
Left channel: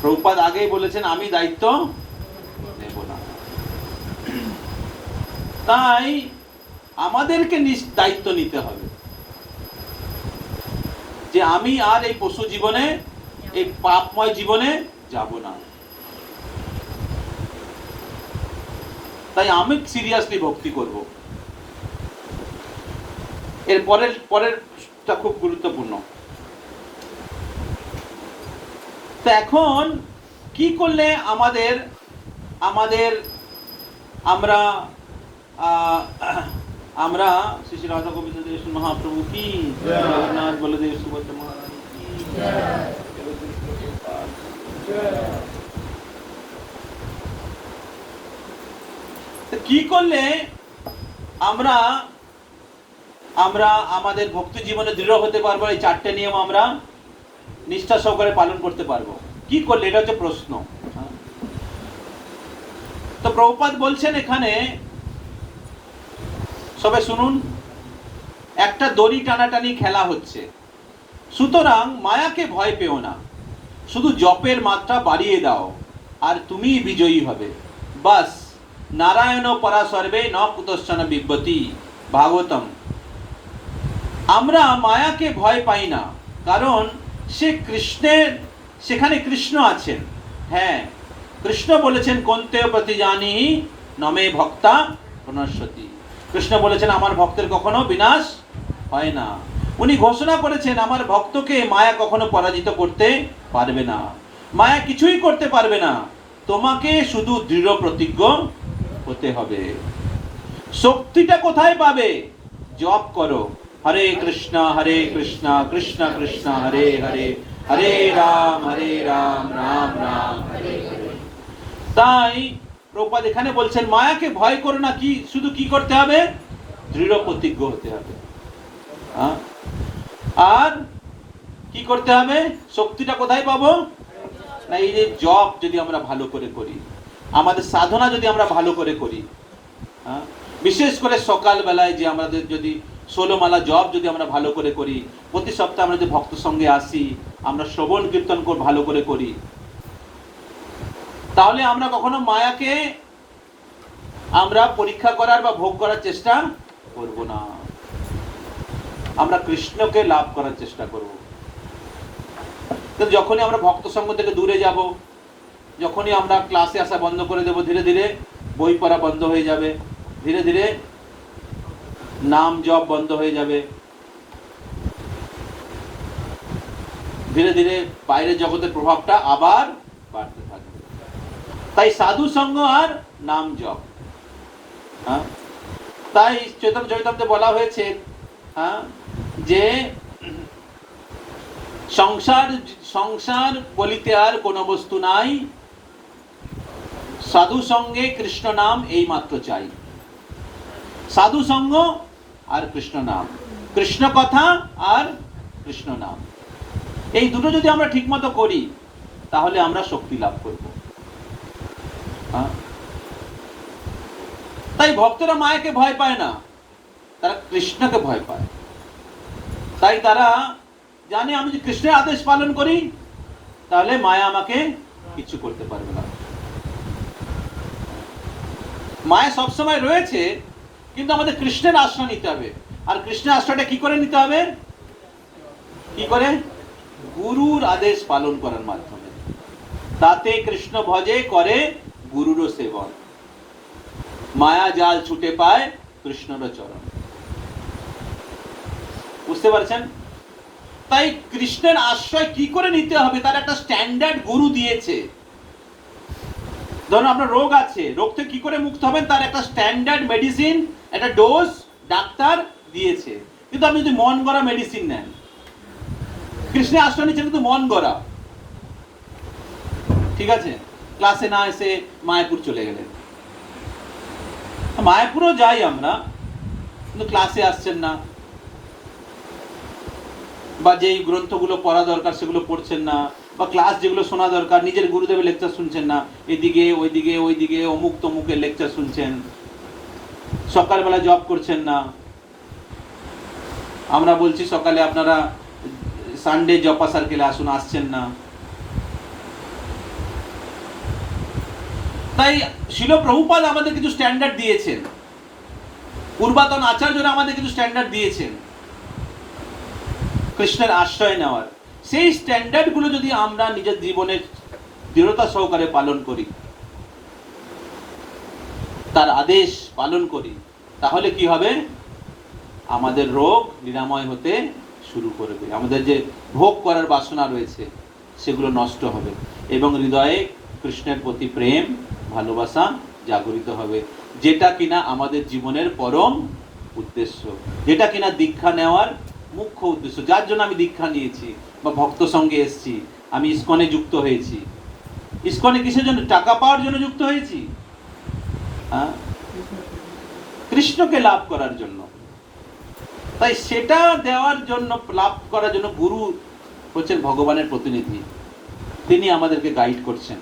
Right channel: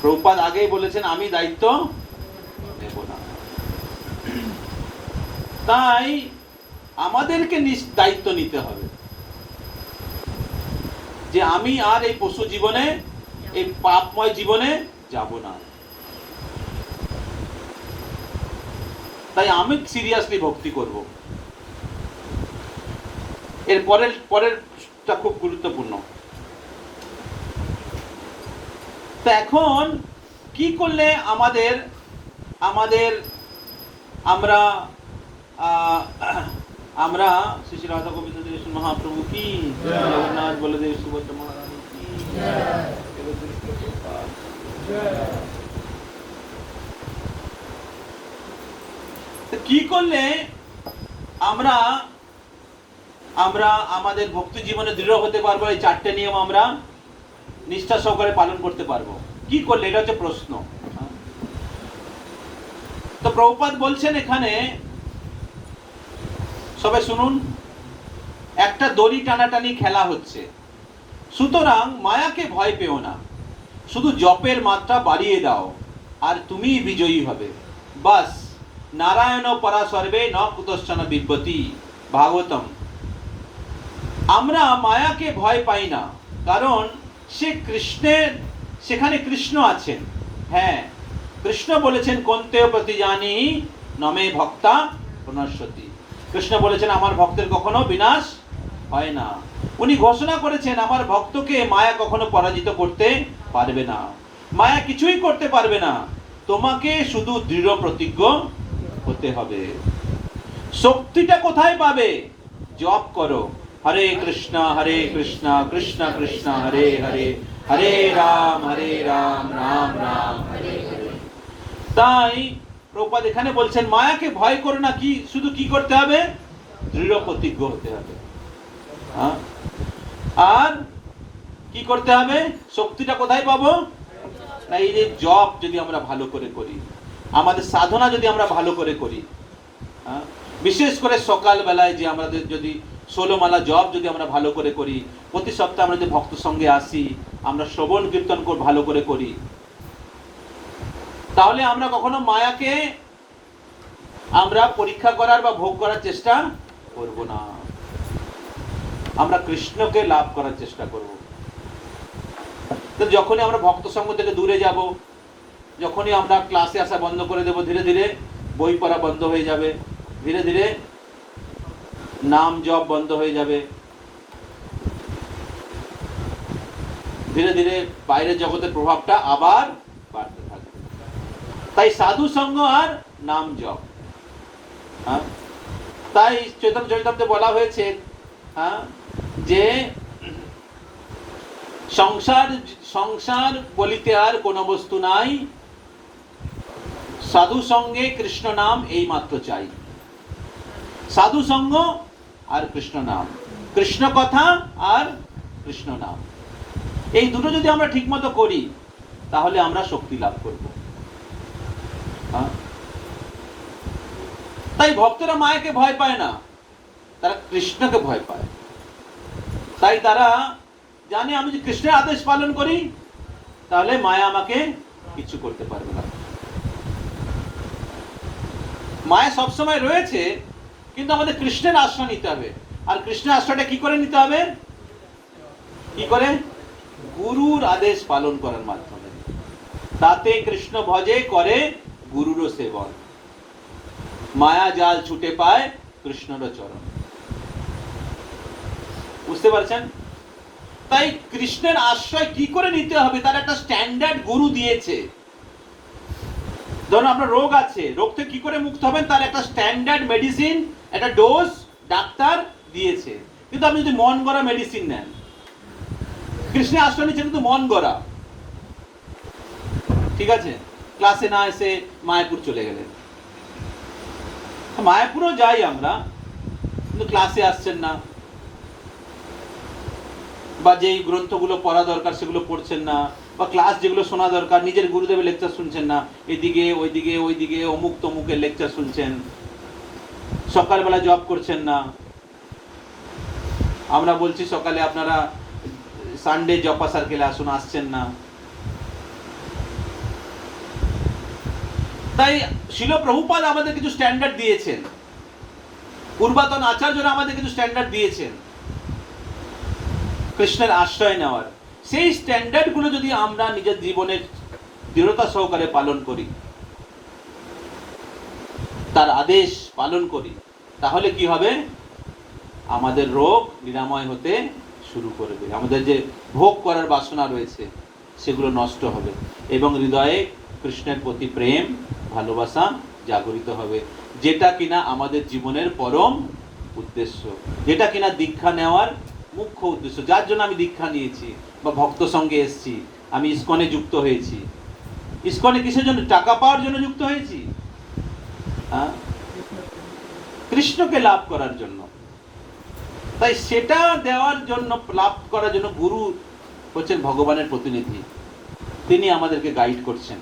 প্রভুপাদ আগেই বলেছেন আমি দায়িত্ব নেব না। তাই আমাদেরকে দায়িত্ব নিতে হবে যে আমি আর এই পশু জীবনে, এই পাপময় জীবনে যাব না। তাই আমি সিরিয়াসলি ভক্তি করব। এর পরেরটা খুব গুরুত্বপূর্ণ। তো এখন কি করলে আমাদের আমরা আমরা শ্রী শ্রী রাধা গোবিন্দ মহাপ্রভু কি জগন্নাথ বলদেব সুভদ্রা মহারানী কি কি করলে আমরা আমাদের ভক্তি জীবনে দৃঢ় হতে পারবো, এই 4টে নিয়ম আমরা নিষ্ঠা সহকারে পালন করতে পারবো? কি করলে? এটা হচ্ছে প্রশ্ন। তো প্রভুপাদ বলছেন এখানে, সবাই শুনুন, একটা দড়ি টানাটানি খেলা হচ্ছে। সুতরাং মায়াকে ভয় পেও না, শুধু জপের মাত্রা বাড়িয়ে দাও আর তুমি বিজয়ী হবে। বাস, নারায়ণ পরা সর্বে ন কুতশ্চন বিব্যতি, ভাগবতম। আমরা মায়াকে ভয় পাই না, কারণ সেখানে কৃষ্ণ আছেন। হ্যাঁ, কৃষ্ণ বলেছেন কন্তেয় প্রতি জানি নমে ভক্তা পুনঃসতি। কৃষ্ণ বলেছেন আমার ভক্তের কখনো বিনাশ হয় না। উনি ঘোষণা করেছেন আমার ভক্তকে মায়া কখনো পরাজিত করতে পারবে না, মায়া কিছুই করতে পারবে না। তোমাকে শুধু দৃঢ় প্রতিজ্ঞ হতে হবে। শক্তিটা কোথায় পাবে? জপ করো, হরে কৃষ্ণ কৃষ্ণ কৃষ্ণ হরে হরে, হরে রাম রাম রাম হরে হরে। তাই প্রভুপাদ এখানে বলছেন মায়াকে ভয় করো না, কি শুধু কি করতে হবে? দৃঢ় প্রতিজ্ঞ হতে হবে। আর কি করতে হবে? শক্তিটা কোথায় পাবো? না, এই যে জপ যদি আমরা ভালো করে করি, আমাদের সাধনা যদি আমরা ভালো করে করি, বিশেষ করে সকাল বেলায় যে আমাদের যদি 16 মালা জপ যদি আমরা ভালো করে করি, প্রতি সপ্তাহে আমরা যদি ভক্ত সঙ্গে আসি, আমরা শ্রবণ কীর্তন ভালো করে করি, তাহলে আমরা কখনো মায়াকে আমরা পরীক্ষা করার বা ভোগ করার চেষ্টা করব না। আমরা কৃষ্ণকে লাভ করার চেষ্টা করব। তো যখনই আমরা ভক্ত সঙ্গ থেকে দূরে যাব, যখনই আমরা ক্লাসে আসা বন্ধ করে দেব, ধীরে ধীরে বই পড়া বন্ধ হয়ে যাবে, ধীরে ধীরে নাম জপ বন্ধ হয়ে যাবে, ধীরে ধীরে বাইরের জগতের প্রভাবটা আবার বাড়তে থাকবে। তাই সাধু সঙ্গ আর নাম জপ। তাই চৈতন্য চরিতামৃতে বলা হয়েছে যে সংসার বলিতে আর কোনো বস্তু নাই, সাধু সঙ্গে কৃষ্ণ নাম এই মাত্র চাই। সাধু সঙ্গ আর কৃষ্ণ নাম, কৃষ্ণ কথা আর কৃষ্ণ নাম, এই দুটো যদি আমরা ঠিক মতো করি তাহলে আমরা শক্তি লাভ করব। তাই ভক্তরা মায়াকে ভয় পায় না, তারা কৃষ্ণকে ভয় পায়। তাই তারা জানে আমি যদি কৃষ্ণের আদেশ পালন করি তাহলে মায়া আমাকে কিছু করতে পারবে না। মায়া সবসময় রয়েছে, কিন্তু আমাদের কৃষ্ণের আশ্রয় নিতে হবে। আর কৃষ্ণের আশ্রয়টা কি করে নিতে হবে? কি করে? গুরুর আদেশ পালন করার মাধ্যমে। তাতে কৃষ্ণ ভজে করে গুরুর সেবন, মায়া জাল ছুটে পায় কৃষ্ণর চরণ। বুঝতে পারছেন? তাই কৃষ্ণের আশ্রয় কি করে নিতে হবে তার একটা স্ট্যান্ডার্ড গুরু দিয়েছে। ধরুন আপনার রোগ আছে, রোগ থেকে কি করে মুক্ত হবেন তার একটা স্ট্যান্ডার্ড মেডিসিন, একটা ডোজ ডাক্তার দিয়েছে। কিন্তু আপনি যদি মন গড়া মেডিসিন নেন, কৃষ্ণের আশ্রয় নিচ্ছেন কিন্তু মন গড়া, ঠিক আছে, ক্লাসে না এসে মায়াপুর চলে গেলেন। মায়াপুরও যাই আমরা, কিন্তু ক্লাসে আসছেন না, বা যেই গ্রন্থগুলো পড়া দরকার সেগুলো পড়ছেন না, বা ক্লাস যেগুলো শোনা দরকার নিজের গুরুদেবের লেকচার শুনছেন না, এদিকে ওইদিকে অমুক তমুকের লেকচার শুনছেন, সকালবেলা জব করছেন না। আমরা বলছি সকালে আপনারা সানডে জপা সার্কেলে আসুন, আসছেন না। তাই শিল প্রভুপাদ আমাদের কিছু স্ট্যান্ডার্ড দিয়েছেন, পূর্বাতন আচার্যরা আমাদের কিছু স্ট্যান্ডার্ড দিয়েছেন কৃষ্ণের আশ্রয় নেওয়ার। সেই স্ট্যান্ডার্ড গুলো যদি আমরা নিজের জীবনে দৃঢ়তা সহকারে পালন করি, তার আদেশ পালন করি, তাহলে কি হবে? আমাদের রোগ নিরাময় হতে শুরু করবে, আমাদের যে ভোগ করার বাসনা রয়েছে সেগুলো নষ্ট হবে, এবং হৃদয়ে কৃষ্ণের প্রতি প্রেম ভালোবাসা জাগরিত হবে, যেটা কিনা আমাদের জীবনের পরম উদ্দেশ্য, যেটা কিনা দীক্ষা নেওয়ার মুখ্য উদ্দেশ্য, যার জন্য আমি দীক্ষা নিয়েছি বা ভক্ত সঙ্গে এসেছি, আমি ইসকনে যুক্ত হয়েছি। ইসকনে কিসের জন্য? টাকা পাওয়ার জন্য যুক্ত হয়েছি? কৃষ্ণকে লাভ করার জন্য। তাই সেটা দেওয়ার জন্য, লাভ করার জন্য গুরু হচ্ছেন ভগবানের প্রতিনিধি, তিনি আমাদেরকে গাইড করছেন।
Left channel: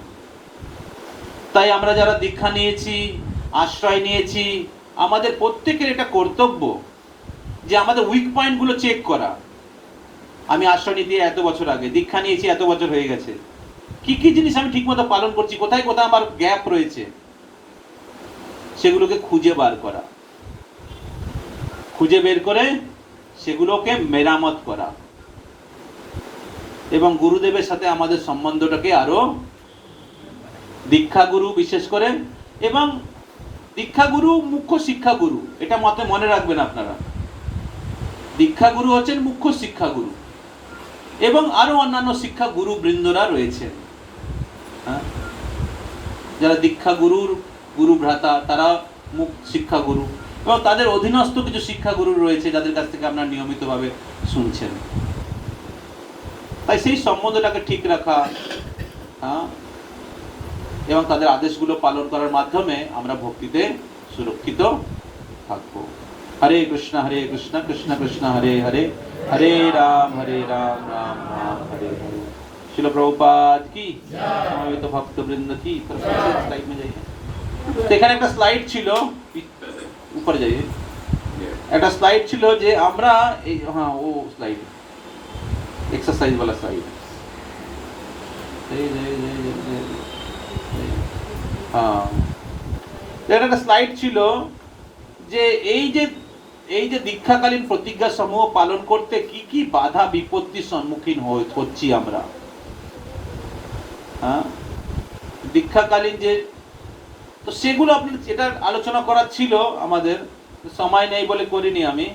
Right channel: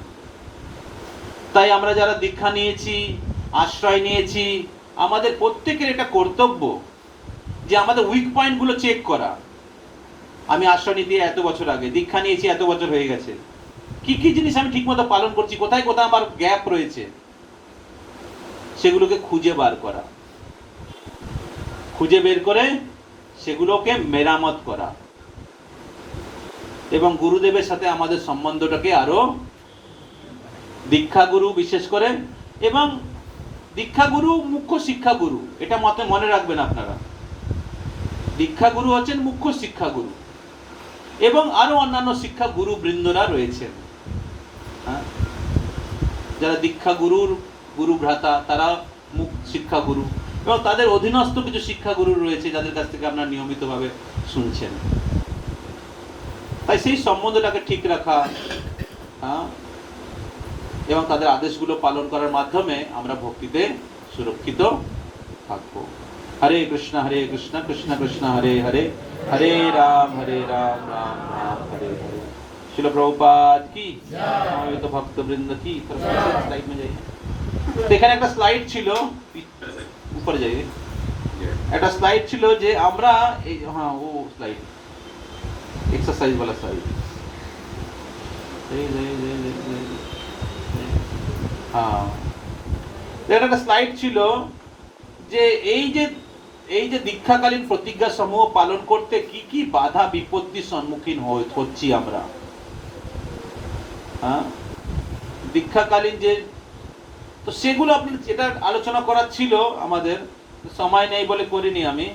তাই আমরা যারা দীক্ষা নিয়েছি, আশ্রয় নিয়েছি, আমাদের প্রত্যেকের এটা কর্তব্য যে আমাদের উইক পয়েন্টগুলো চেক করা। আমি আশ্রয় নিতে এত বছর আগে, দীক্ষা নিয়েছি এত বছর হয়ে গেছে, কি কি জিনিস আমি ঠিকমতো পালন করছি, কোথায় কোথায় আমার গ্যাপ রয়েছে, সেগুলোকে খুঁজে বার করা, খুঁজে বের করে সেগুলোকে মেরামত করা এবং গুরুদেবের সাথে আমাদের সম্বন্ধটাকে আরো, দীক্ষাগুরু বিশেষ করে, এবং দীক্ষাগুরু মুখ্য শিক্ষাগুরু, এটা মনে রাখবেন আপনারা। দীক্ষাগুরু হচ্ছেন মুখ্য শিক্ষাগুরু এবং আরো অন্যান্য শিক্ষা গুরু বৃন্দরা রয়েছেন। যারা দীক্ষাগুরুর গুরু ভ্রাতা তারা মুখ্য শিক্ষাগুরু, এবং তাদের অধীনস্থ কিছু শিক্ষাগুরু রয়েছে যাদের কাছ থেকে আপনারা নিয়মিতভাবে শুনছেন। তাই সেই সম্বন্ধটাকে ঠিক রাখা এবং তাদের আদেশগুলো পালন করার মাধ্যমে আমরা ভক্তিতে সুরক্ষিত থাকবো। হরে কৃষ্ণ কৃষ্ণ কৃষ্ণ হরে হরে, হরে রাম রাম রাম হরে হরে। শিল প্রভুপাদ কি, সমবেত ভক্তবৃন্দ কি। স্লাইড में जाइए। এখানে একটা স্লাইড ছিল, উপরে যাইয়ে, একটা স্লাইড ছিল যে আমরা এই, হ্যাঁ ও স্লাইড এক্সারসাইজ वाला স্লাইড। হ্যাঁ, একটা স্লাইড ছিল যে এই যে দীক্ষাকালীন প্রতিজ্ঞা সমূহ পালন করতে কি কি বাধা বিপত্তির সম্মুখীন হচ্ছি আমরা। দীক্ষাকালীন যে, তো সেগুলো আপনি এটা আলোচনা করার ছিল, আমাদের সময় নেই বলে করিনি আমি।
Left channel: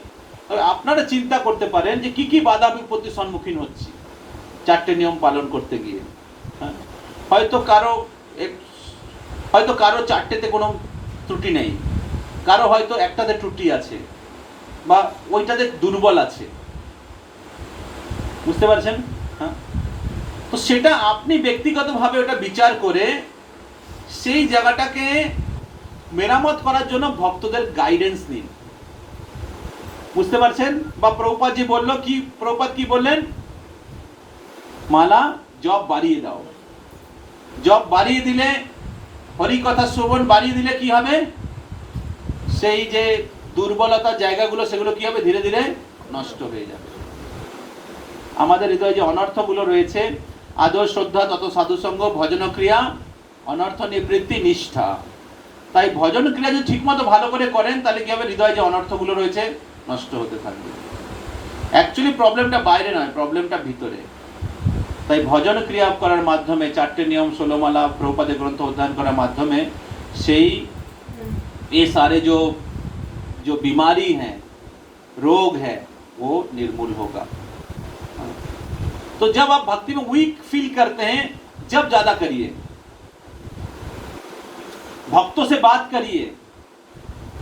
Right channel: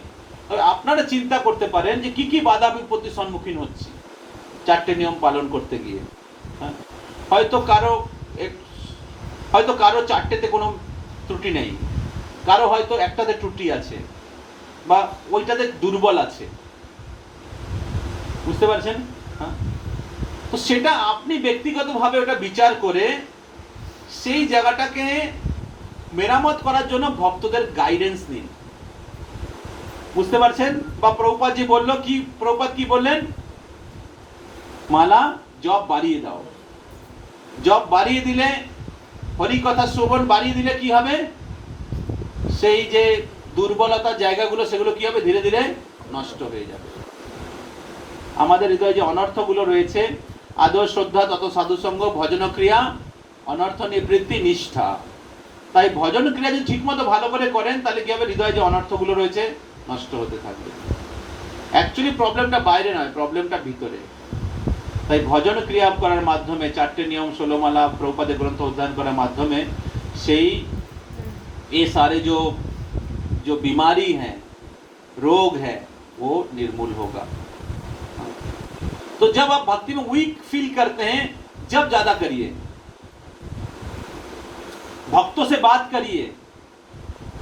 তবে আপনারা চিন্তা করতে পারেন যে কি কি বাধা বিপত্তির সম্মুখীন হচ্ছি চারটে নিয়ম পালন করতে গিয়ে। হয়তো কারো চারটেতে কোনো ত্রুটি নেই, কারো হয়তো একটাতে ত্রুটি আছে বা ওইটাতে দুর্বল আছে, বুঝতে পারছেন? তো সেটা আপনি ব্যক্তিগতভাবে ওটা বিচার করে সেই জায়গাটাকে মেরামত করার জন্য ভক্তদের গাইডেন্স নিন, বুঝতে পারছেন? বা প্রভুপাদ জি বললো কি, প্রভুপাদ কি বললেন? মালা জপ বাড়িয়ে দাও। জপ বাড়িয়ে দিলে, হরি কথা শ্রবণ বাড়িয়ে দিলে কি হবে? সেই যে দুর্বলতার জায়গাগুলো সেগুলো কি হবে? ধীরে ধীরে নষ্ট হয়ে যাবে। আমাদের হৃদয়ে যে অনর্থগুলো রয়েছে, আদর শ্রদ্ধা তত সাধুসঙ্গ ভজন ক্রিয়া অনর্থ নিবৃত্তি নিষ্ঠা। তাই ভজন ক্রিয়া যদি ঠিকমতো ভালো করে করেন তাহলে কি হবে? হৃদয়ে যে অনর্থগুলো রয়েছে নষ্ট হতে থাকবে। অ্যাকচুয়ালি প্রবলেমটা বাইরে নয়, প্রবলেমটা ভিতরে। তাই ভজন ক্রিয়া করার মাধ্যমে, চারটে নিয়ম, 16 माला प्रभुपाद ग्रंथ अध्ययन করার মাধ্যমে সেই ये सारे जो बीमारी हैं, रोग है, वो निर्मूल होगा। तो जब आप भक्ति में वीक फील करते हैं, जब ज्यादा करिए, भक्तों से बात करिए।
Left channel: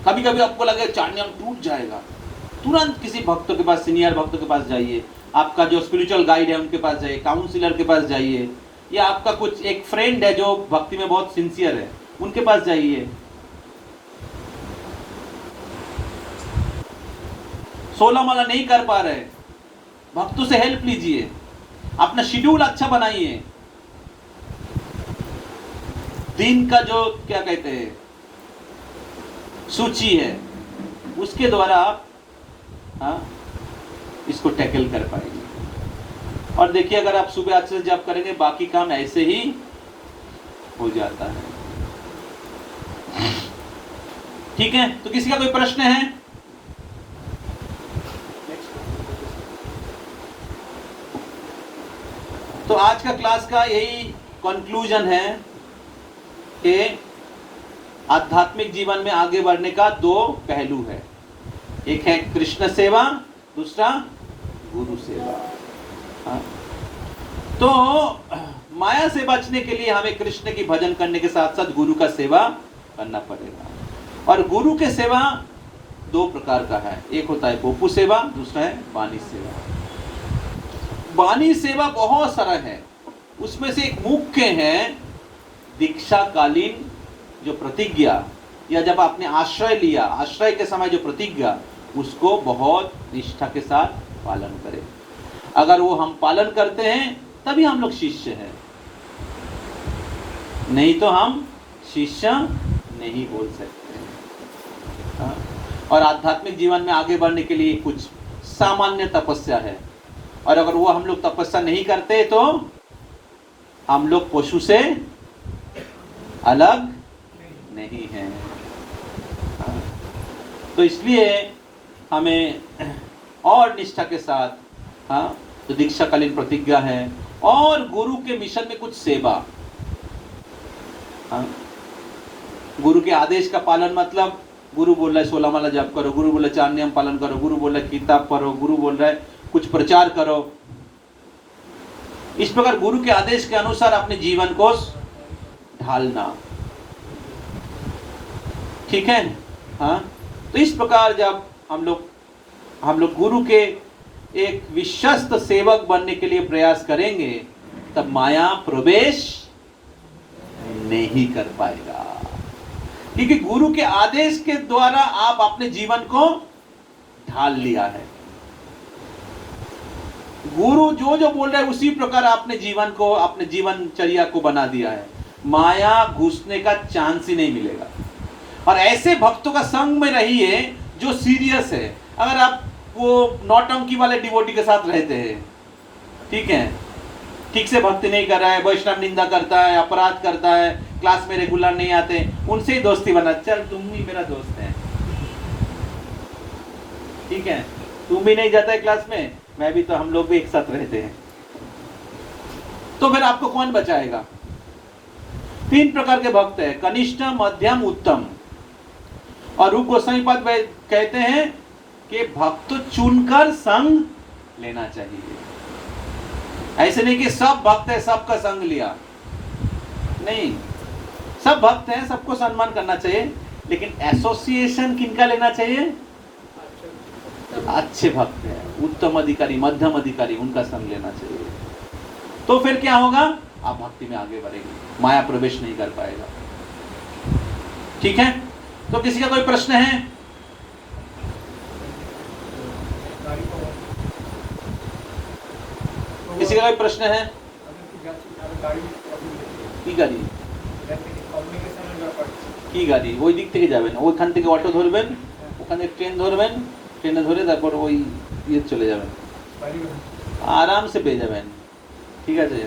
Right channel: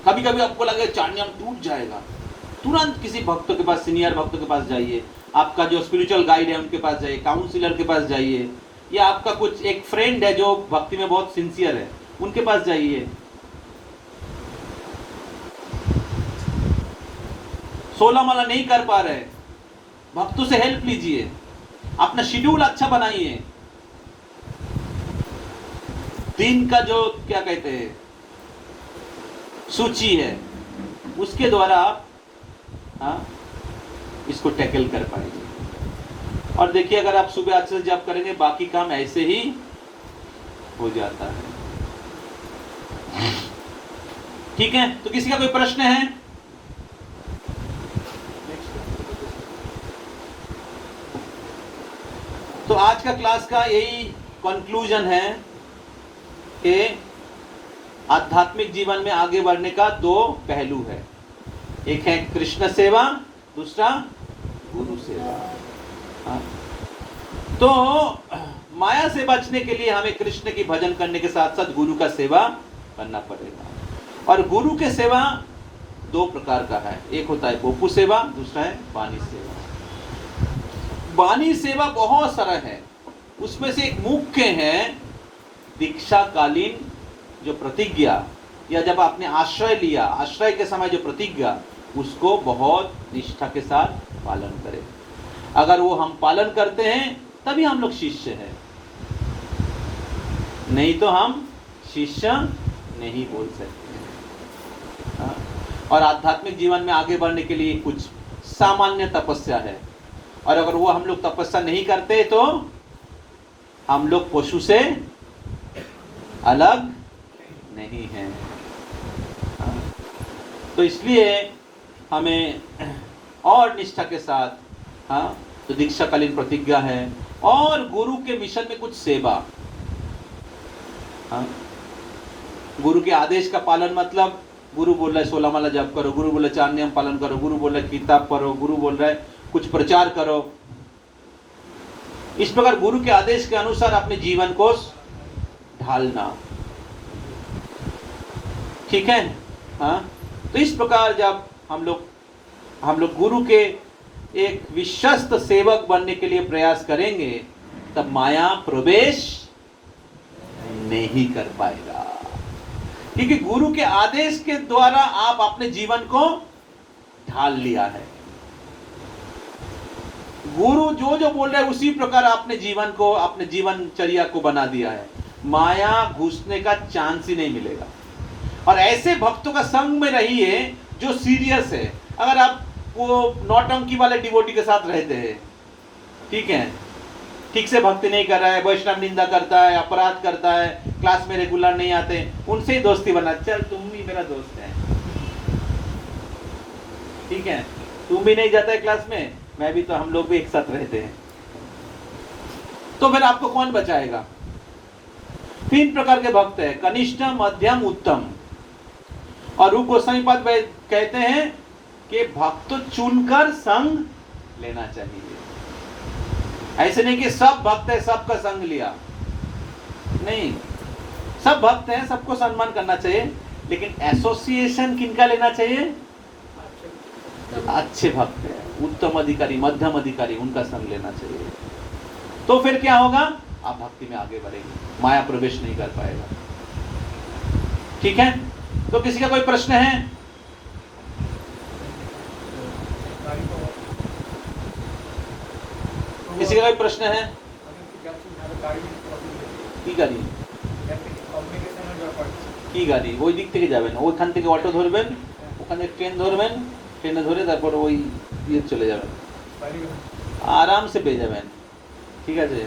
कभी कभी आपको लगे चार नियम टूट जाएगा, तुरंत किसी भक्तों के पास, सीनियर भक्तों के पास जाइए, आपका जो स्पिरिचुअल गाइड है उनके पास जाइए, काउंसलर के पास जाइए, या आपका कुछ एक फ्रेंड है जो भक्ति में बहुत सिंसियर है, उनके पास जाइए। 16 माला नहीं कर पा रहे, भक्तों से हेल्प लीजिए, अपना शेड्यूल अच्छा बनाइए। दिन का जो क्या कहते हैं सूची है, उसके द्वारा आप इसको टैकल कर पाएंगे। और देखिए, अगर आप सुबह अच्छे से जप करेंगे, बाकी काम ऐसे ही हो जाता है। ठीक है, तो किसी का कोई प्रश्न है? तो आज का क्लास का यही कंक्लूजन है कि आध्यात्मिक जीवन में आगे बढ़ने का दो पहलू है। एक है कृष्ण सेवा, दूसरा गुरु सेवा। तो माया से बचने के लिए हमें कृष्ण की भजन करने के साथ साथ गुरु का सेवा करना पड़ेगा। और गुरु के सेवा दो प्रकार का है, एक होता है बोपू सेवा, दूसरा है बानी सेवा। बानी सेवा बहुत सरल है, उसमें से एक मुख्य है दीक्षा कालीन जो प्रतिज्ञा, या जब आपने आश्रय लिया, आश्रय के समय जो प्रतिज्ञा, उसको बहुत निष्ठा के साथ पालन करें। अगर वो हम पालन करते हैं तभी हम लोग शिष्य हैं, नहीं तो हम शिष्य नहीं बोल सकते। हाँ? और आध्यात्मिक जीवन में आगे बढ़ने के लिए कुछ सामान्य तपस्या है, और अगर वो हम लोग तपस्या नहीं करते तो हम लोग पशु से अलग नहीं हैं। हाँ? तो इसलिए हमें और निष्ठा के साथ, हाँ, जो दीक्षाकालीन प्रतिज्ञा है, और गुरु के मिशन में कुछ सेवा। हाँ? गुरु के आदेश का पालन, मतलब गुरु बोल रहा है 16 माला जप करो, गुरु बोल रहा है 4 नियम पालन करो, गुरु बोल रहा है किताब पढ़ो, गुरु बोल रहा है कुछ प्रचार करो। इस प्रकार गुरु के आदेश के अनुसार अपने जीवन को ढालना, ठीक है। हाँ, तो इस प्रकार जब हम लोग गुरु के एक विश्वस्त सेवक बनने के लिए प्रयास करेंगे, तब माया प्रवेश नहीं कर पाएगा, क्योंकि गुरु के आदेश के द्वारा आप अपने जीवन को ढाल लिया है। गुरु जो जो बोल रहे हैं उसी प्रकार आपने जीवन को, अपने जीवनचर्या को बना दिया है। माया घुसने का चांस ही नहीं मिलेगा। और ऐसे भक्तों का संग में रहिए जो सीरियस है। अगर आप वो नौटंकी वाले डिवोटी के साथ रहते हैं, ठीक है, ठीक से भक्ति नहीं कर रहा है, वैष्णव निंदा करता है, अपराध करता है, क्लास में रेगुलर नहीं आते, उनसे ही दोस्ती बना, चल तुम भी मेरा दोस्त है, ठीक है, तुम भी नहीं जाता है क्लास में, मैं भी, तो हम लोग भी एक साथ रहते हैं, तो फिर आपको कौन बचाएगा? 3 प्रकार के भक्त है, कनिष्ठ, मध्यम, उत्तम। और रूप गोस्वामी पाद कहते हैं कि भक्त चुनकर संग लेना चाहिए। ऐसे नहीं कि सब भक्त है सबका संग लिया, नहीं, सब भक्त हैं, सबको सम्मान करना चाहिए, लेकिन एसोसिएशन किनका लेना चाहिए? अच्छे भक्त है, उत्तम अधिकारी, मध्यम अधिकारी, उनका संग लेना चाहिए। तो फिर क्या होगा? आप भक्ति में आगे बढ़ेंगे, माया प्रवेश नहीं कर पाएगा, ठीक है। तो किसी का कोई प्रश्न है? किसी का कोई प्रश्न है? কি গাড়ি কি গাড়ি? ওই দিক থেকে যাবেন, ওইখান থেকে অটো ধরবেন, ওখানে ট্রেন ধরবেন, ট্রেনে ধরে তারপর ওই ইয়ে চলে যাবেন, আরাম সে পেয়ে যাবেন, ঠিক আছে।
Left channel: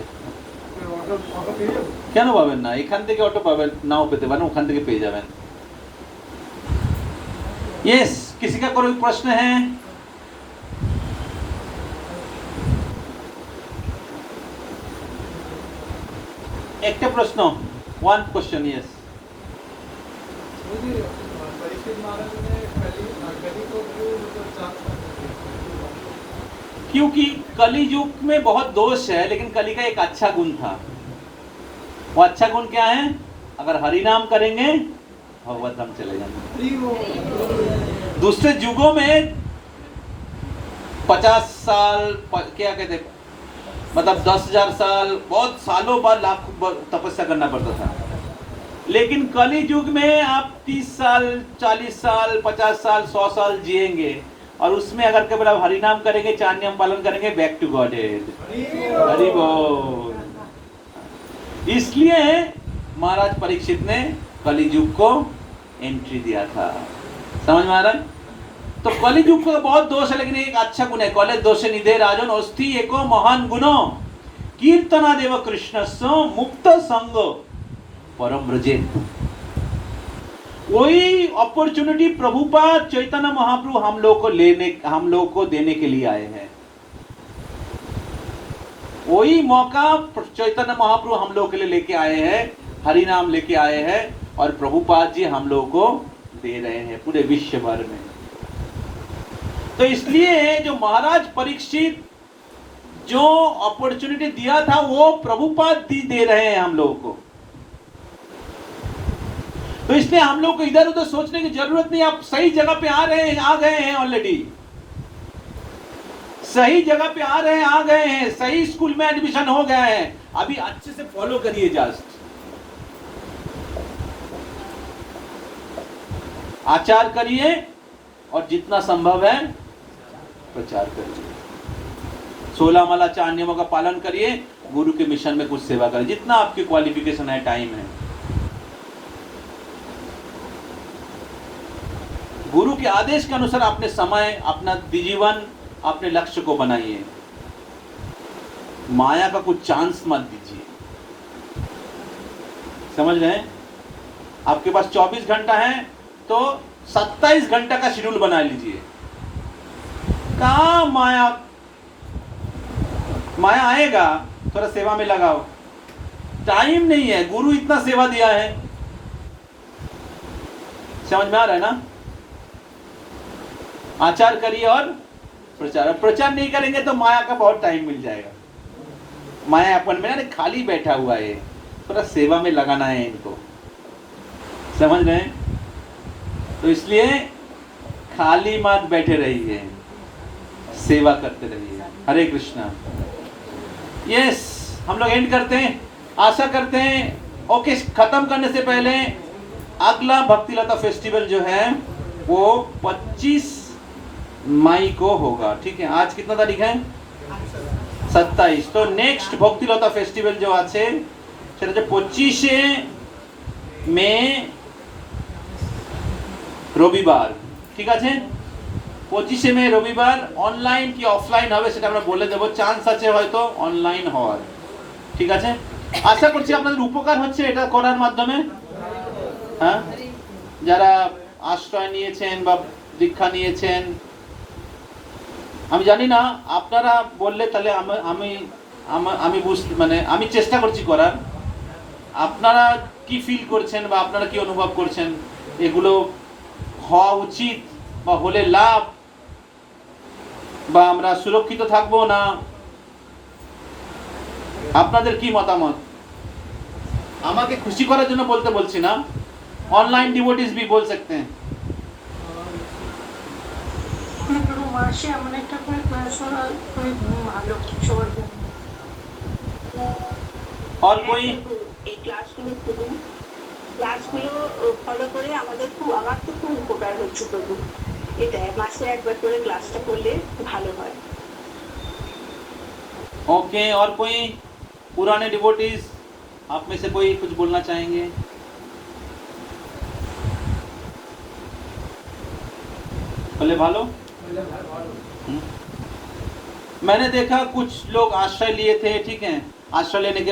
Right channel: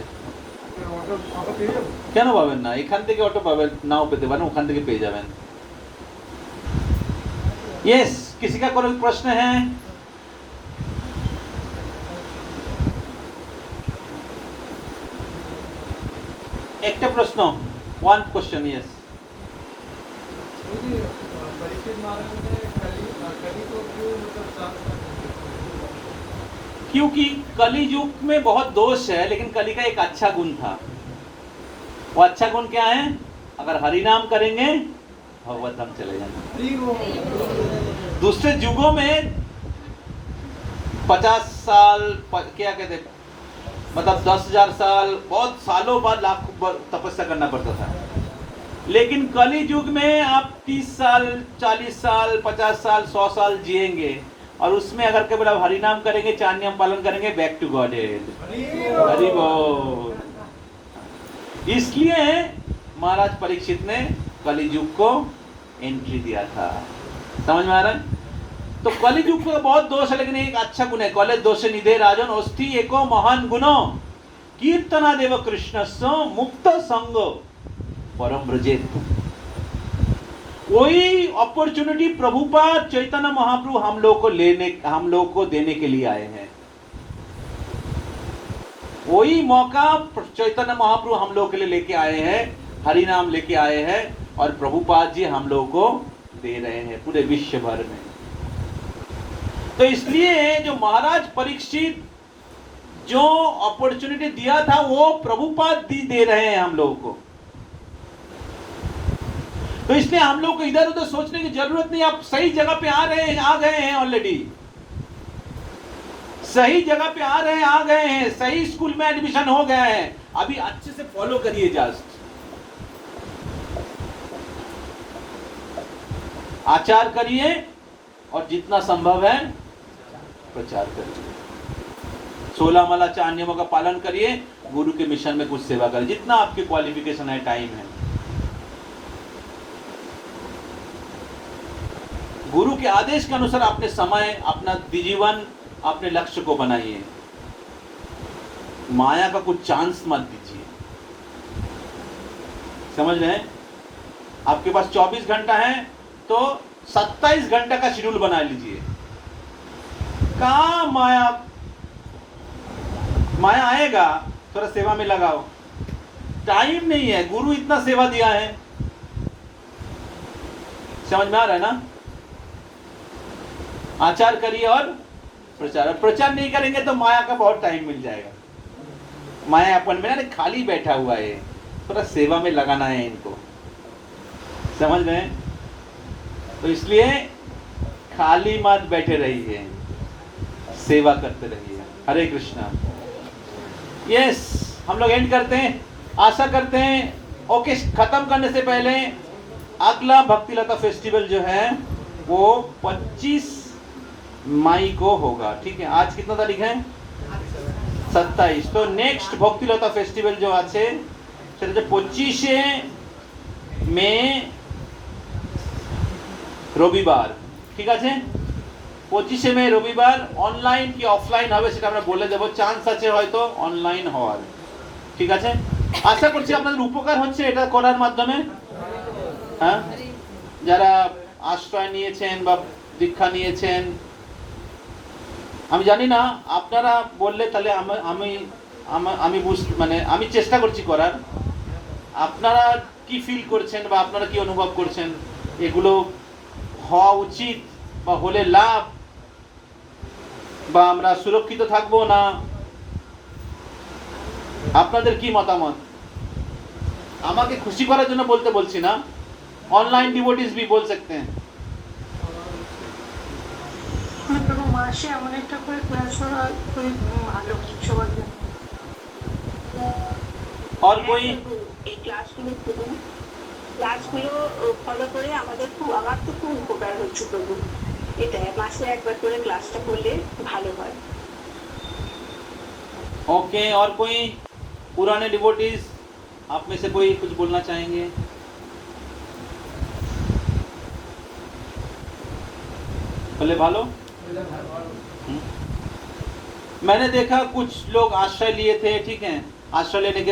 কেন পাবেন না? এখান থেকে অটো পাবেন, নাও পেতে পারেন, ওখান থেকে পেয়ে যাবেন। यस, किसी का कोई प्रश्न है? एक प्रश्न, 1 क्वेश्चन, यस। क्योंकि कली युग में बहुत दोष है, लेकिन कली का एक अच्छा गुण था। वो अच्छा गुण क्या है? अगर हरि नाम करेंगे भगवत धाम चले जाएंगे। दूसरे युगों में 50 साल, क्या कहते, मतलब 10,000 साल, बहुत सालों बाद लाखों तपस्या करना पड़ता था। लेकिन कली युग में आप 30 साल, 40 साल, 50 साल, 100 साल जिएंगे, और उसमें अगर केवल आप हरि नाम करेंगे, 4 नियम पालन करेंगे, back to godhead. Hari बोल। इसलिए महाराज परीक्षित ने कली युग को एंट्री दिया था। समझ में आ रहा है? तो कली युग का बहुत दोष है, लेकिन एक अच्छा गुण है, कले दोषे निधे राजन अस्ति एको महान गुणो कीर्तना देव कृष्णस्य मुक्त संग परम ब्रजेत। वही अपॉर्चुनिटी प्रभुपाद चैतन्य महाप्रभु हम लोग को देने के लिए आए हैं। वही मौका चैतन्य महाप्रभु हम लोग के लिए लेके आए हैं, हरि नाम लेके आए हैं, और प्रभुपाद जी हम लोग को दे रहे हैं पूरे विश्व भर में। तो इसलिए जो महाराज परीक्षित जो अपॉर्चुनिटी दिया था, वो प्रभुपाद दे रहे हैं हम लोगों को। तो इसलिए हम लोग को इधर उधर सोचने की जरूरत नहीं। आप सही जगह पे आ गए हैं ऑलरेडी, सही जगह पे आ गए हैं, सही स्कूल में एडमिशन हो गए हैं। अभी अच्छे से फॉलो करिए, जस्ट आचार करिए, और जितना संभव है प्रचार करिए। 16 माला 4 नियमों का पालन करिए, गुरु के मिशन में कुछ सेवा करिए, जितना आपकी क्वालिफिकेशन है, टाइम है। गुरु के आदेश के अनुसार अपने समय, अपना जीवन, अपने लक्ष्य को बनाइए। माया का कुछ चांस मत दीजिए। समझ रहे हैं? आपके पास 24 घंटा है तो 27 घंटा का शेड्यूल बना लीजिए। कहाँ माया आएगा, थोड़ा सेवा में लगाओ। टाइम नहीं है, गुरु इतना सेवा दिया है। समझ में आ रहा है ना? आचार करिए और प्रचार नहीं करेंगे तो माया का बहुत टाइम मिल जाएगा। माया अपन में ना खाली बैठा हुआ है, थोड़ा सेवा में लगाना है इनको। समझ रहे हैं? तो इसलिए खाली मत बैठे रहिए, सेवा करते रहिए। हरे कृष्णा। यस, हम लोग एंड करते हैं। आशा करते हैं ओके। खत्म करने से पहले अगला भक्ति लता फेस्टिवल जो है वो 25 मई को होगा। ठीक है, आज कितना तारीख है? 27। तो नेक्स्ट भक्ति लता फेस्टिवल जो আছে সেটা যে 25 মে রবিবার। ঠিক আছে, 25 মে রবিবার অনলাইন কি অফলাইন হবে সেটা আমরা বলে দেব। চান্স আছে হয়তো অনলাইন হওয়ার। ঠিক আছে, আশা করছি আপনাদের উপকার হচ্ছে এটা করার মাধ্যমে। হ্যাঁ, যারা আশ্রয় নিয়েছেন বা দীক্ষা নিয়েছেন, আমি জানি না আপনারা বললে তাহলে আমি মানে আমি চেষ্টা করছি করার। আপনারা কি ফিল করছেন বা আপনারা কি অনুভব করছেন, এগুলো হওয়া উচিত বা হলে লাভ, বা আমরা সুরক্ষিত থাকবো না, আপনাদের কি মতামত? আমাকে খুশি করার জন্য বলছি না, ऑनलाइन डिवोटीज भी बोल सकते हैं। মাসে এমন একটা করে ক্লাস হওয়া খুবই ভালো সবার জন্য। और कोई এই ক্লাসগুলো ফলো করে আমার তো খুব উপকার হচ্ছে। প্রভু, এটা মাসে একবার করে ক্লাসটা করলে ভালো হয়। ओके, और कोई पुराने डिवोटीज आप में से कोई कुछ बोलना चाहेंगे? बोले भालो। मैंने देखा कुछ लोग आश्रय लिए थे। ठीक है, आश्रय लेने के बाद